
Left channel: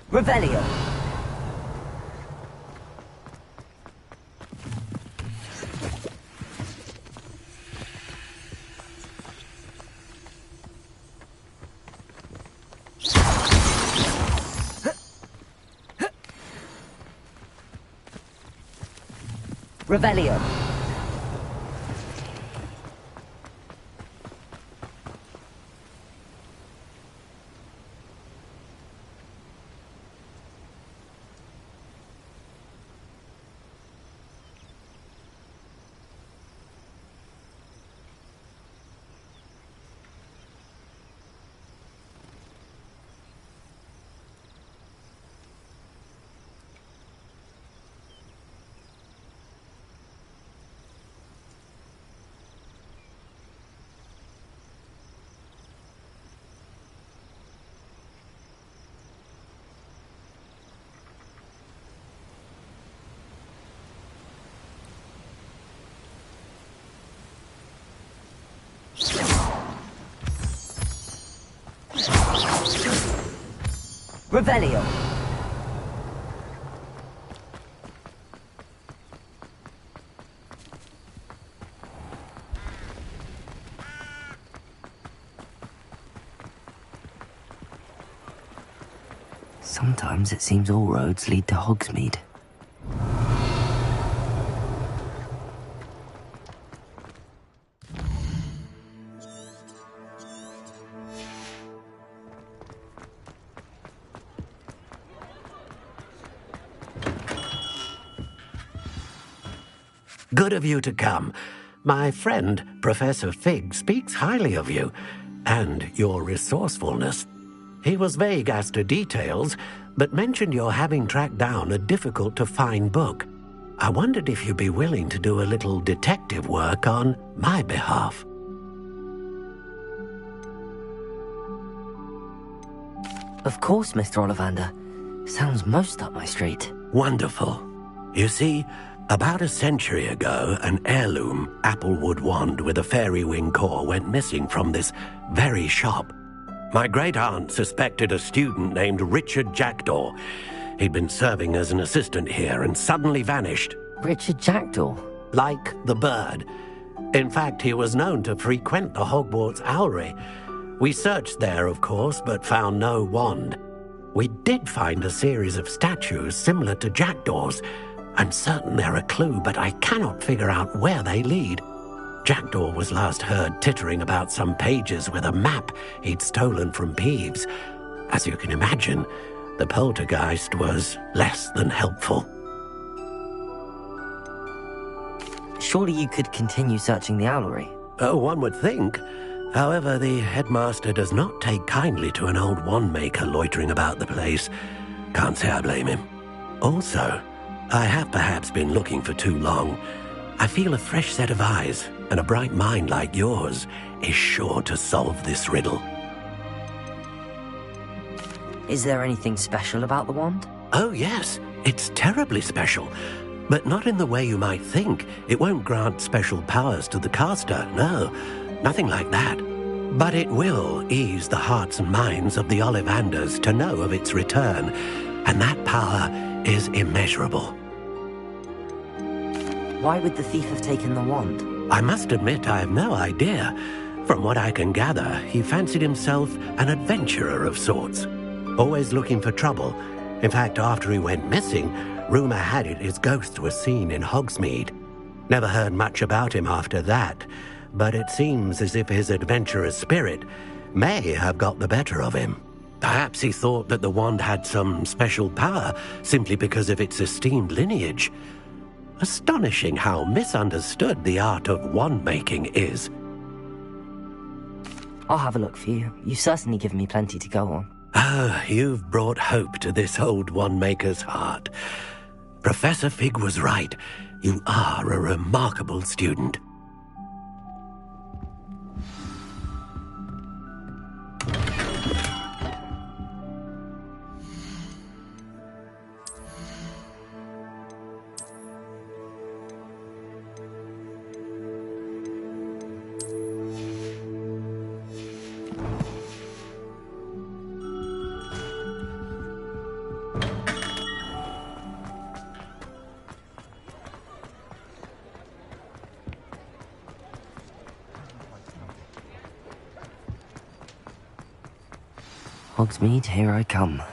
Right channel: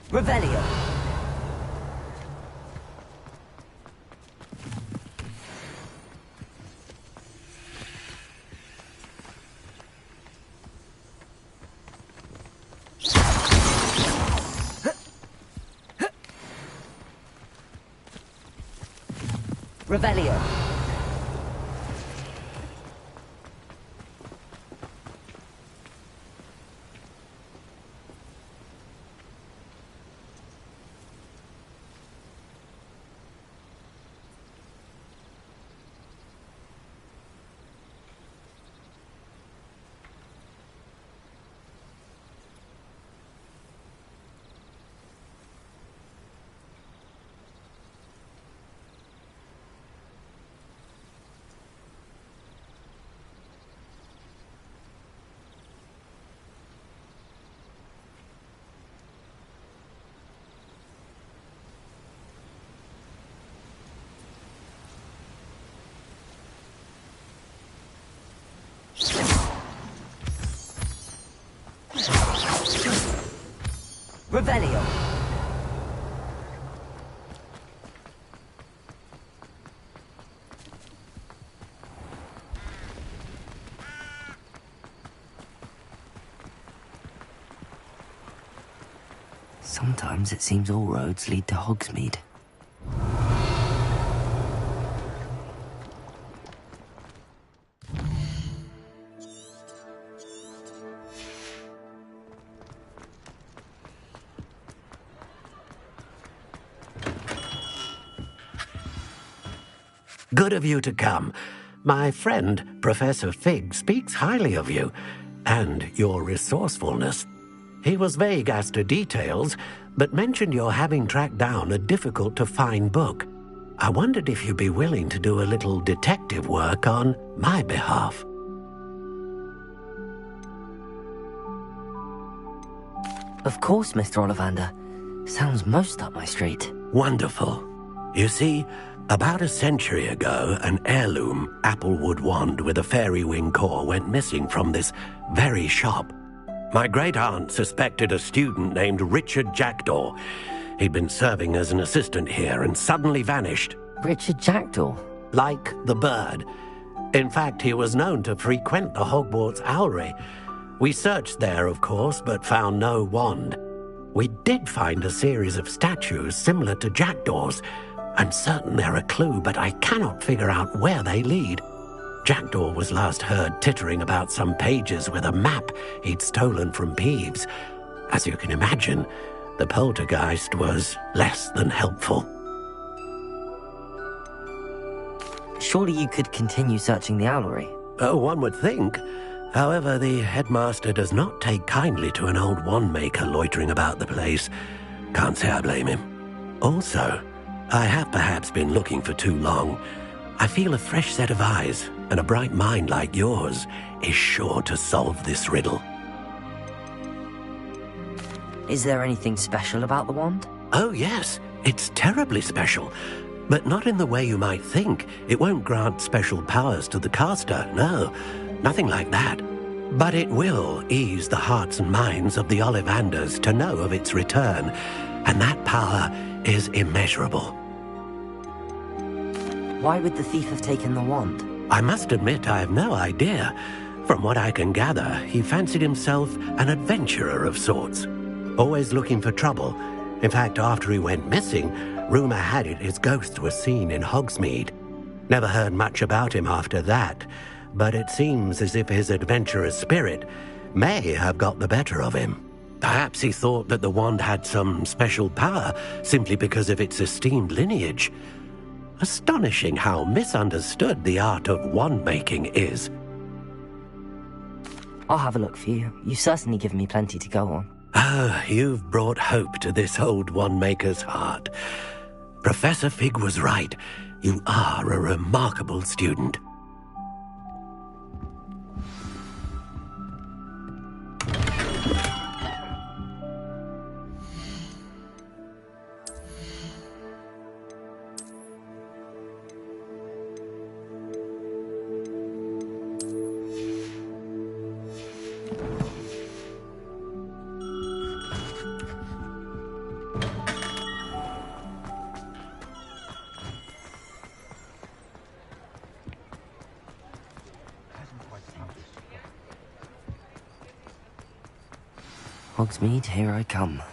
Revelio. Revelio. Revelio. Sometimes it seems all roads lead to Hogsmeade. Good of you to come. My friend, Professor Fig, speaks highly of you, and your resourcefulness. He was vague as to details, but mentioned your having tracked down a difficult-to-find book. I wondered if you'd be willing to do a little detective work on my behalf. Of course, Mr. Ollivander. Sounds most up my street. Wonderful. You see, about a century ago, an heirloom applewood wand with a fairy wing core went missing from this very shop. My great-aunt suspected a student named Richard Jackdaw. He'd been serving as an assistant here and suddenly vanished. Richard Jackdaw? like the bird. In fact, he was known to frequent the Hogwarts Owlery. We searched there, of course, but found no wand. We did find a series of statues similar to jackdaws. I'm certain they're a clue, but I cannot figure out where they lead. Jackdaw was last heard tittering about some pages with a map he'd stolen from Peeves. As you can imagine, the poltergeist was less than helpful. Surely you could continue searching the owlery. Oh, one would think. However, the headmaster does not take kindly to an old wand-maker loitering about the place. Can't say I blame him. Also, I have perhaps been looking for too long. I feel a fresh set of eyes, and a bright mind like yours is sure to solve this riddle. Is there anything special about the wand? Oh, yes. It's terribly special. But not in the way you might think. It won't grant special powers to the caster, no. Nothing like that. But it will ease the hearts and minds of the Ollivanders to know of its return, and that power is immeasurable. Why would the thief have taken the wand? I must admit I have no idea. From what I can gather, he fancied himself an adventurer of sorts. Always looking for trouble. In fact, after he went missing, rumour had it his ghost was seen in Hogsmeade. Never heard much about him after that, but it seems as if his adventurous spirit may have got the better of him. Perhaps he thought that the wand had some special power simply because of its esteemed lineage. Astonishing how misunderstood the art of wand-making is. I'll have a look for you. You've certainly given me plenty to go on. Ah, you've brought hope to this old wand-maker's heart. Professor Fig was right. You are a remarkable student. Hogsmeade, here I come.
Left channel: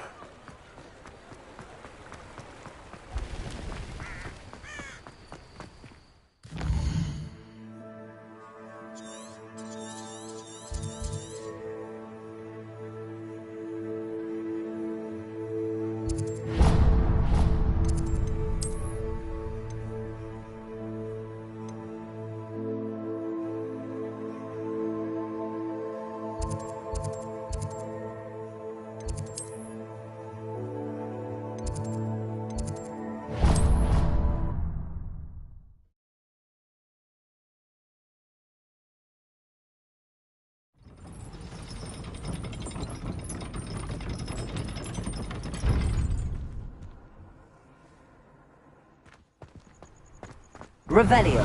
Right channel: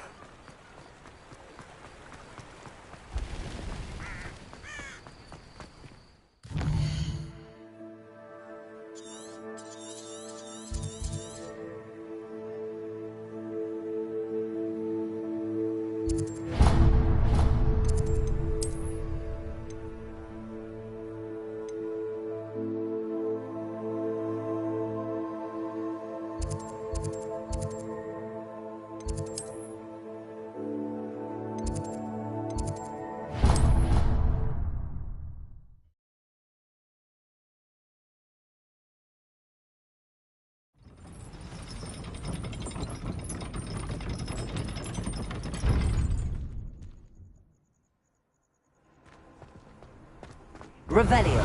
Revelio.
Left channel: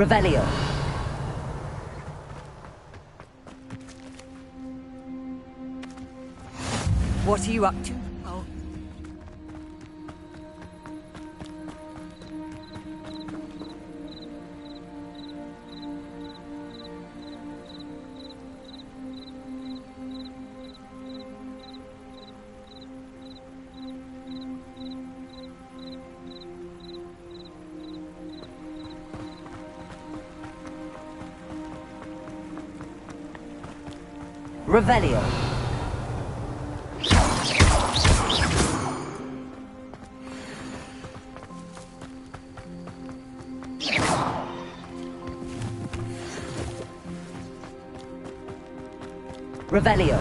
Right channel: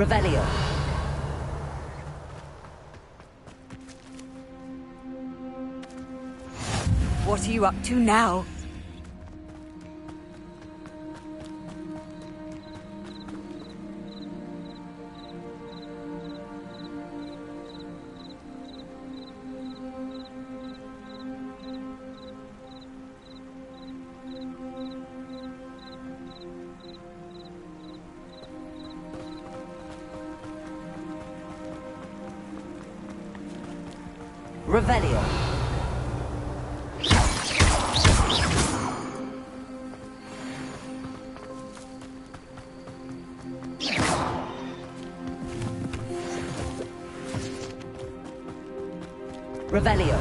Revelio. What are you up to now? Revelio. Revelio.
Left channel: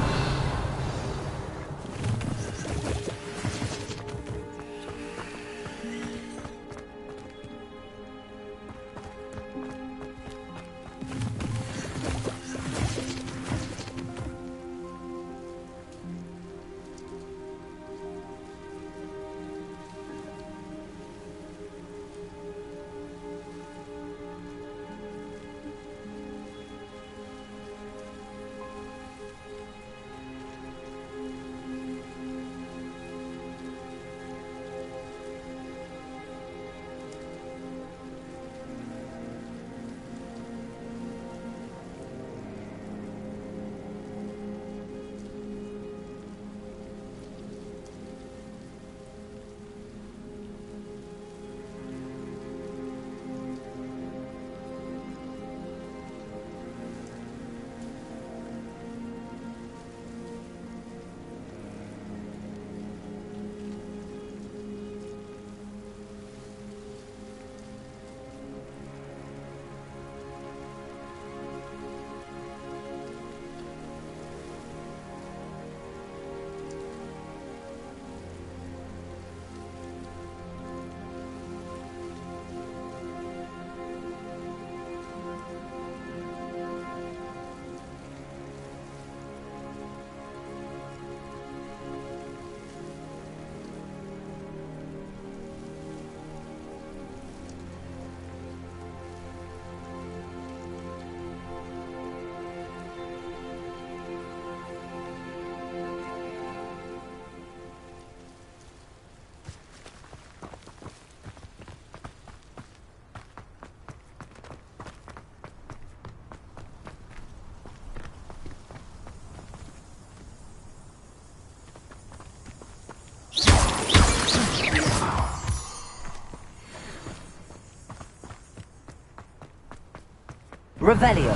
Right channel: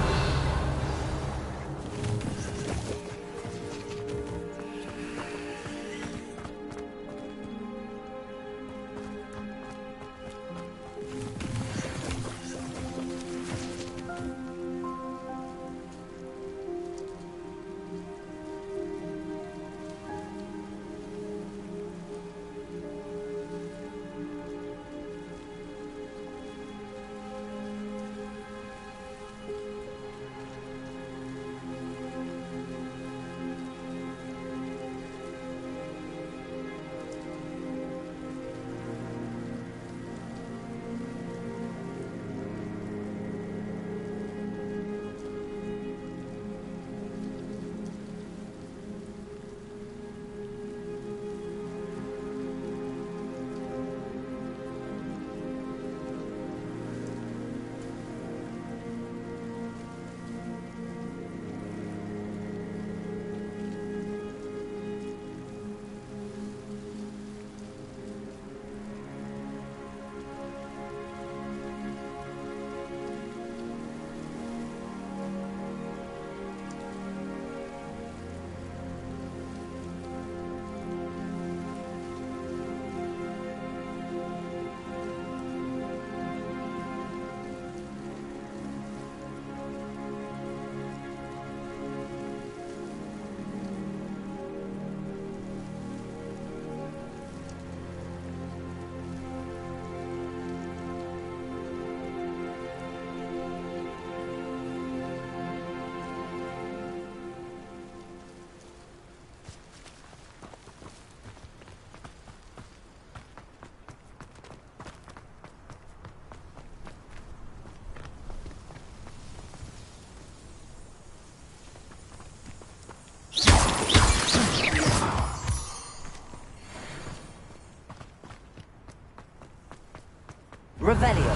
Revelio.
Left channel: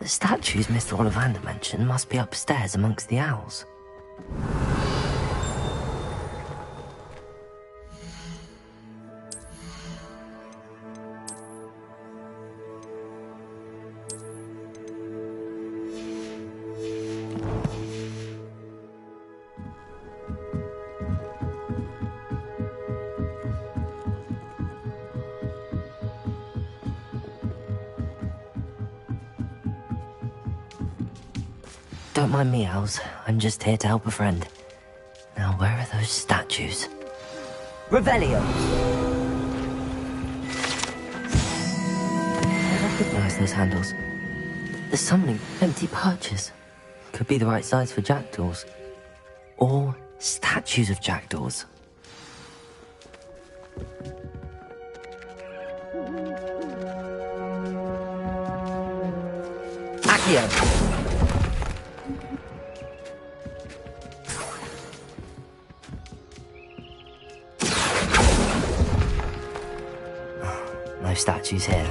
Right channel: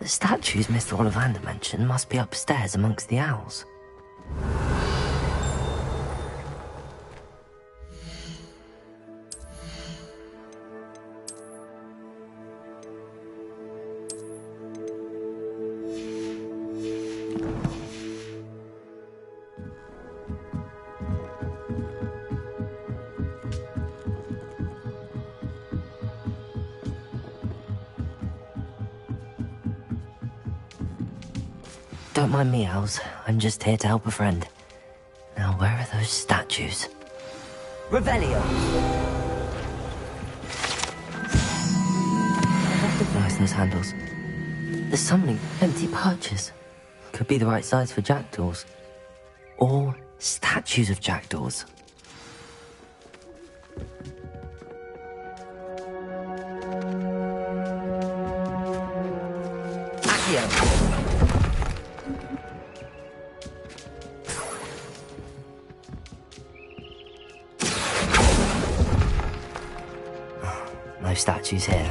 The statues Mr. Ollivander mentioned must be upstairs amongst the owls. Don't mind me, owls. I'm just here to help a friend. Now, where are those statues? Revelio! I recognize those handles. There's summoning empty perches. Could be the right size for jackdaws. Or statues of jackdaws. Accio! No statues here.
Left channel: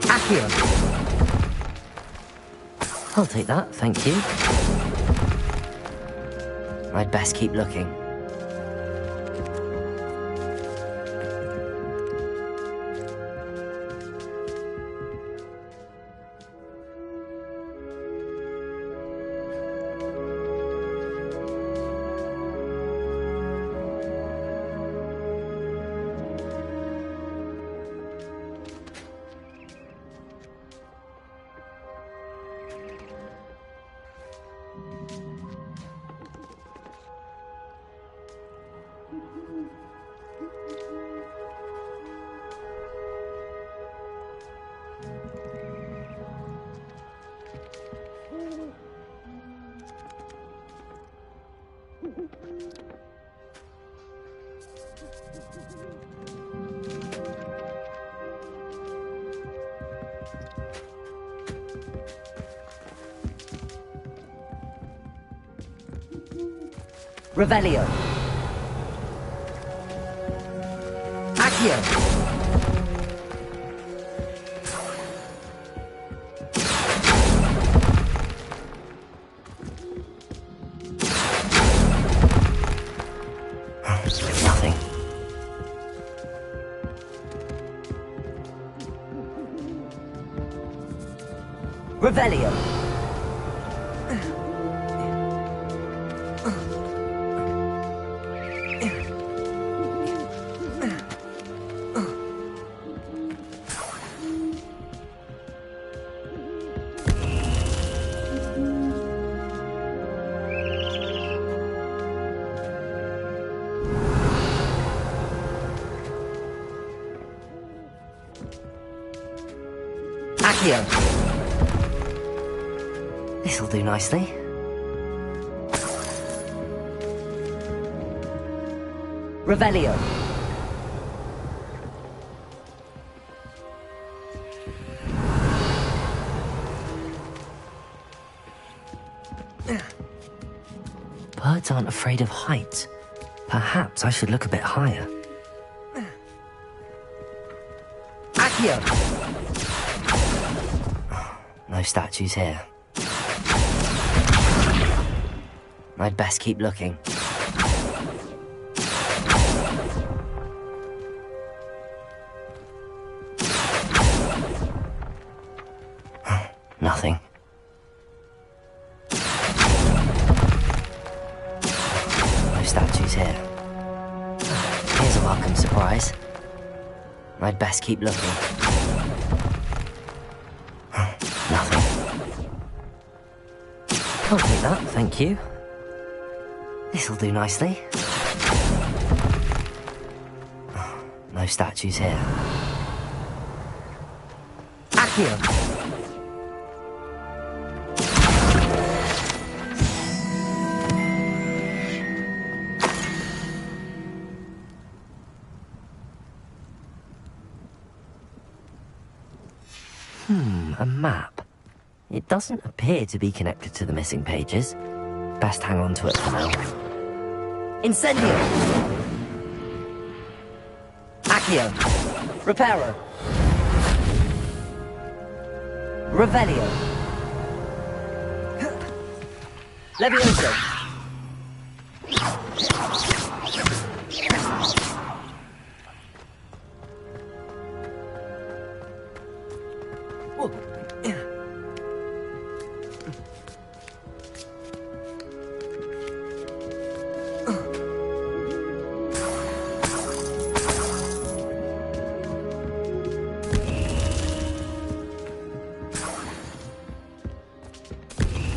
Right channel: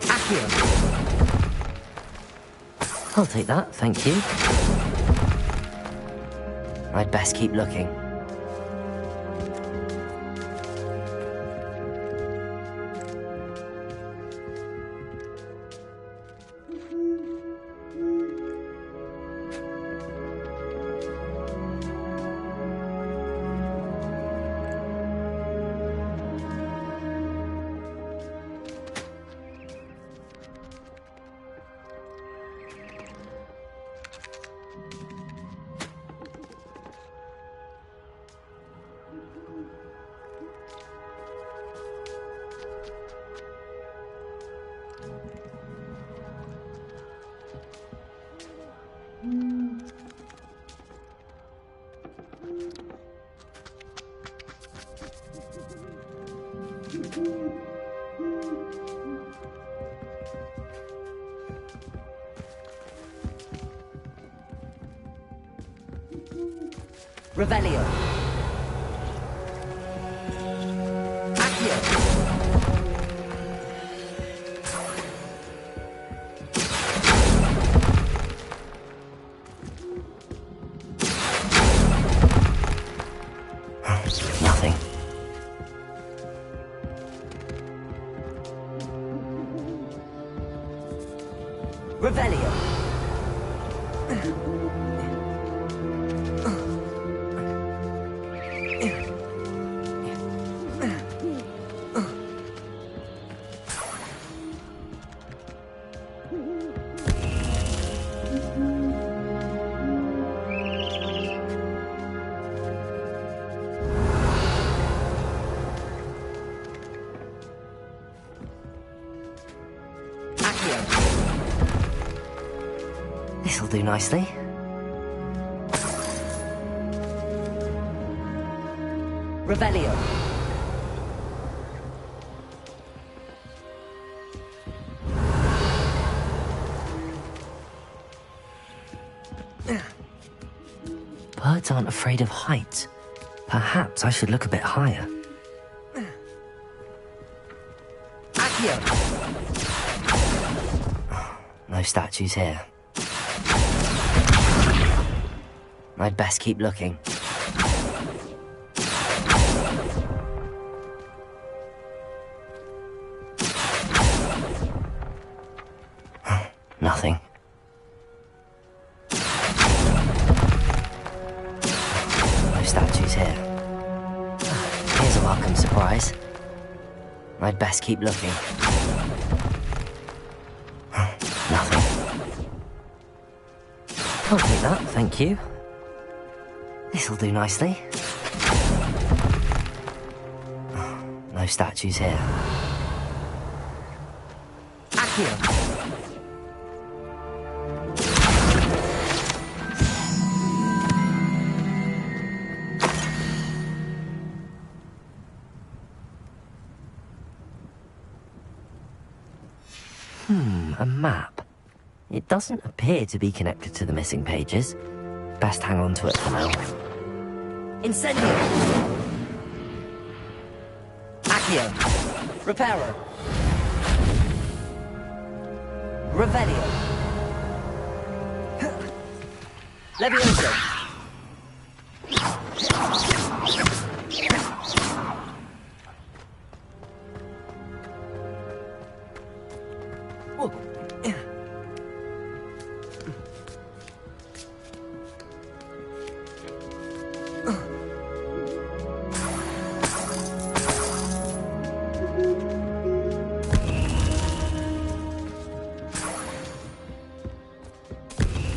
Accio! I'll take that, thank you. I'd best keep looking. Revelio. Accio. Nothing. Revelio. This'll do nicely. Revelio. Birds aren't afraid of heights. Perhaps I should look a bit higher. Accio! No statues here. I'd best keep looking. Nothing. No statues here. Here's a welcome surprise. I'd best keep looking. Nothing. I'll take that, thank you. This'll do nicely. No statues here. Accio! A map. It doesn't appear to be connected to the missing pages. Best hang on to it for now. Incendio! Accio! Reparo! Revelio! Levioso!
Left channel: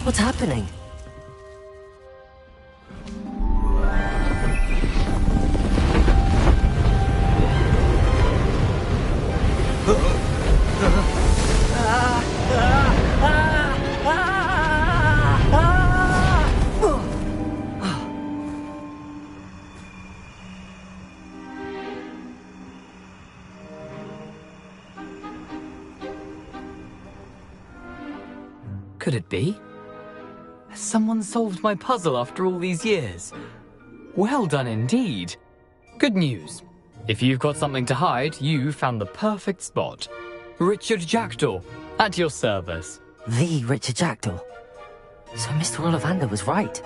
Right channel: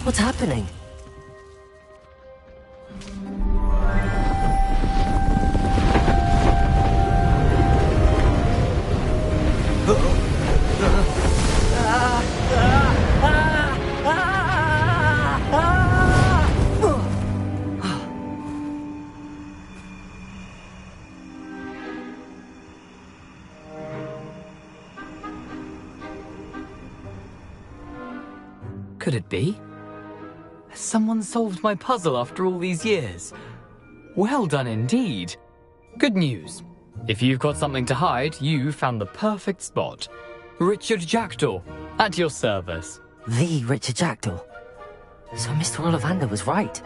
What's happening? Could it be? Has someone solved my puzzle after all these years? Well done indeed. Good news. If you've got something to hide, you found the perfect spot. Richard Jackdaw, at your service. The Richard Jackdaw. So Mr. Ollivander was right.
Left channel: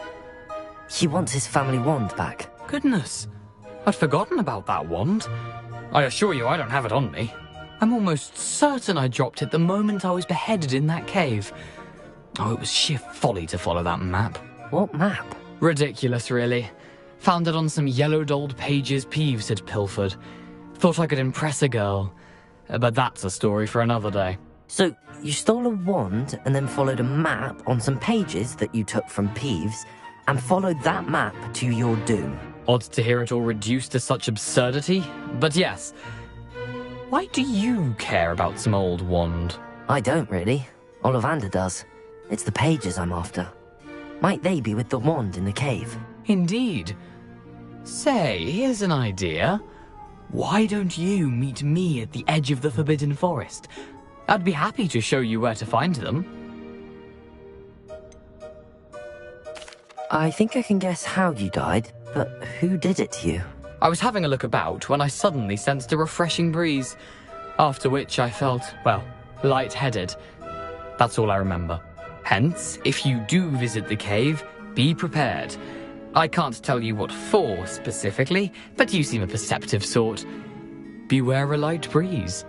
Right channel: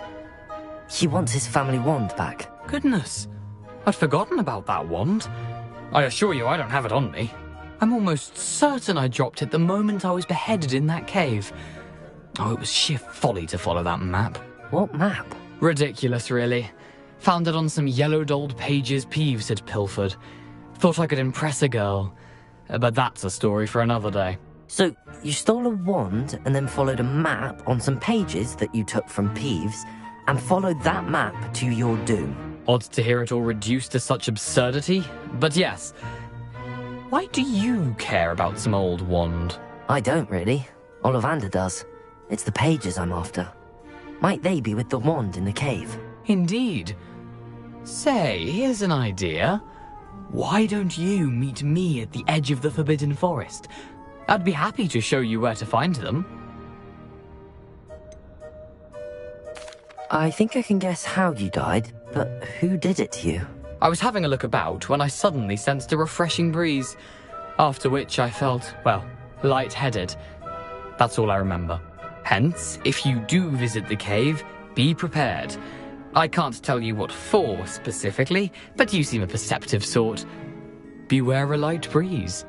He wants his family wand back. Goodness, I'd forgotten about that wand. I assure you I don't have it on me. I'm almost certain I dropped it the moment I was beheaded in that cave. Oh, it was sheer folly to follow that map. What map? Ridiculous, really. Found it on some yellowed old pages Peeves had pilfered. Thought I could impress a girl. But that's a story for another day. So, you stole a wand and then followed a map on some pages that you took from Peeves and followed that map to your doom. Odd to hear it all reduced to such absurdity, but yes. Why do you care about some old wand? I don't really. Ollivander does. It's the pages I'm after. Might they be with the wand in the cave? Indeed. Say, here's an idea. Why don't you meet me at the edge of the Forbidden Forest? I'd be happy to show you where to find them. I think I can guess how you died, but who did it to you? I was having a look about when I suddenly sensed a refreshing breeze, after which I felt, well, lightheaded. That's all I remember. Hence, if you do visit the cave, be prepared. I can't tell you what for specifically, but you seem a perceptive sort. Beware a light breeze.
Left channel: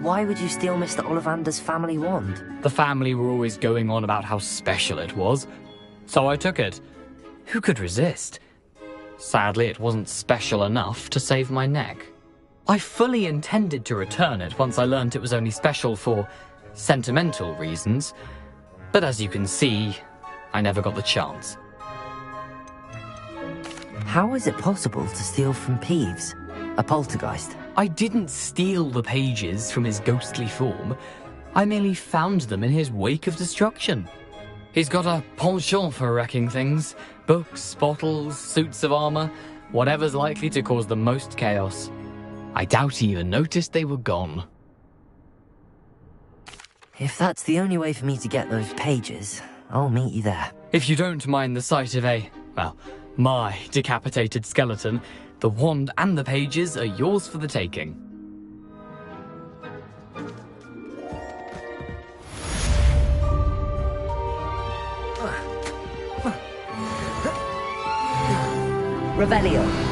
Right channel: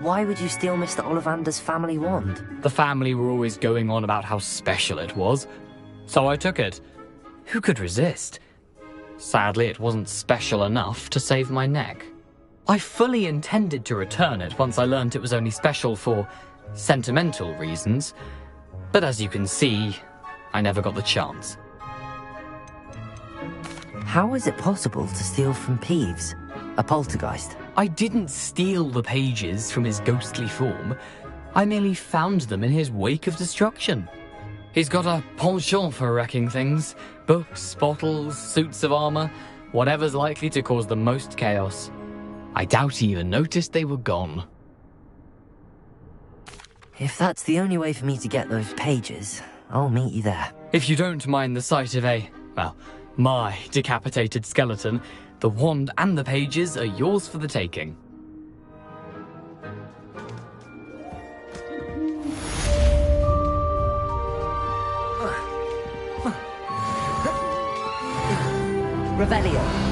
Why would you steal Mr. Ollivander's family wand? The family were always going on about how special it was, so I took it. Who could resist? Sadly, it wasn't special enough to save my neck. I fully intended to return it once I learned it was only special for sentimental reasons, but as you can see, I never got the chance. How is it possible to steal from Peeves, a poltergeist? I didn't steal the pages from his ghostly form. I merely found them in his wake of destruction. He's got a penchant for wrecking things. Books, bottles, suits of armor, whatever's likely to cause the most chaos. I doubt he even noticed they were gone. If that's the only way for me to get those pages, I'll meet you there. If you don't mind the sight of my decapitated skeleton, the wand and the pages are yours for the taking. Revelio.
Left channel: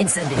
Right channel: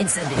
Incendio.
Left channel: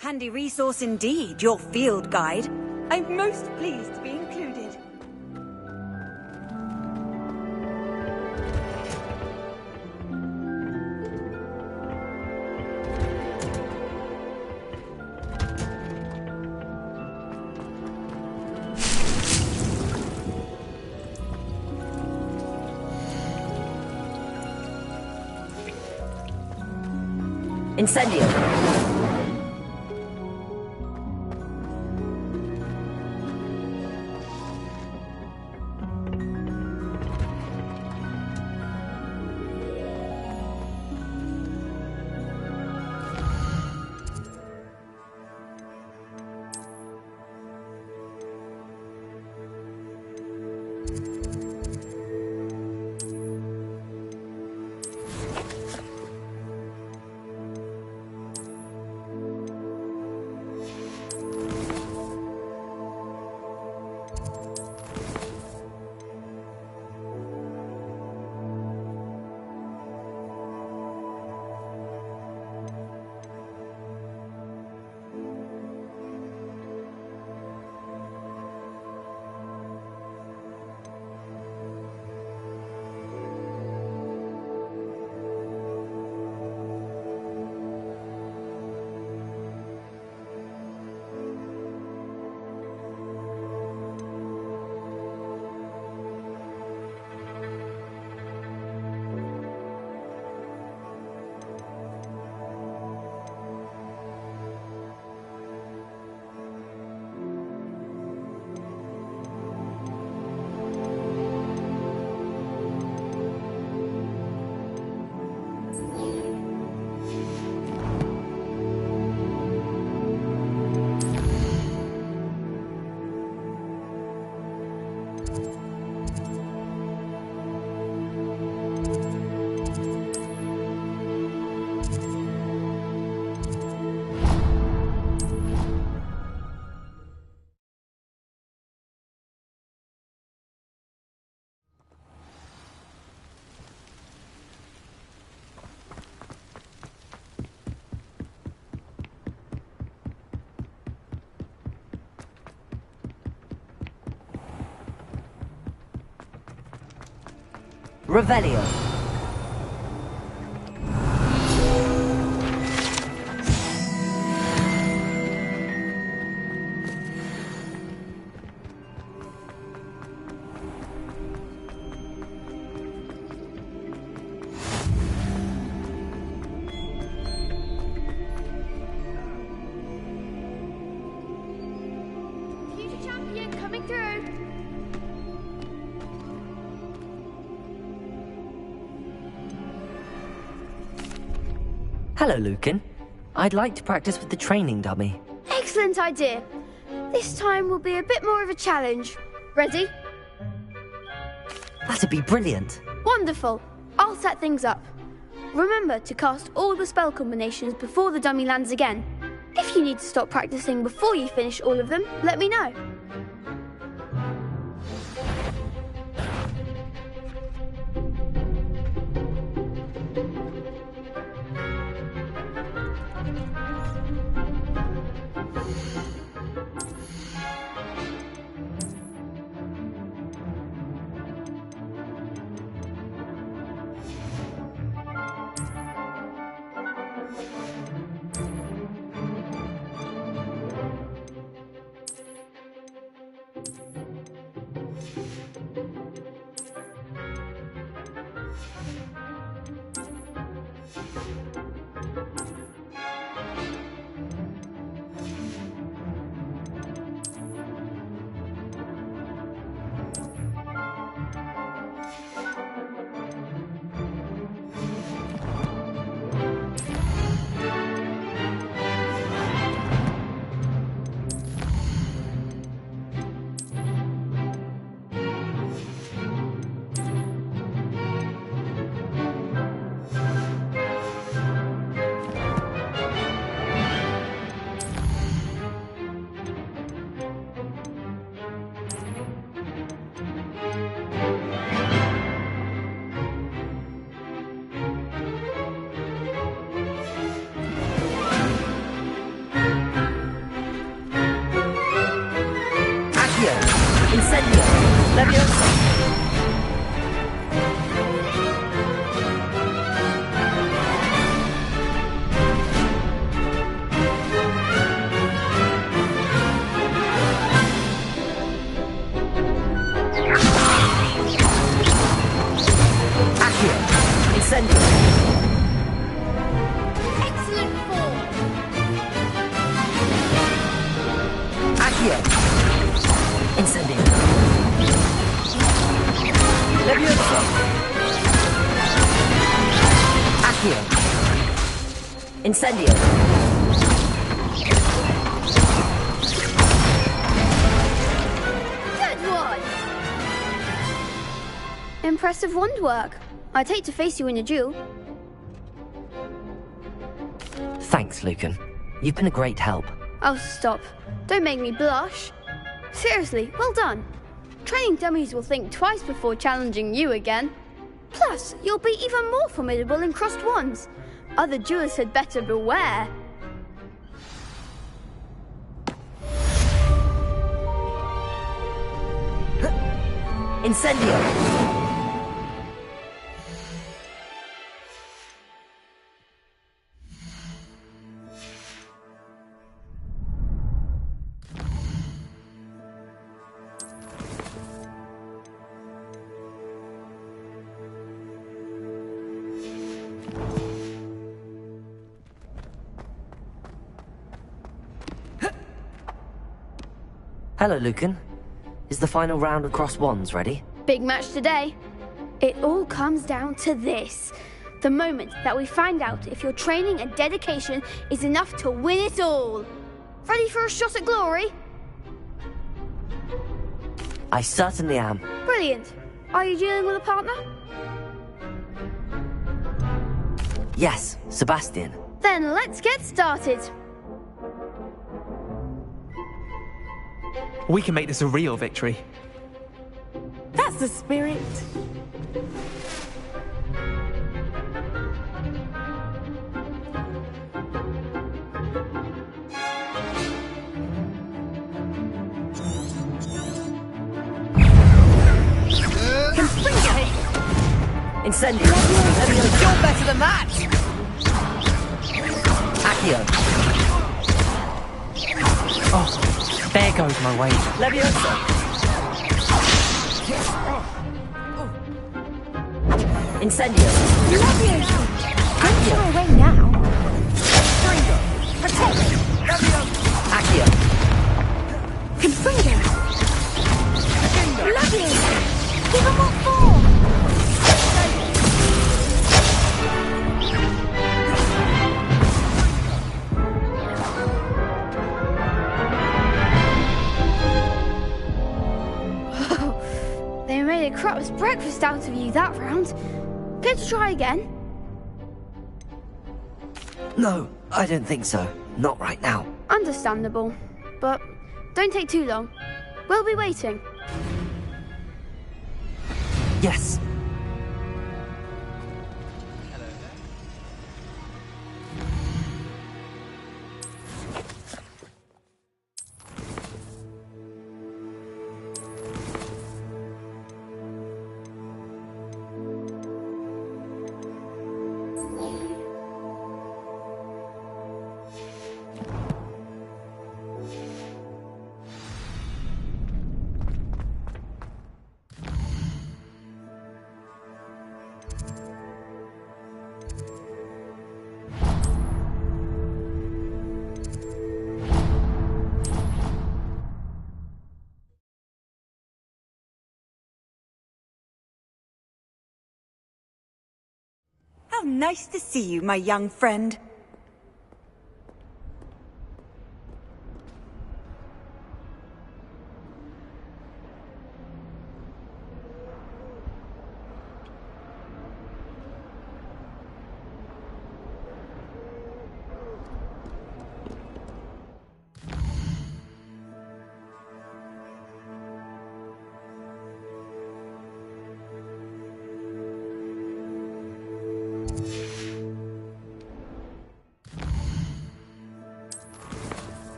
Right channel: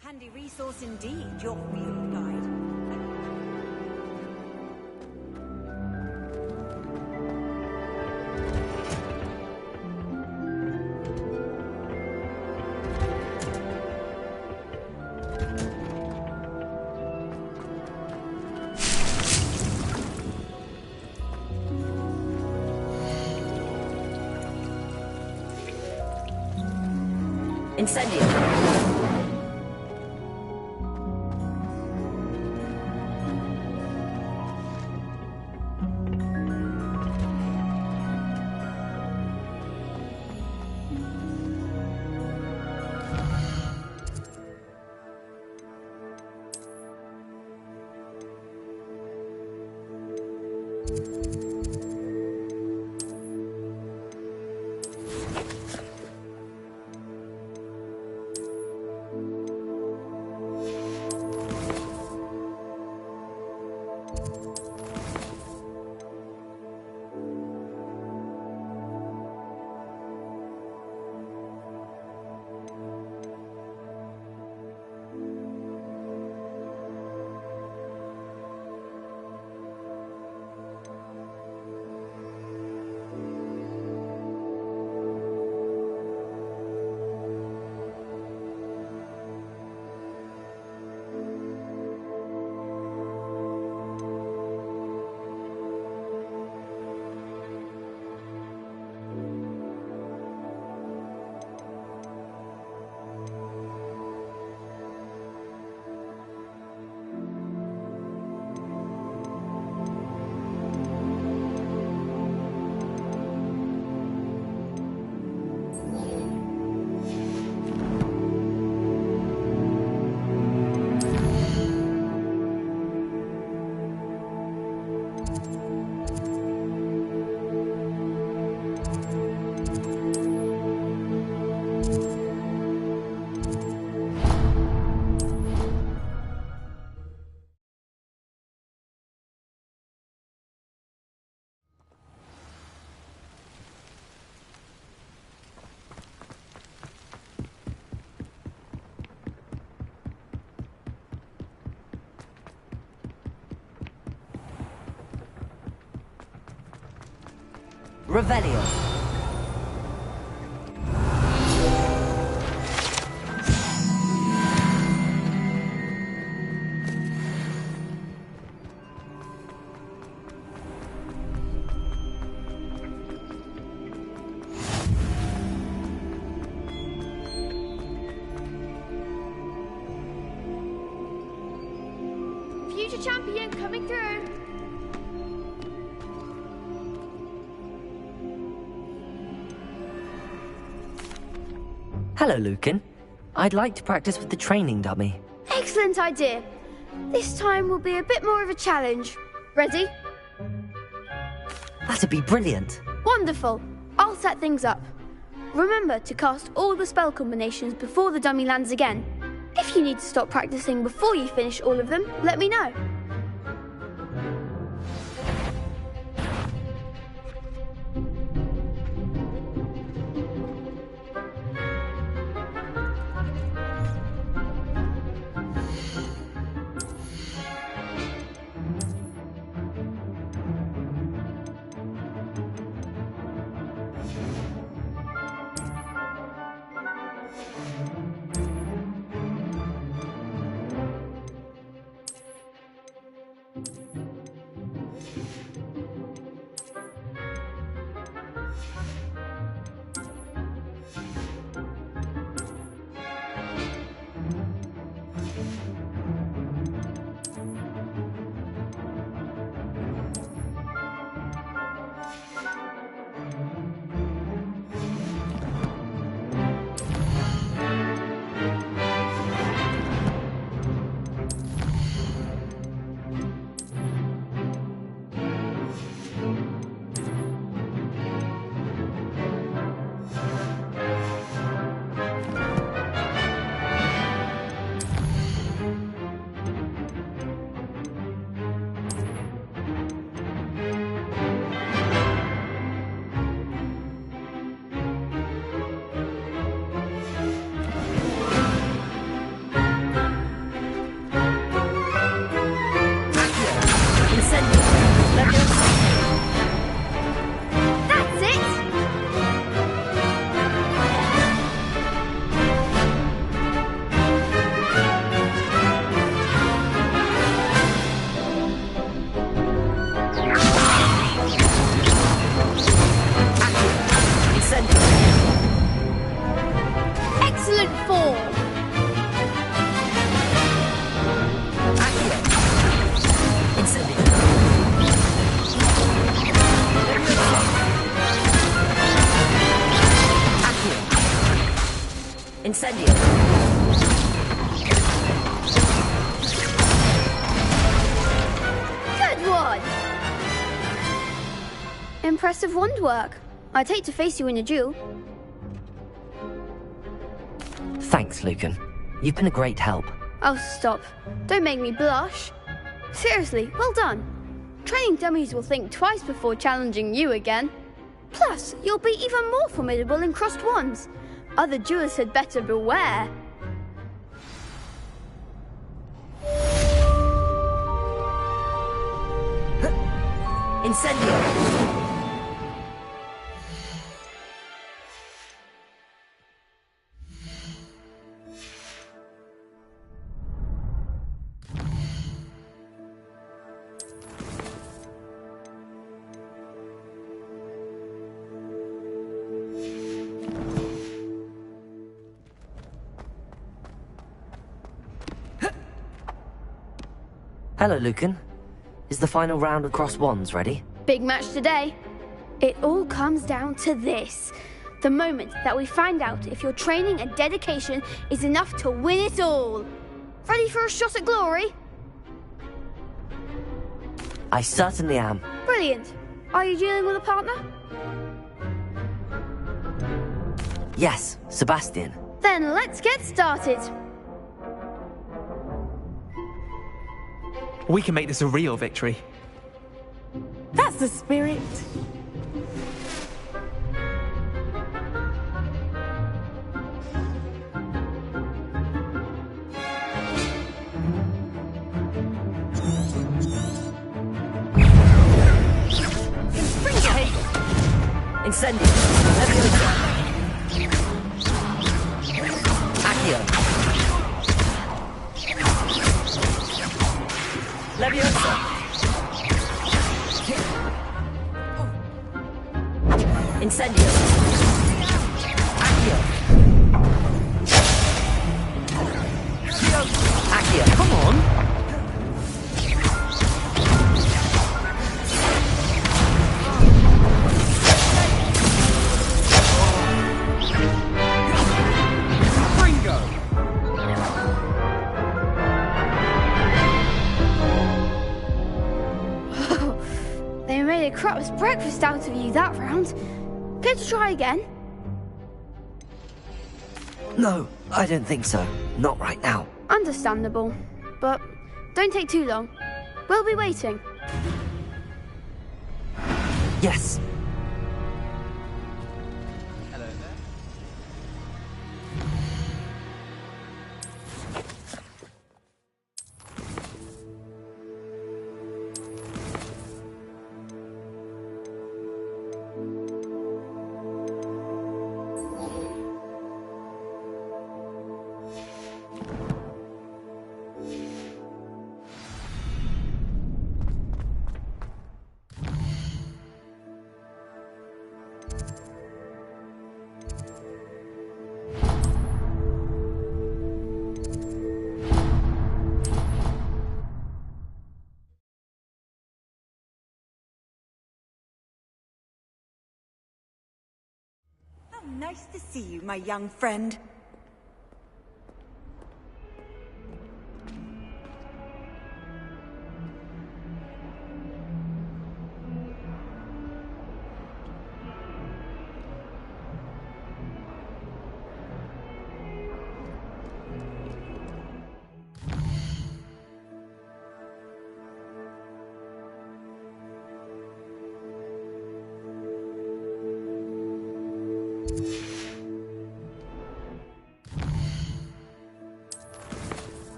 Handy resource indeed, your field guide. I'm most pleased to be included. Incendio. Revelio. Future champion coming through. Hello, Lucan. I'd like to practice with the training dummy. Excellent idea. This time will be a bit more of a challenge. Ready? That'd be brilliant. Wonderful. I'll set things up. Remember to cast all the spell combinations before the dummy lands again. If you need to stop practicing before you finish all of them, let me know. Excellent form. Incendio. Leviosa. Accio. Incendio. Good one. Impressive wand work. I'd hate to face you in a duel. Thanks, Lucan. You've been a great help. Oh, stop. Don't make me blush. Seriously, well done. Training dummies will think twice before challenging you again. Plus, you'll be even more formidable in crossed wands. Other duelists had better beware. Incendio. Hello, Lucan. Is the final round of crossed wands ready? Big match today. It all comes down to this. The moment that we find out if your training and dedication is enough to win it all. Ready for a shot at glory? I certainly am. Brilliant. Are you dealing with a partner? Yes, Sebastian. Then let's get started. We can make this a real victory. That's the spirit. Incendio. You're better than that. Accio. Oh, there goes my way. Leviosa. Incendio. Accio. Accio. Come on. Confringo. crap's breakfast out of you that round. Care to try again? No, I don't think so. Not right now. Understandable. But don't take too long. We'll be waiting. Yes. How nice to see you, my young friend.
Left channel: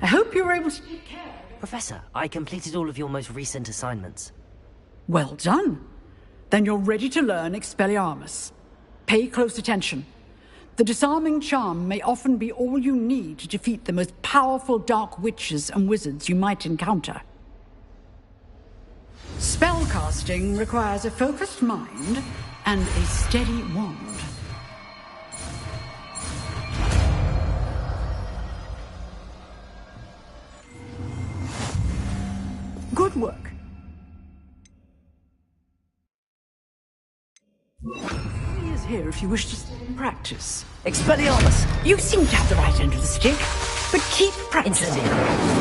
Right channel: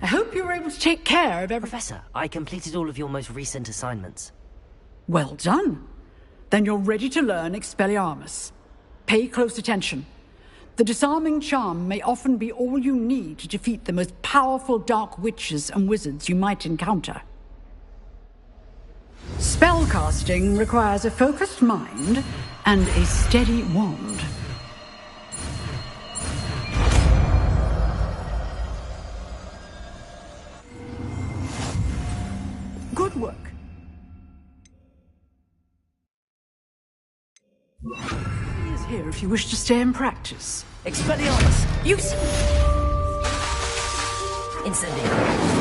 I hope you were able to take care of everything. Professor, I completed all of your most recent assignments. Well done. Then you're ready to learn Expelliarmus. Pay close attention. The disarming charm may often be all you need to defeat the most powerful dark witches and wizards you might encounter. Spellcasting requires a focused mind and a steady wand. Good work. He is here if you wish to stay and practice. Expelliarmus! You seem to have the right end of the stick, but keep practicing.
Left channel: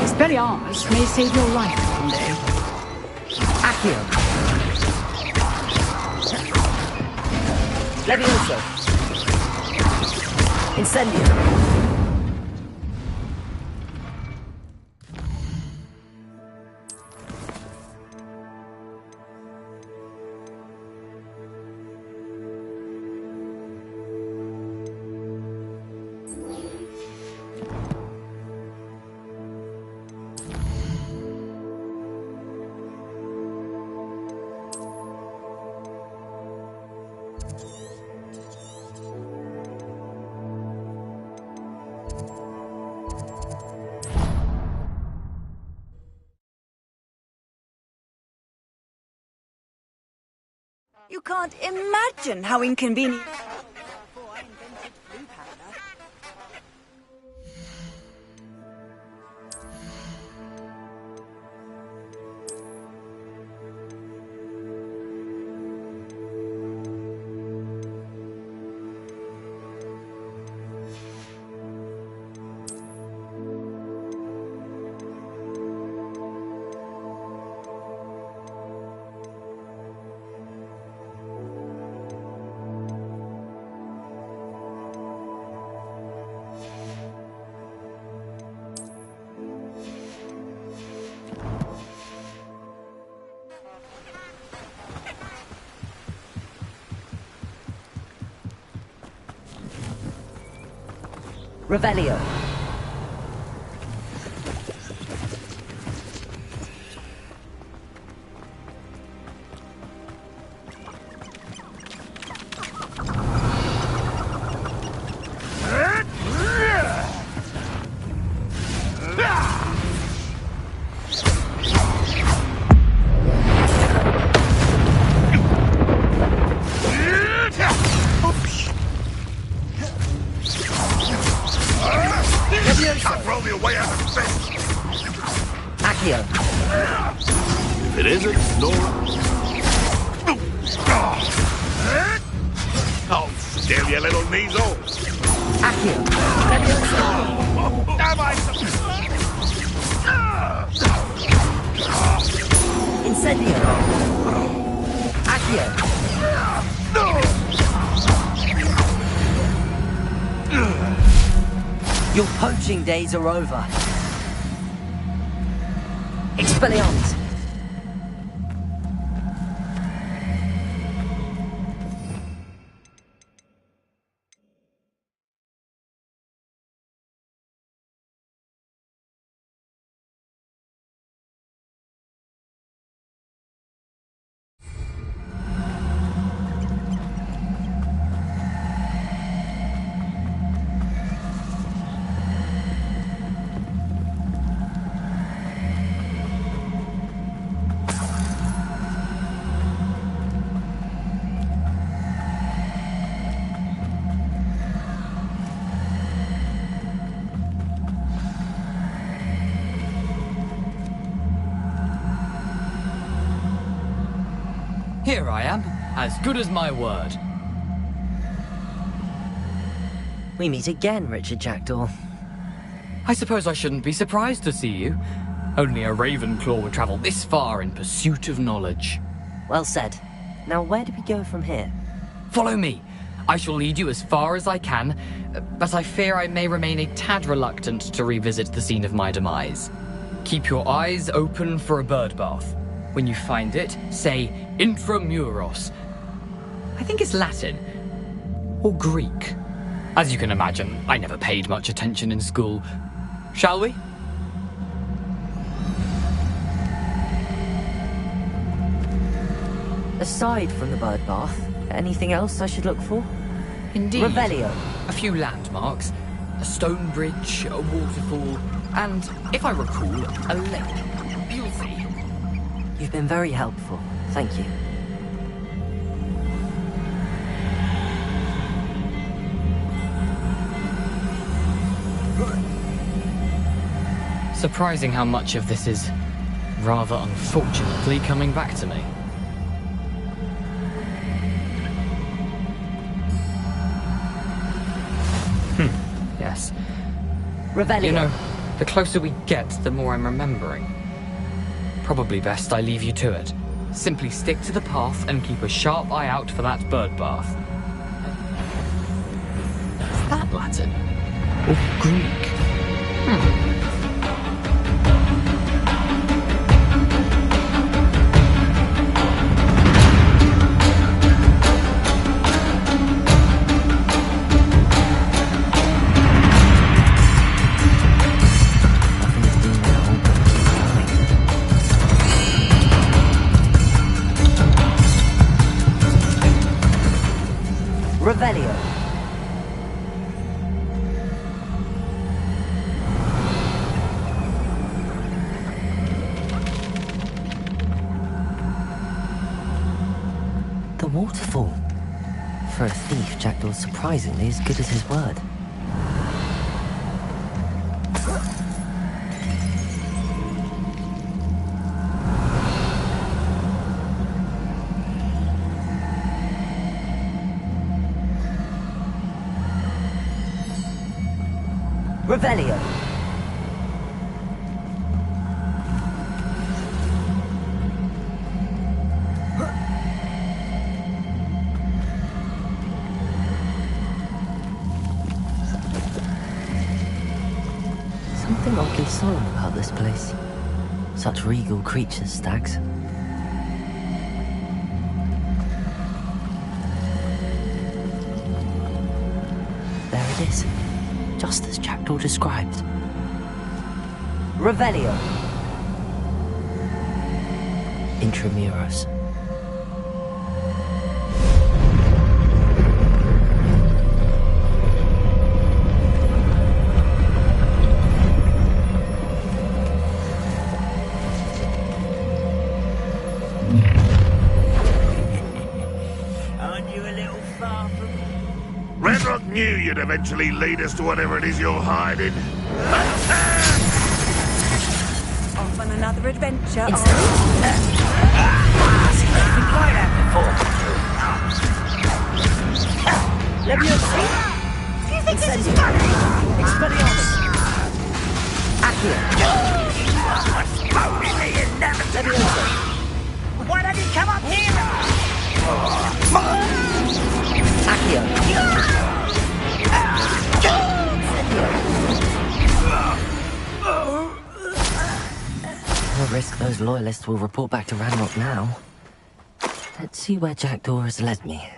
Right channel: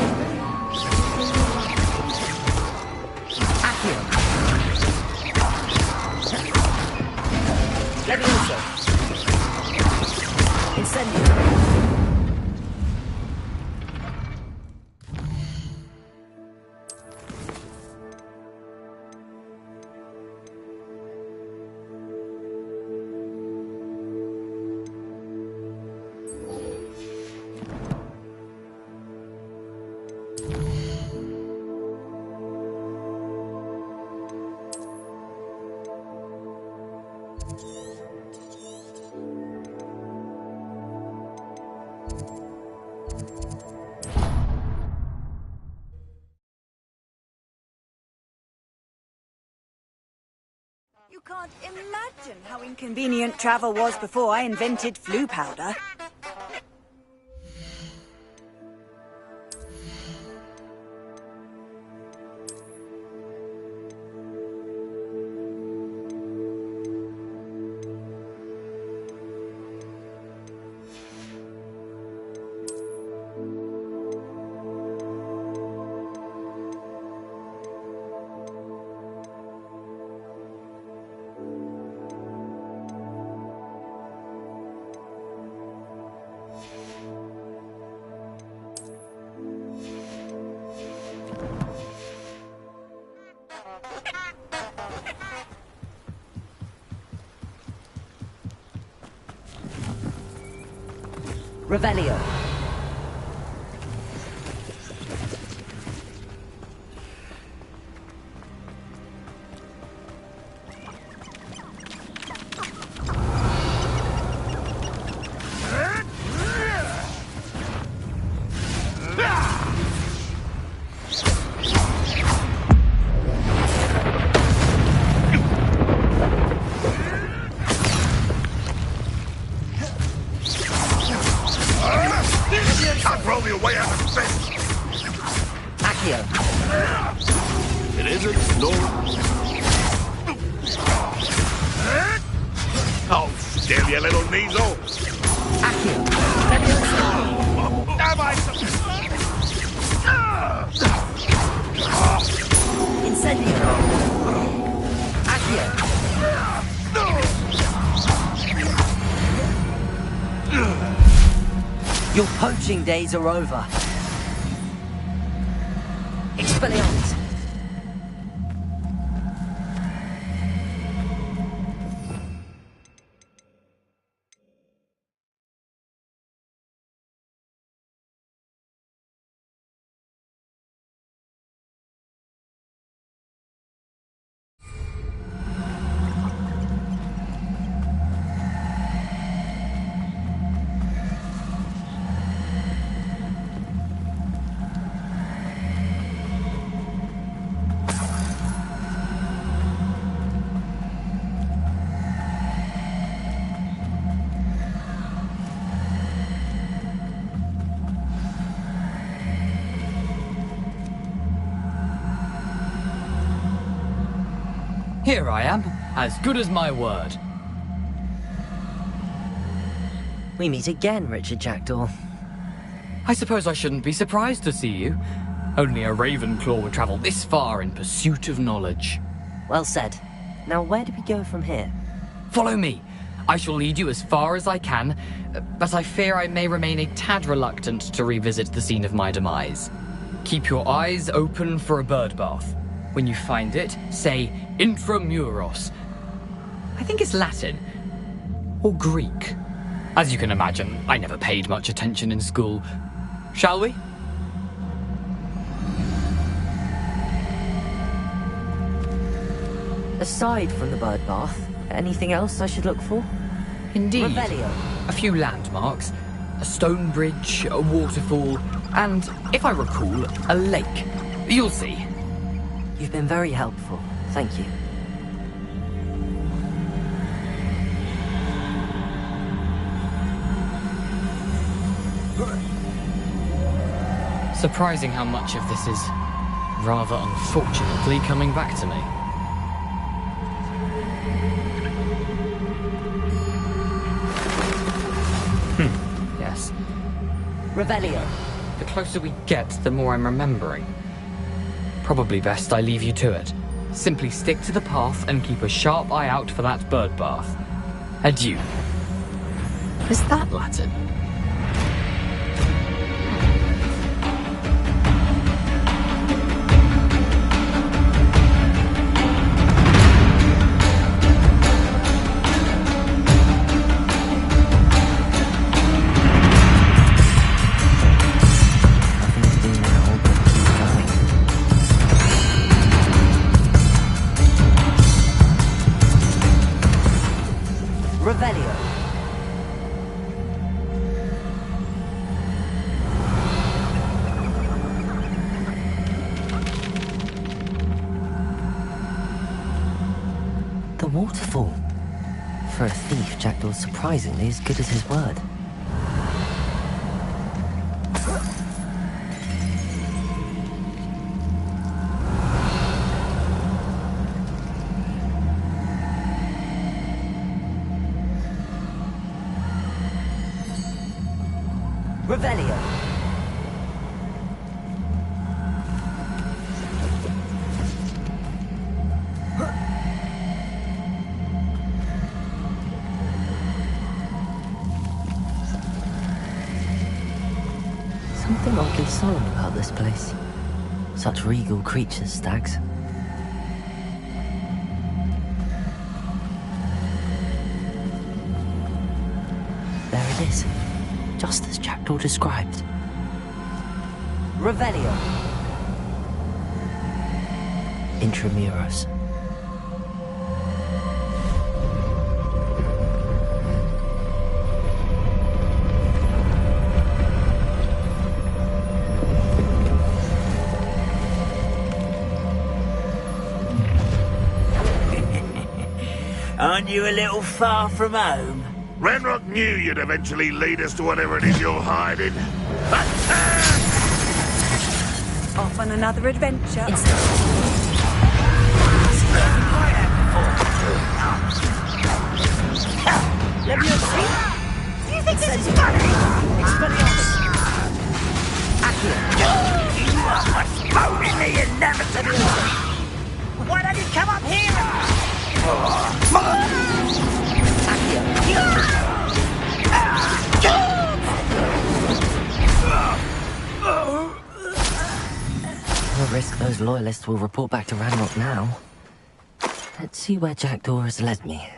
Expelliarmus may save your life someday. Accio! Levioso! Incendio! You can't imagine how inconvenient travel was before I invented flu powder. Revelio. throw me away out of bed. Accio. If it isn't, no. Oh, still, you little measle. Accio. Am I? Incendio. Accio. Your poaching days are over. Expelliarmus. Here I am, as good as my word. We meet again, Richard Jackdaw. I suppose I shouldn't be surprised to see you. Only a Ravenclaw would travel this far in pursuit of knowledge. Well said. Now where do we go from here? Follow me. I shall lead you as far as I can, but I fear I may remain a tad reluctant to revisit the scene of my demise. Keep your eyes open for a bird bath. When you find it, say intramuros. I think it's Latin. Or Greek. As you can imagine, I never paid much attention in school. Shall we? Aside from the bird bath, anything else I should look for? Indeed. Revelio. A few landmarks. A stone bridge, a waterfall, and, if I recall, a lake. You'll see. You've been very helpful. Thank you. Surprising how much of this is, rather unfortunately, coming back to me. Yes. Revelio. You know, the closer we get, the more I'm remembering. Probably best I leave you to it. Simply stick to the path and keep a sharp eye out for that bird bath. Adieu. Is that Latin? Or Greek? Revelio. The waterfall. For a thief, Jackdaw's surprisingly as good as his word. Revelio. Something oddly solemn about this place. Such regal creatures, stags. There it is. Just as Jackdaw described. Revelio. Intramuros. Aren't you a little far from home? Redrock knew you'd eventually lead us to whatever it is you're hiding. Off on another adventure. Do you think this is funny? Expelliarmus! Accio! You are postponing the inevitable! Why don't you come up here? Accio! No risk those loyalists will report back to Ranrock now. Let's see where Jackdaw has led me.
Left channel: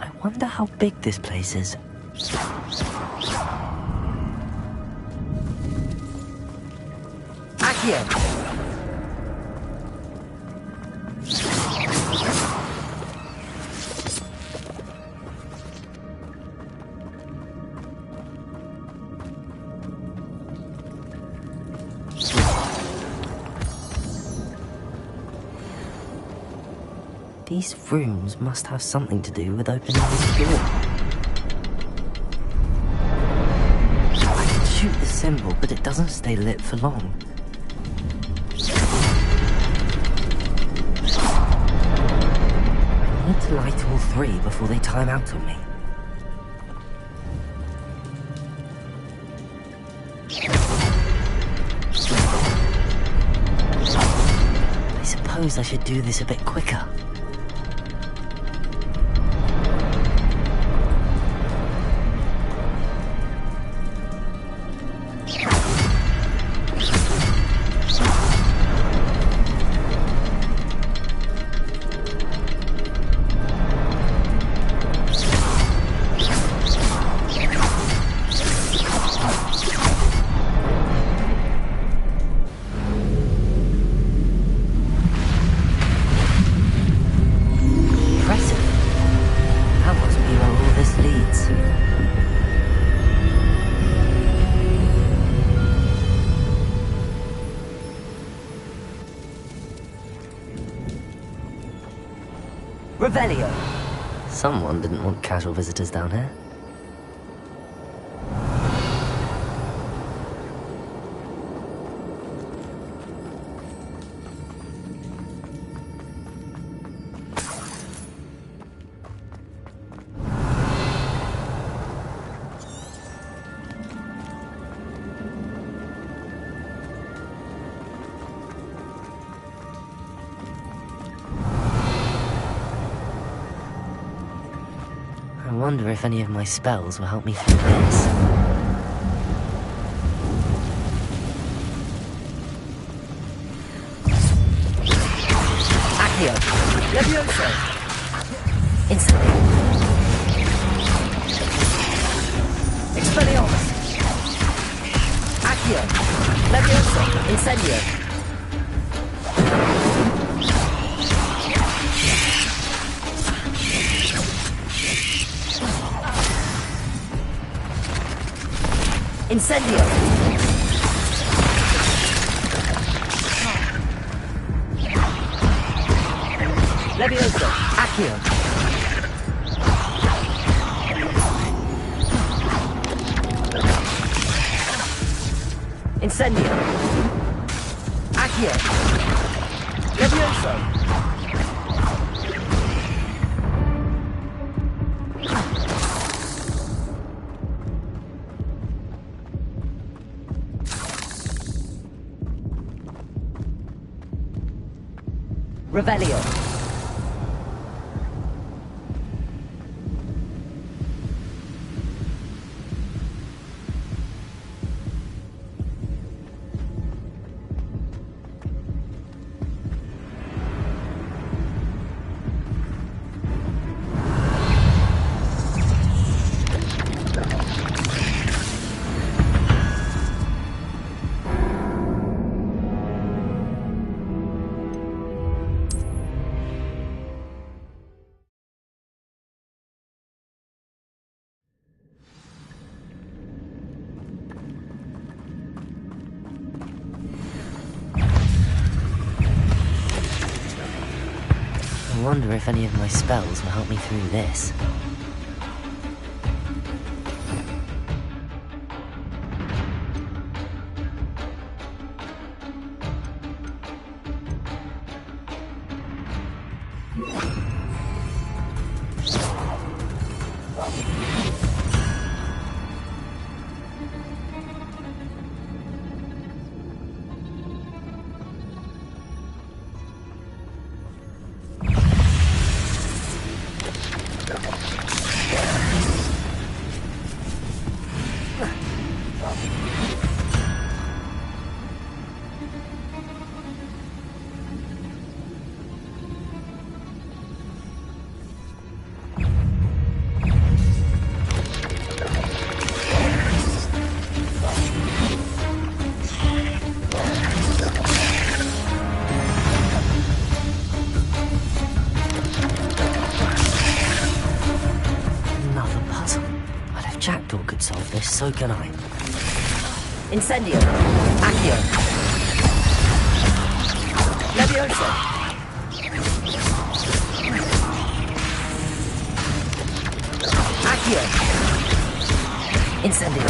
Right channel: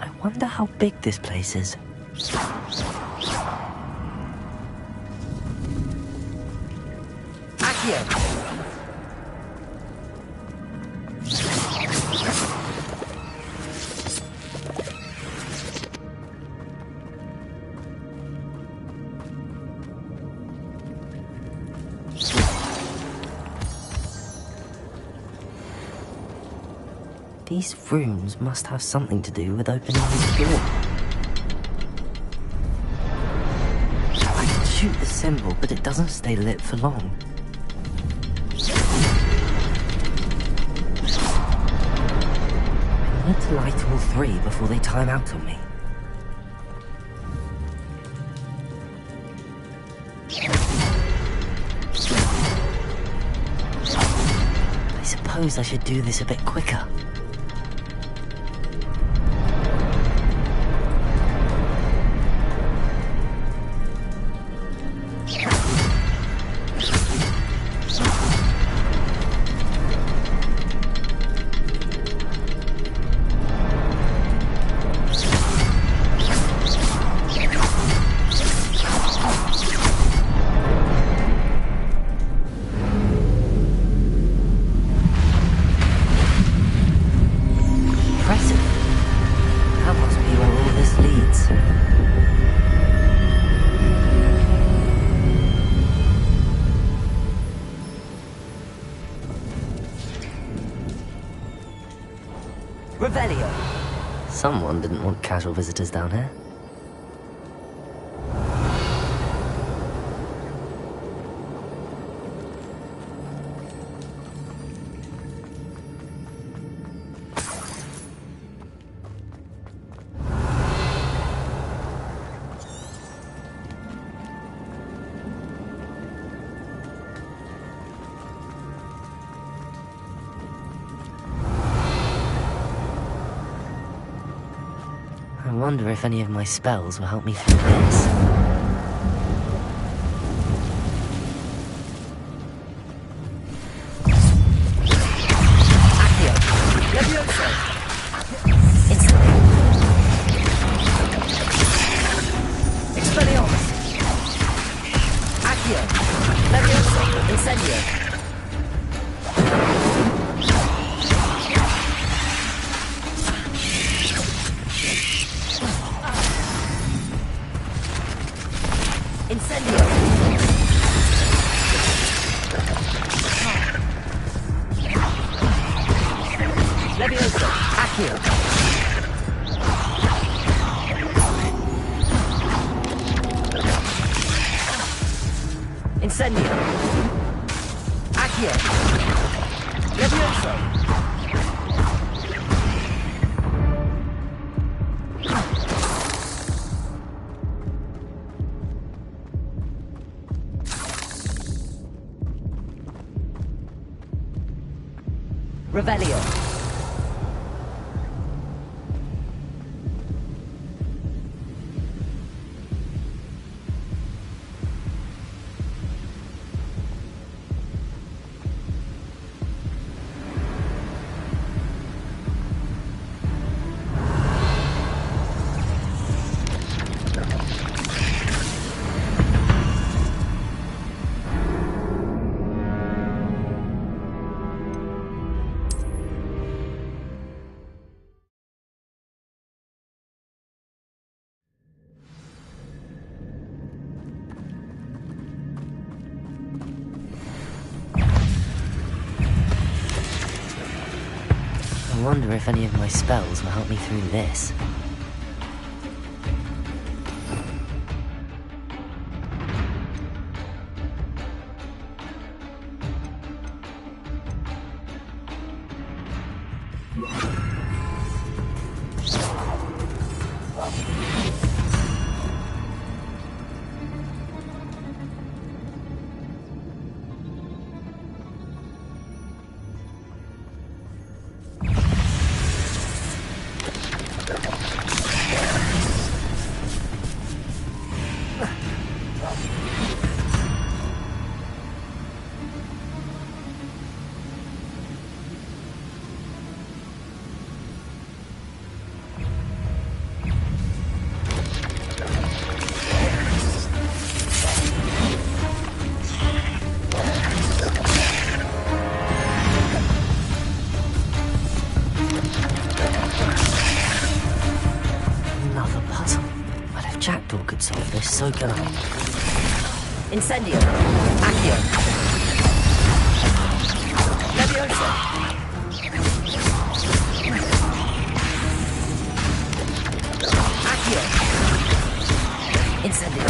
I wonder how big this place is. Accio! These rooms must have something to do with opening this door. I can shoot the symbol, but it doesn't stay lit for long. I need to light all three before they time out on me. I suppose I should do this a bit quicker. Revelio! Someone didn't want casual visitors down here. I wonder if any of my spells will help me through this. Accio! Levioso! Instantly! Expelliarmus! Accio! Levioso! Incendio! Incendio! Levioso! Accio! Incendio! Accio! Levioso! Revelio. I wonder if any of my spells will help me through this. Could solve this, so can I. Incendio. Accio. Levioso. Accio. Incendio.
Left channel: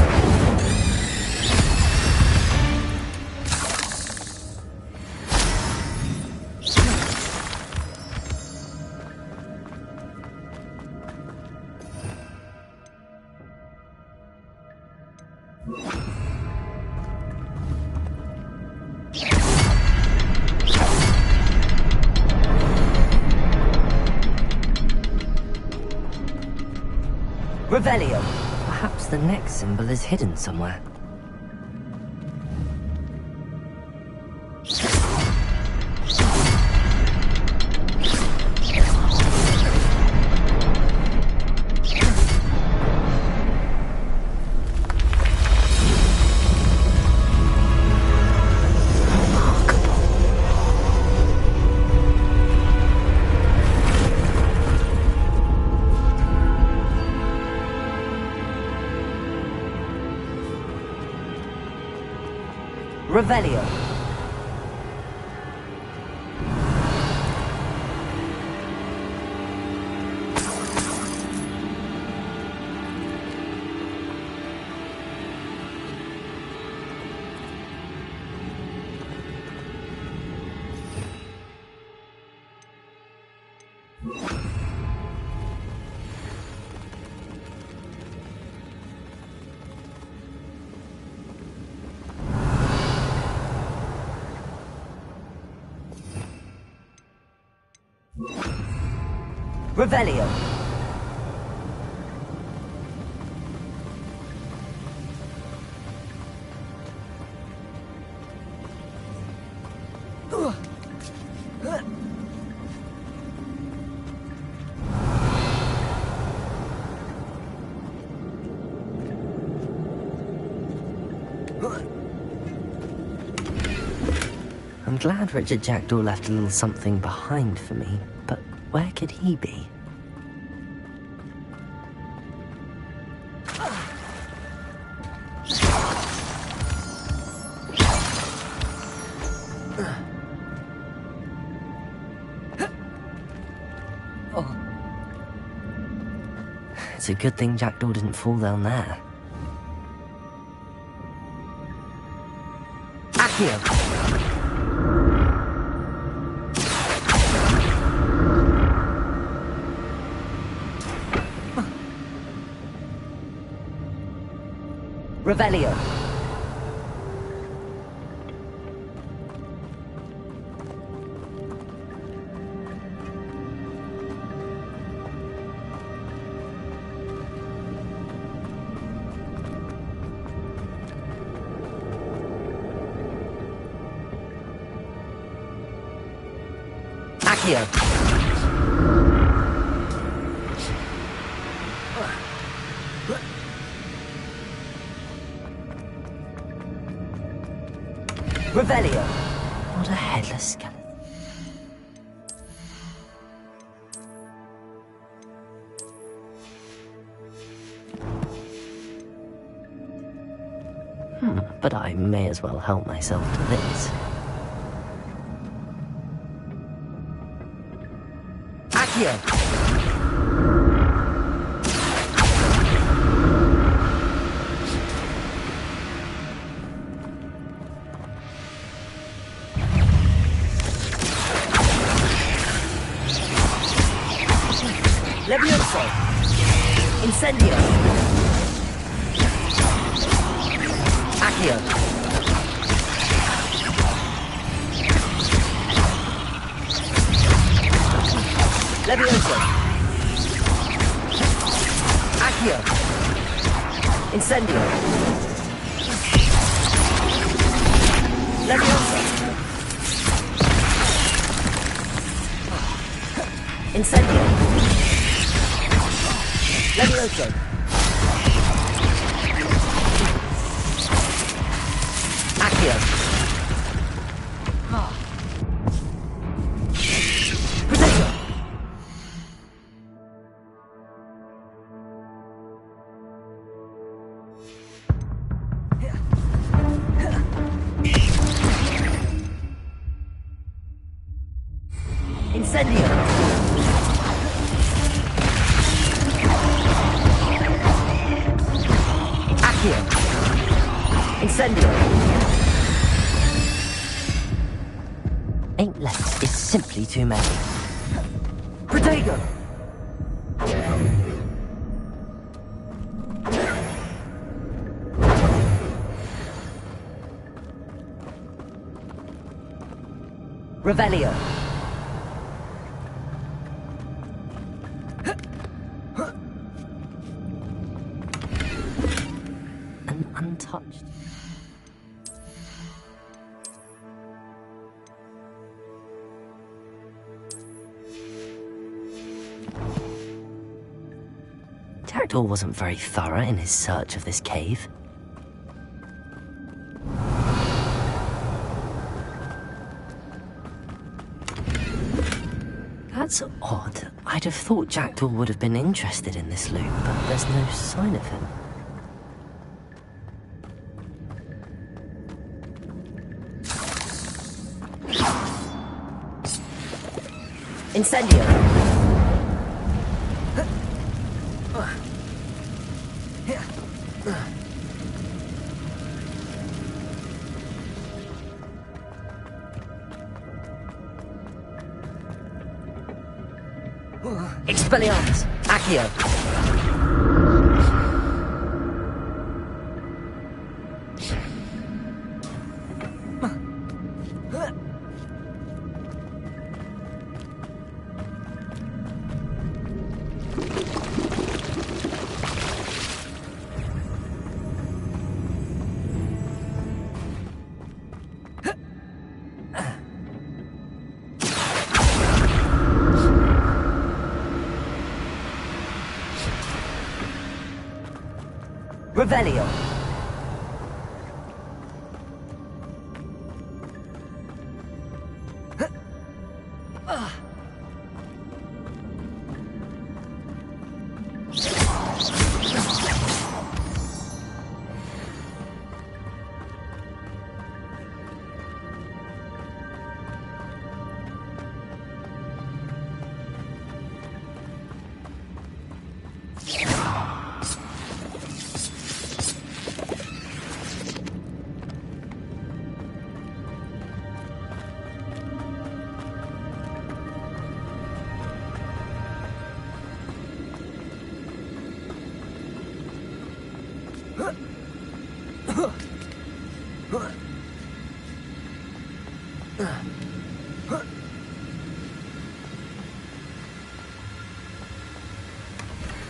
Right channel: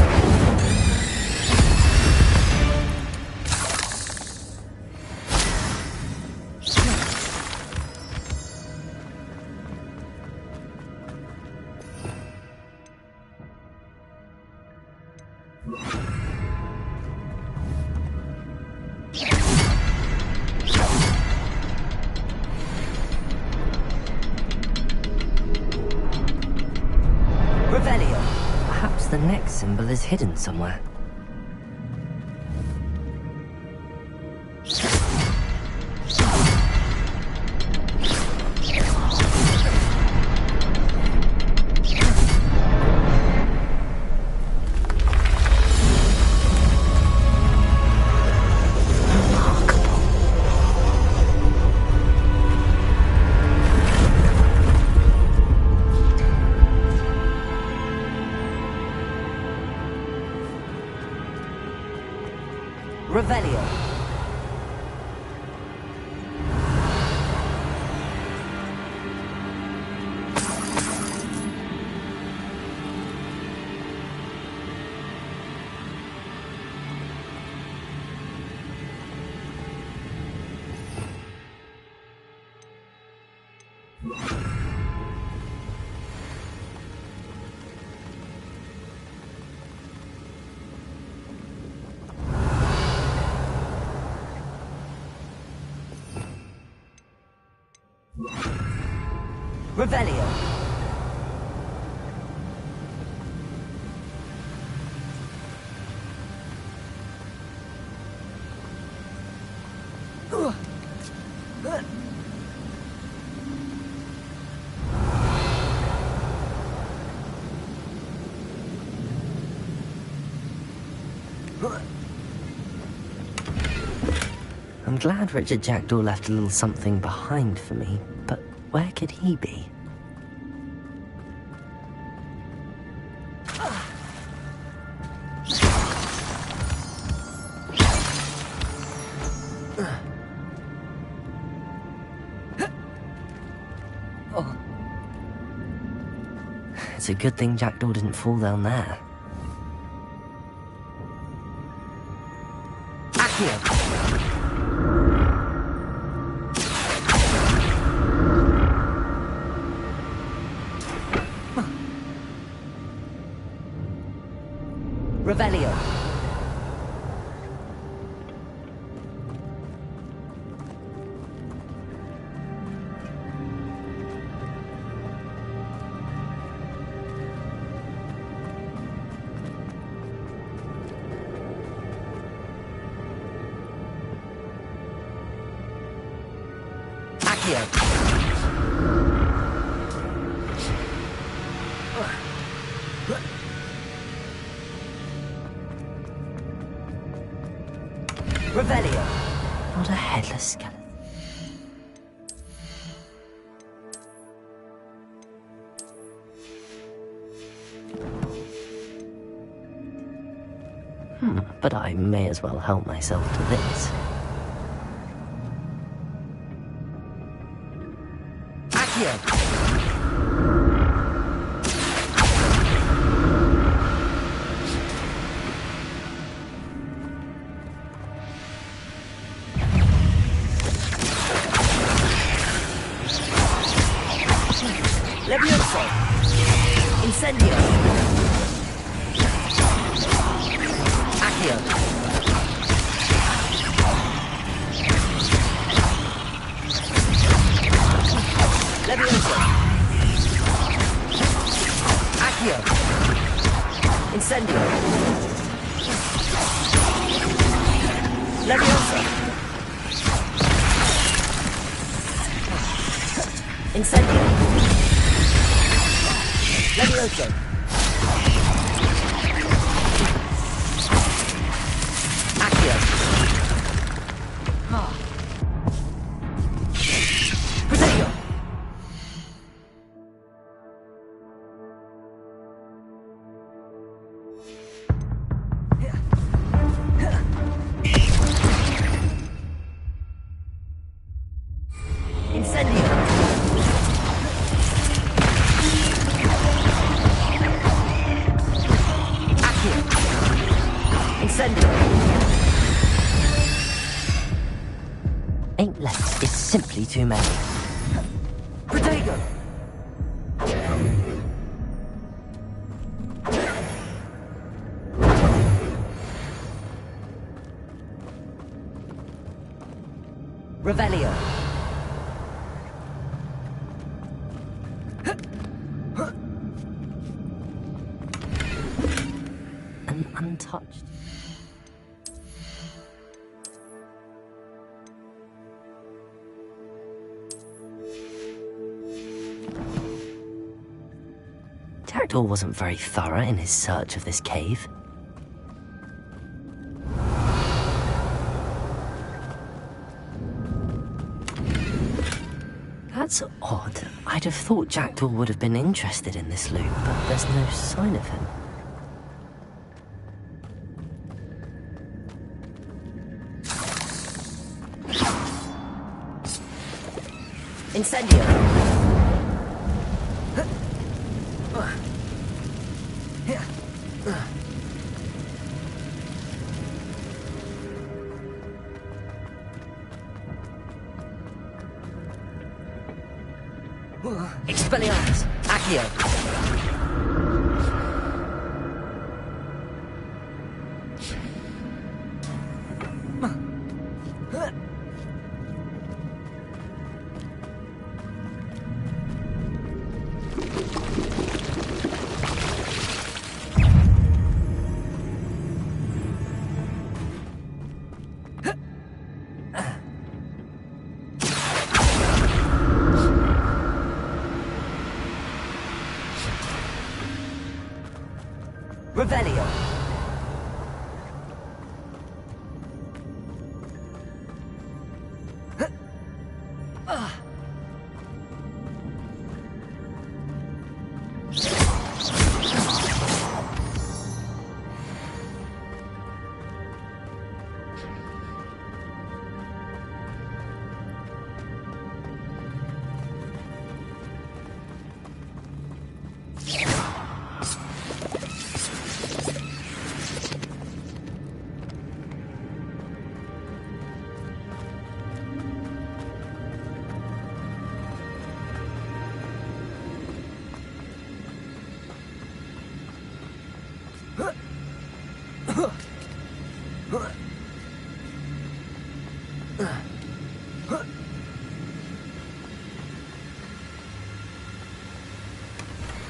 Revelio. Perhaps the next symbol is hidden somewhere. Revelio. Revelio. I'm glad Richard Jackdaw left a little something behind for me, but where could he be? Oh. It's a good thing Jackdaw didn't fall down there. Accio. Revelio. Accio. Revelio. Not a headless skeleton. But I may as well help myself to this. Accio. Levioso. Incendio. Accio. Levioso. Accio. Incendio. Levioso. Incendio. Levioso. Accio. Protego. Incendio. Incendio. Ain't left is simply too many. Protego. Revelio. An untouched. Jackdaw wasn't very thorough in his search of this cave. That's odd. I'd have thought Jackdaw would have been interested in this loot, but there's no sign of him. Incendio! Expelliarmus! Accio! Revelio.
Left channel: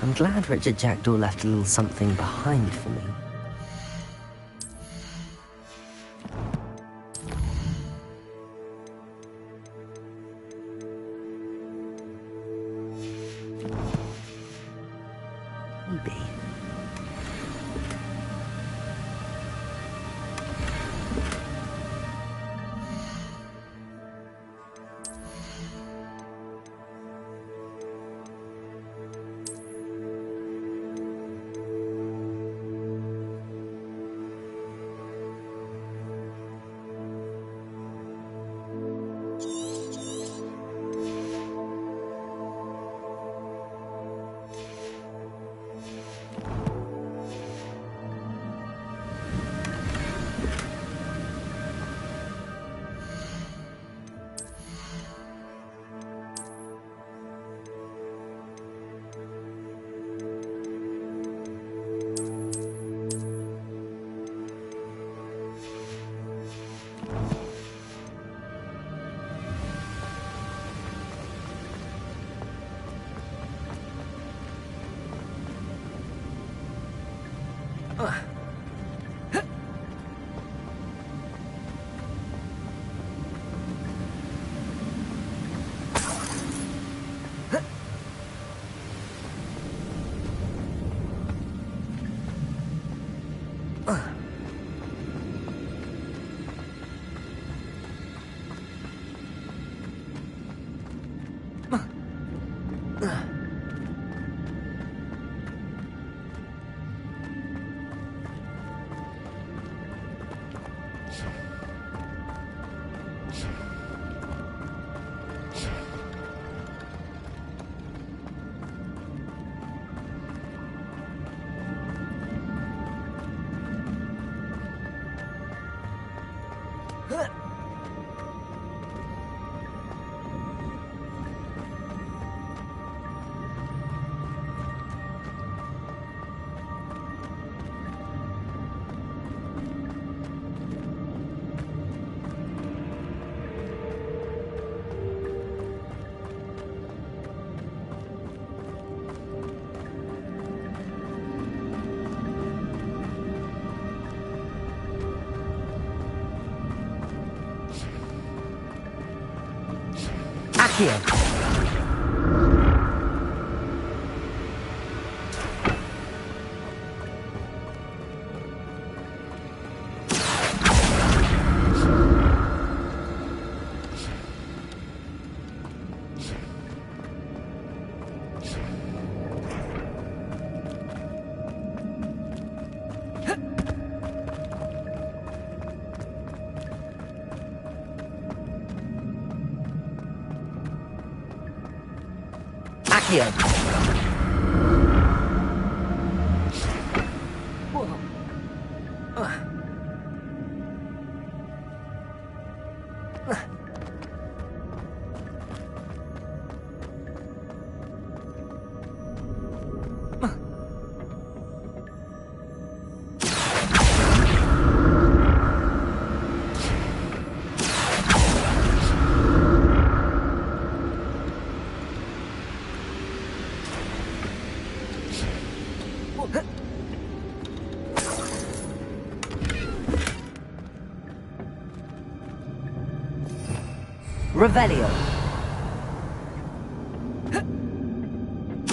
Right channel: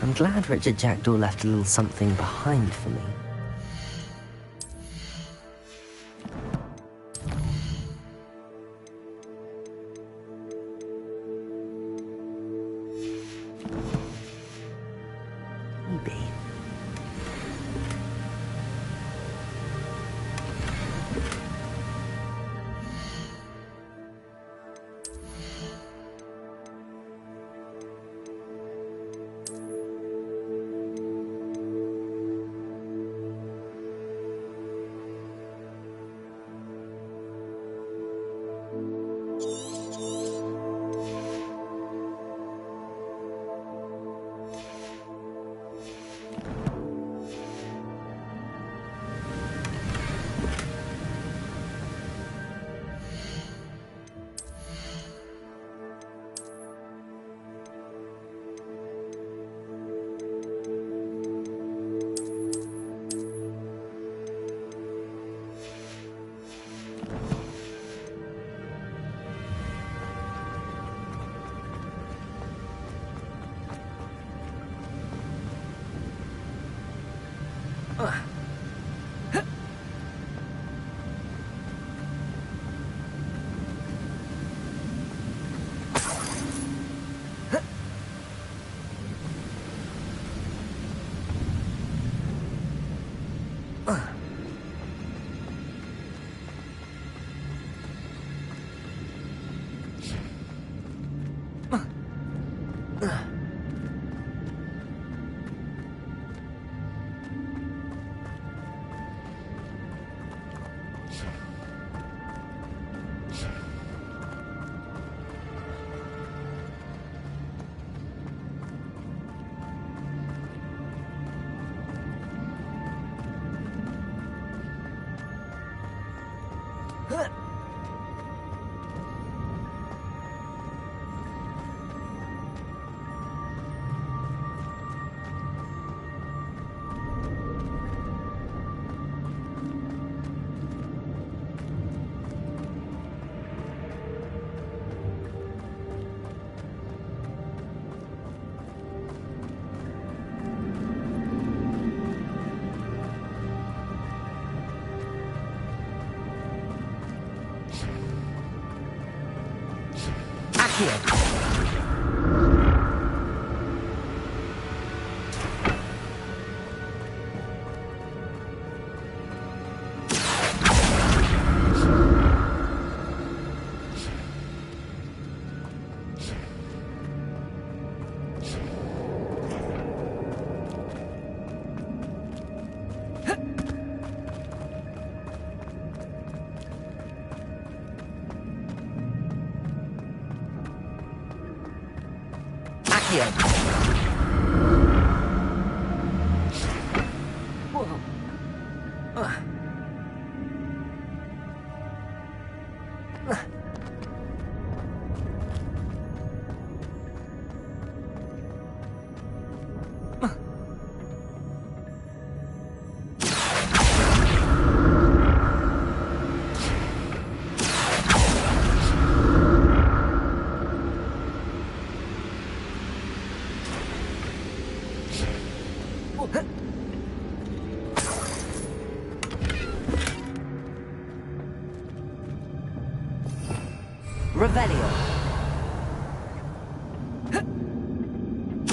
I'm glad Richard Jackdaw left a little something behind for me. Maybe. Here. Here. Whoa. Revelio.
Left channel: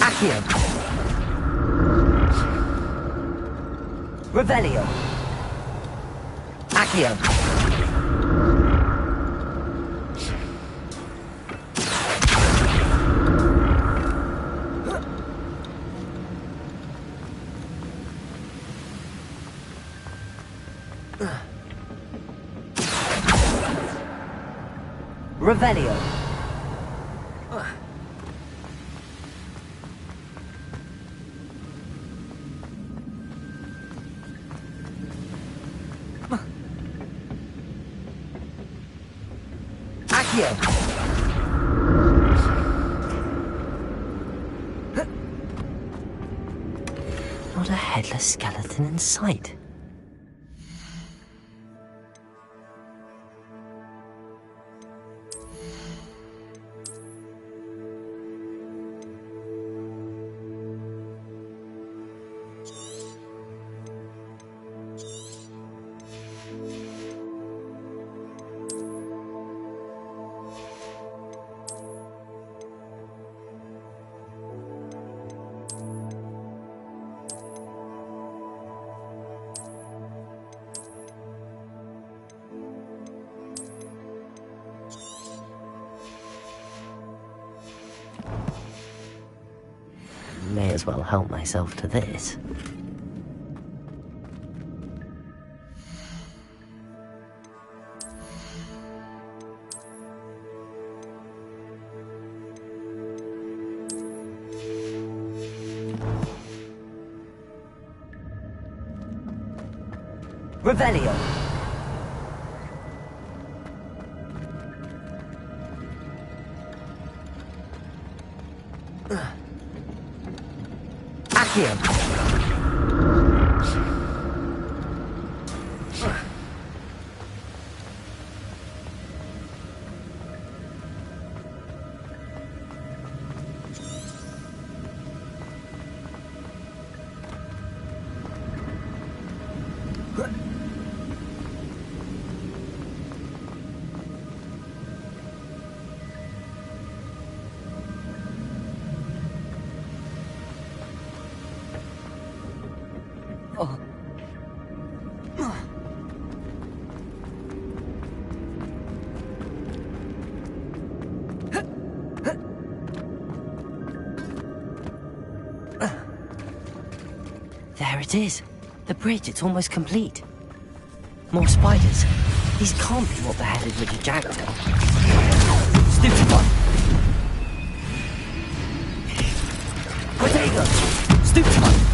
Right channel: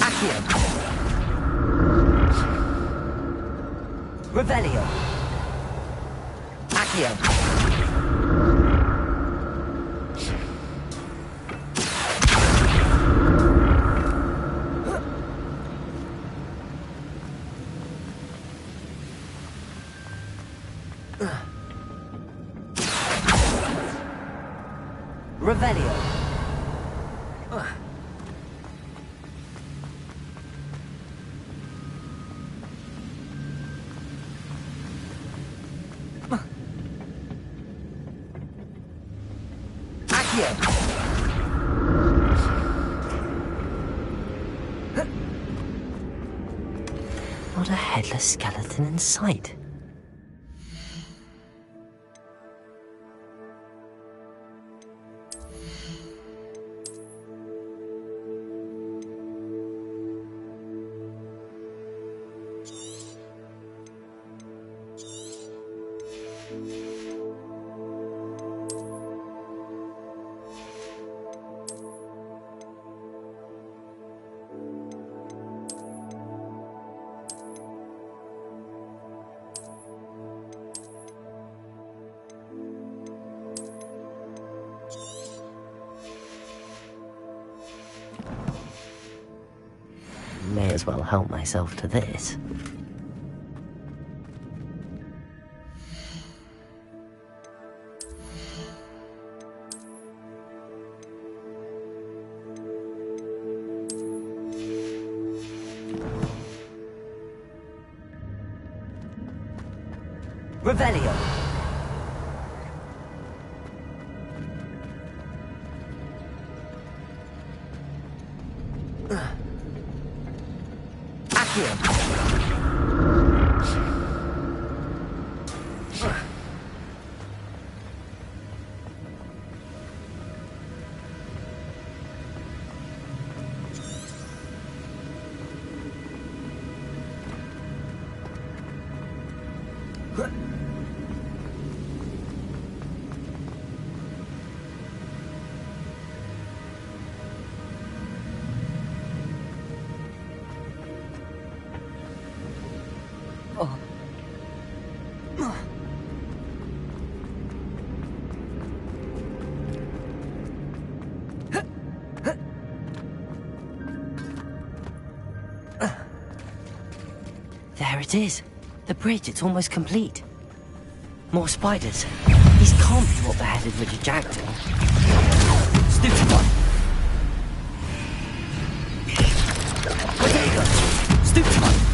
Accio. Revelio. Accio. Revelio. Accio. Not a headless skeleton in sight. may as well help myself to this. Revelio. Accio. There it is. The bridge, it's almost complete. More spiders. These can't be what beheaded Richard Jackson. Stupid one. Bodega. Stupid one.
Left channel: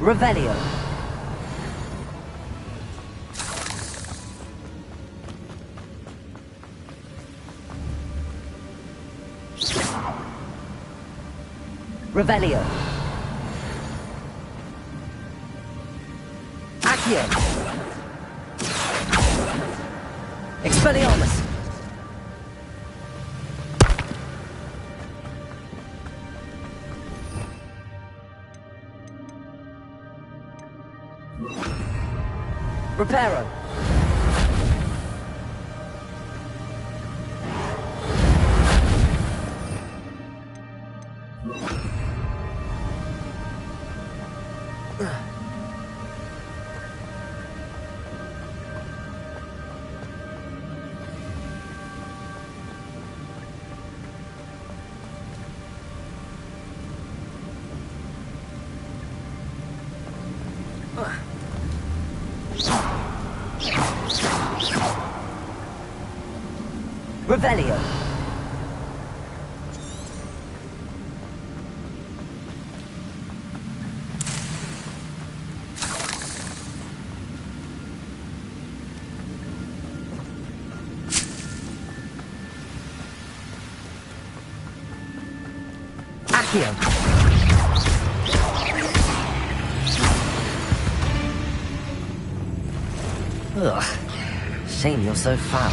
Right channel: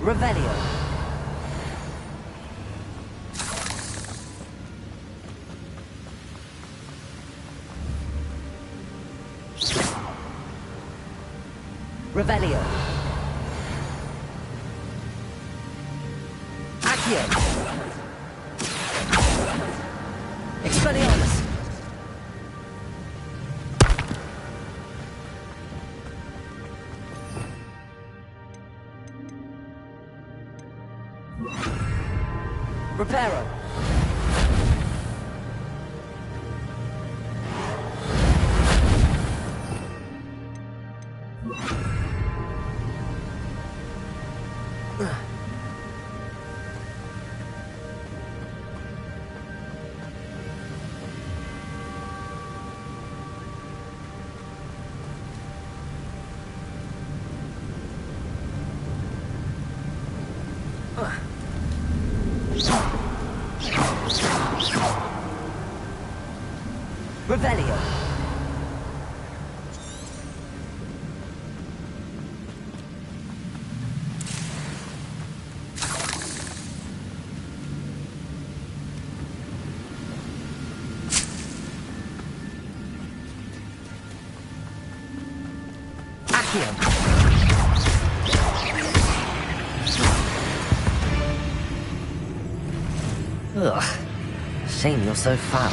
Revelio. Revelio. Accio. Expelliarmus. Reparo. Revelio. Accio. Ugh. Shame you're so foul.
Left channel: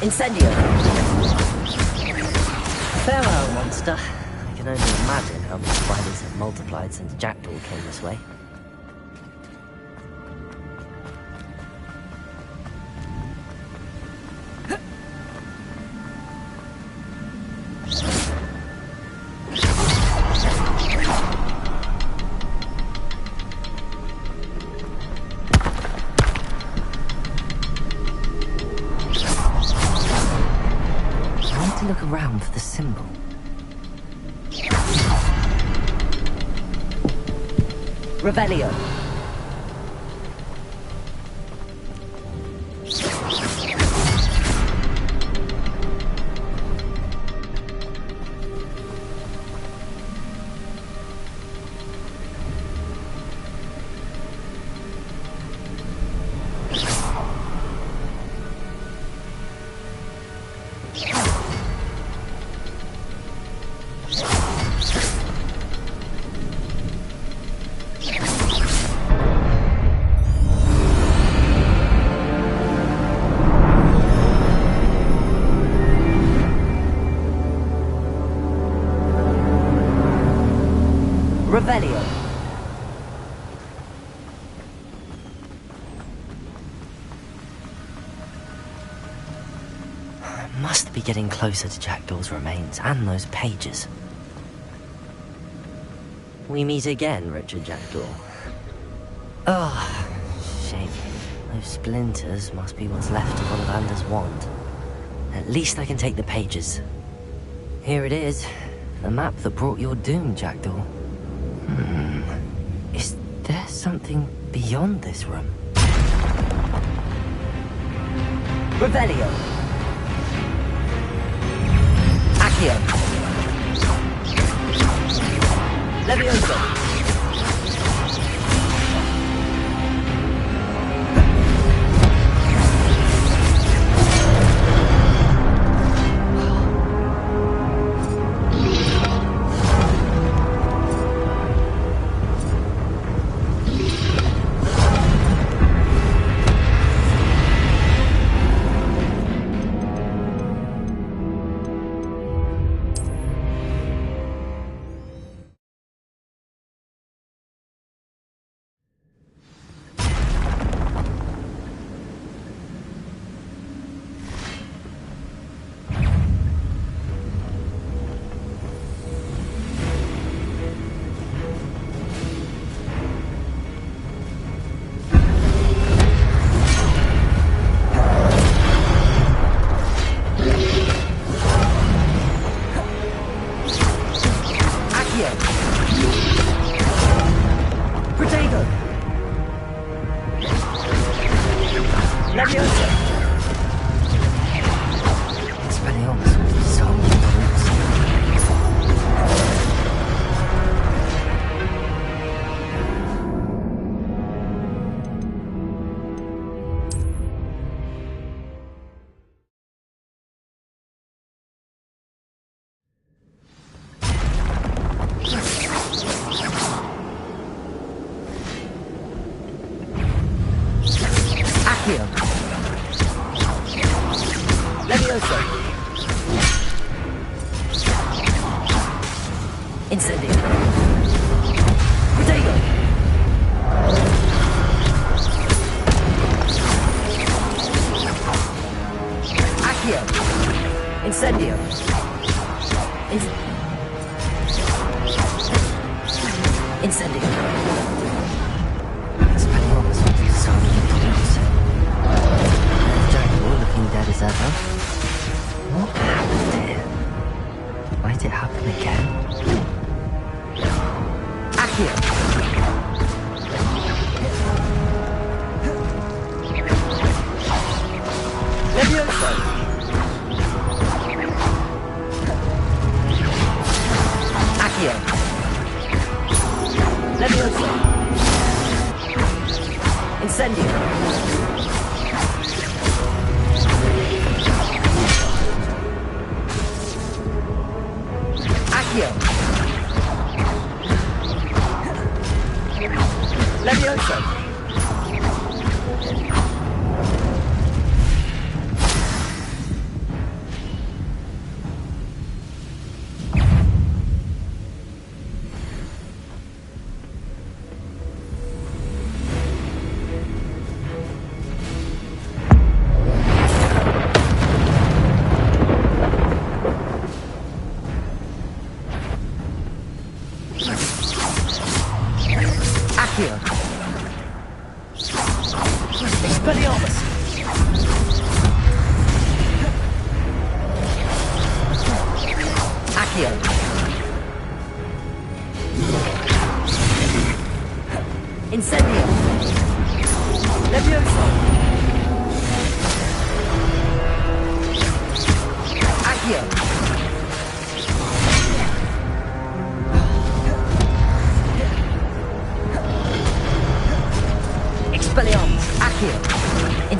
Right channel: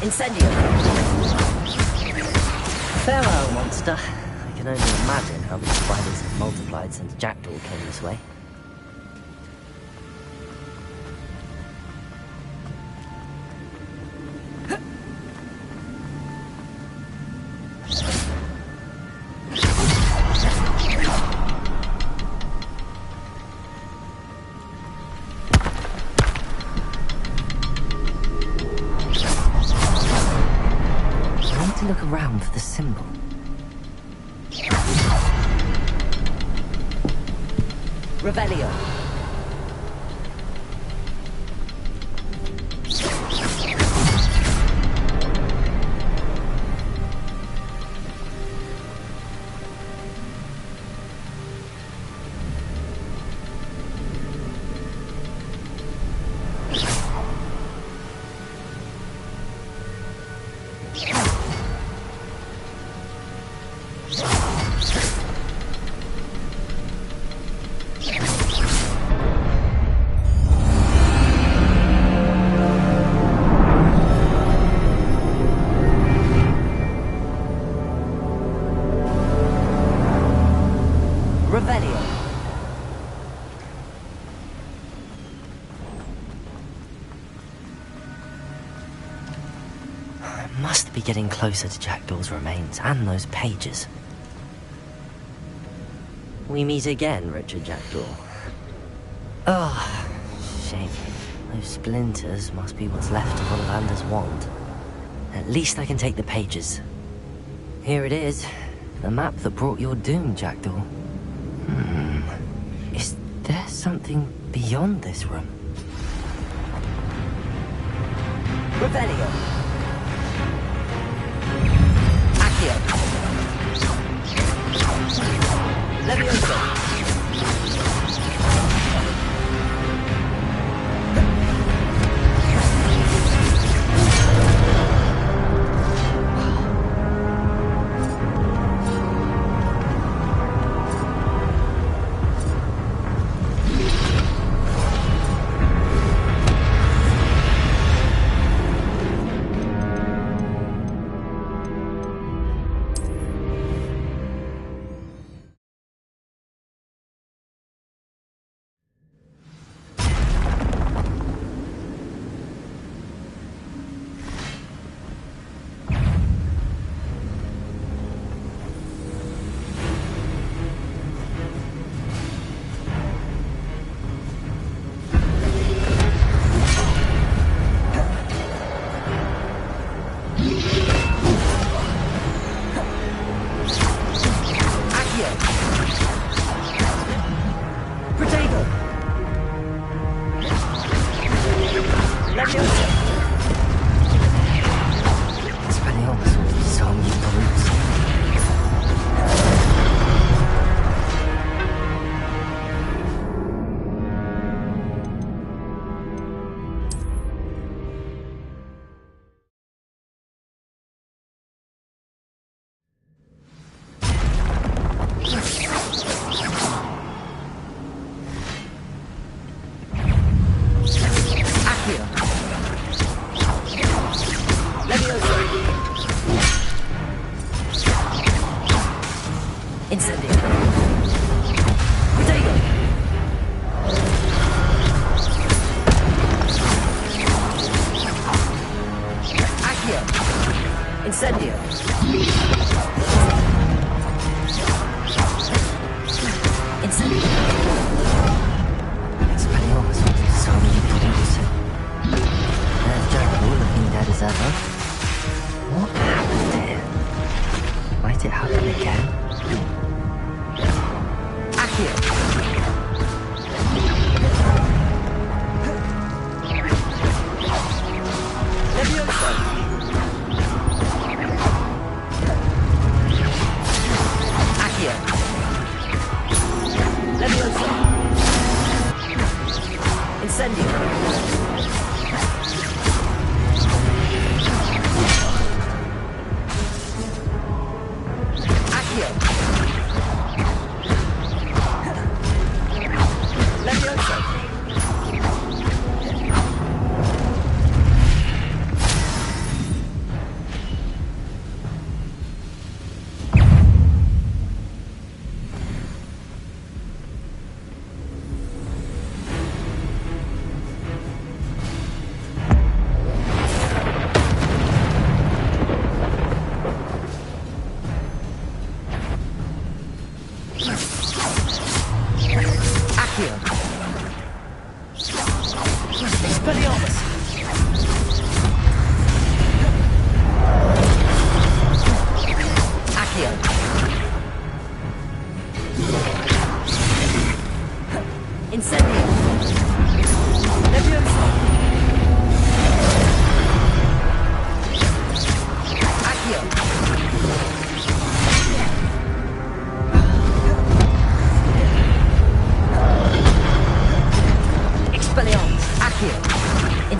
Incendio! Farewell, monster. I can only imagine how the spiders have multiplied since Jackdaw came this way. to look around for the symbol. Revelio. Revelio. Must be getting closer to Jackdaw's remains and those pages. We meet again, Richard Jackdaw. Oh, shame. Those splinters must be what's left of Ollivander's wand. At least I can take the pages. Here it is. The map that brought your doom, Jackdaw. Is there something beyond this room? Revelio. Accio. Levioso. Incendio. Incendio. Expelliarmus was so introduced. There's Jackdaw looking dead as ever. What happened here? Might it happen again? Accio. Levioso. Accio.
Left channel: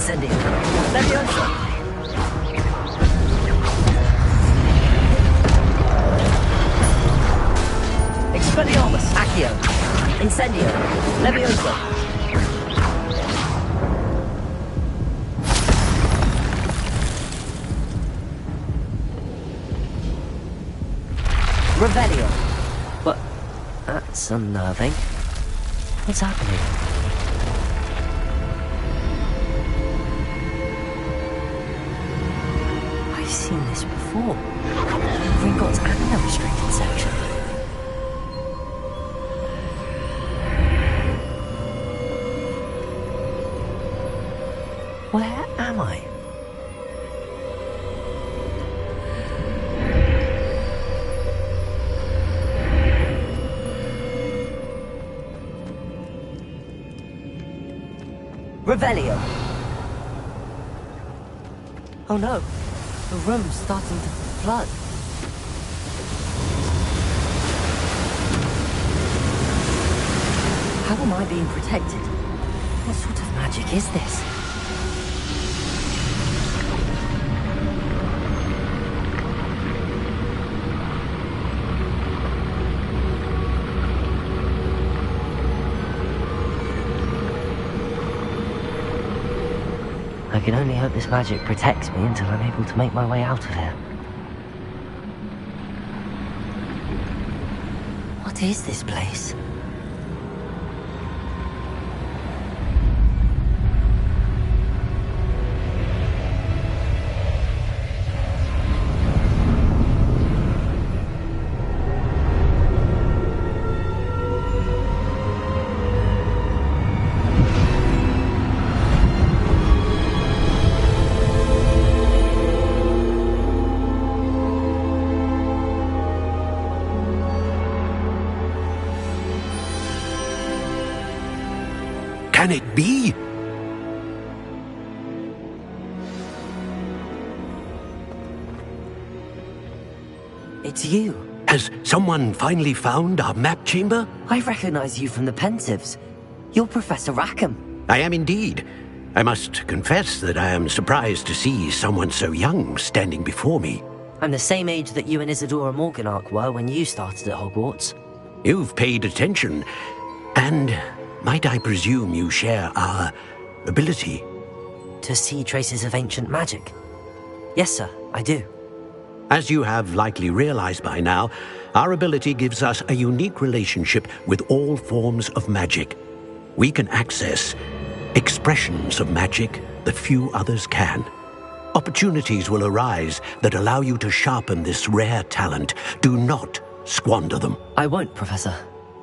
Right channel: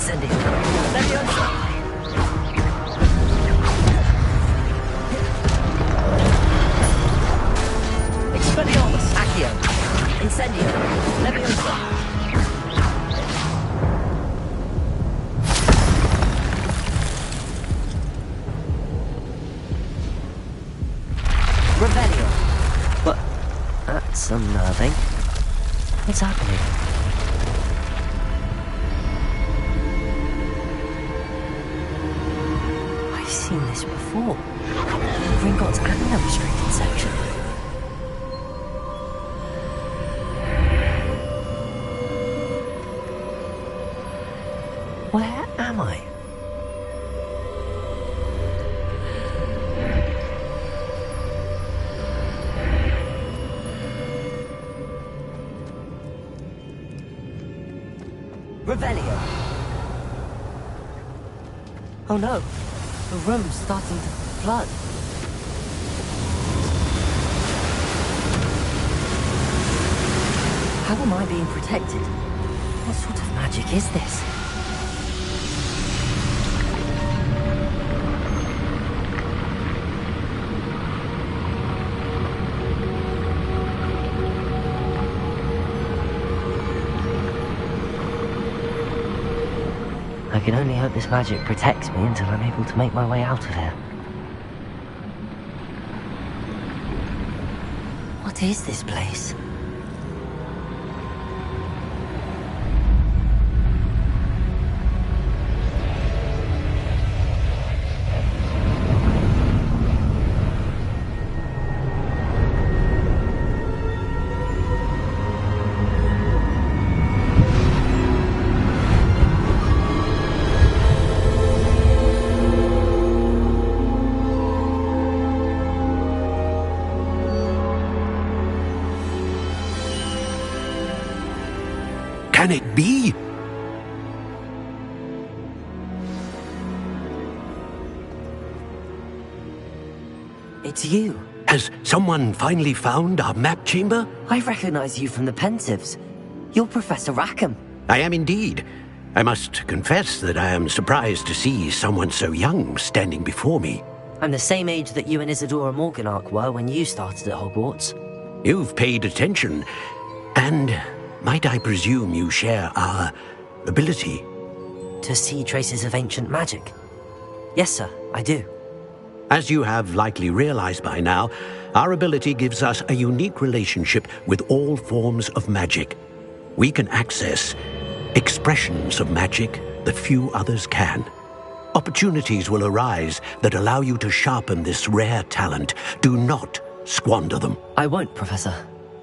Incendio. Leviosa. Expelliarmus. Accio. Incendio. Leviosa. Revelio. What? That's unnerving. What's happening? I've seen this before. Gringotts and the restricted section. Where am I? Revelio. Oh no, the room's starting to flood. How am I being protected? What sort of magic is this? I can only hope this magic protects me until I'm able to make my way out of here. What is this place? Can it be? It's you. Has someone finally found our map chamber? I recognize you from the Pensieves. You're Professor Rackham. I am indeed. I must confess that I am surprised to see someone so young standing before me. I'm the same age that you and Isadora Morganach were when you started at Hogwarts. You've paid attention, and might I presume you share our ability? To see traces of ancient magic? Yes, sir, I do. As you have likely realized by now, our ability gives us a unique relationship with all forms of magic. We can access expressions of magic that few others can. Opportunities will arise that allow you to sharpen this rare talent. Do not squander them. I won't, Professor.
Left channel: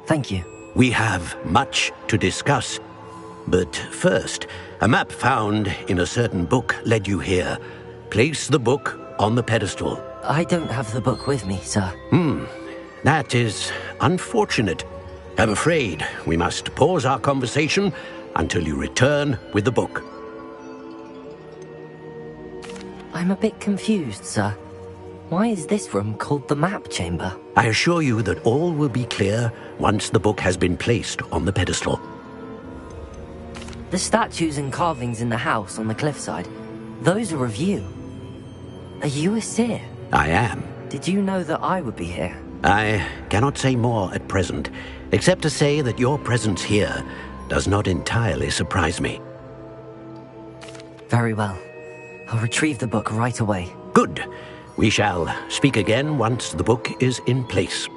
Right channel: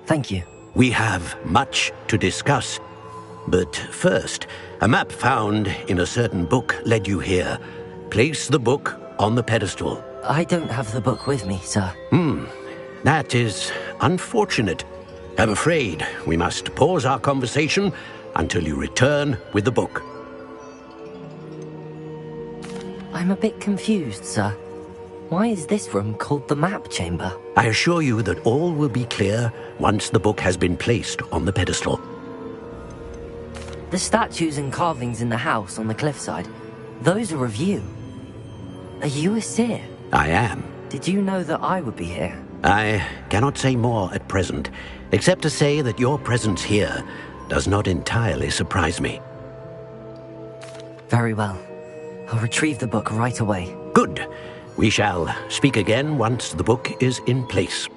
Thank you. We have much to discuss. But first, a map found in a certain book led you here. Place the book on the pedestal. I don't have the book with me, sir. That is unfortunate. I'm afraid we must pause our conversation until you return with the book. I'm a bit confused, sir. Why is this room called the map chamber? I assure you that all will be clear once the book has been placed on the pedestal. The statues and carvings in the house on the cliffside, those are of you. Are you a seer? I am. Did you know that I would be here? I cannot say more at present, except to say that your presence here does not entirely surprise me. Very well. I'll retrieve the book right away. Good. We shall speak again once the book is in place.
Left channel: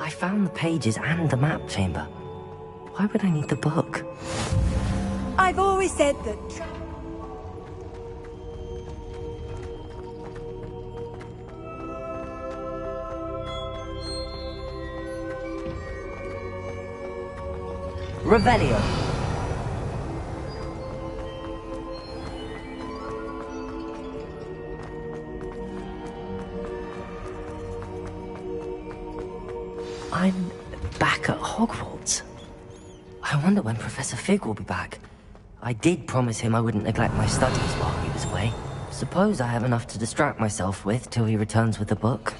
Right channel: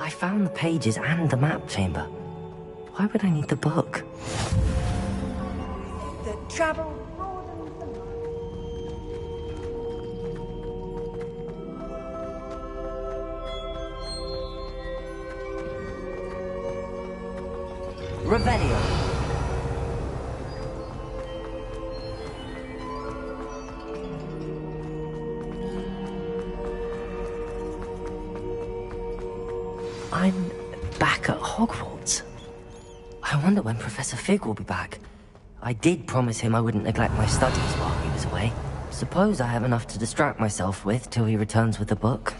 I found the pages and the map chamber. Why would I need the book? I've always said that travel... Revelio. I'm back at Hogwarts. I wonder when Professor Fig will be back. I did promise him I wouldn't neglect my studies while he was away. Suppose I have enough to distract myself with till he returns with the book.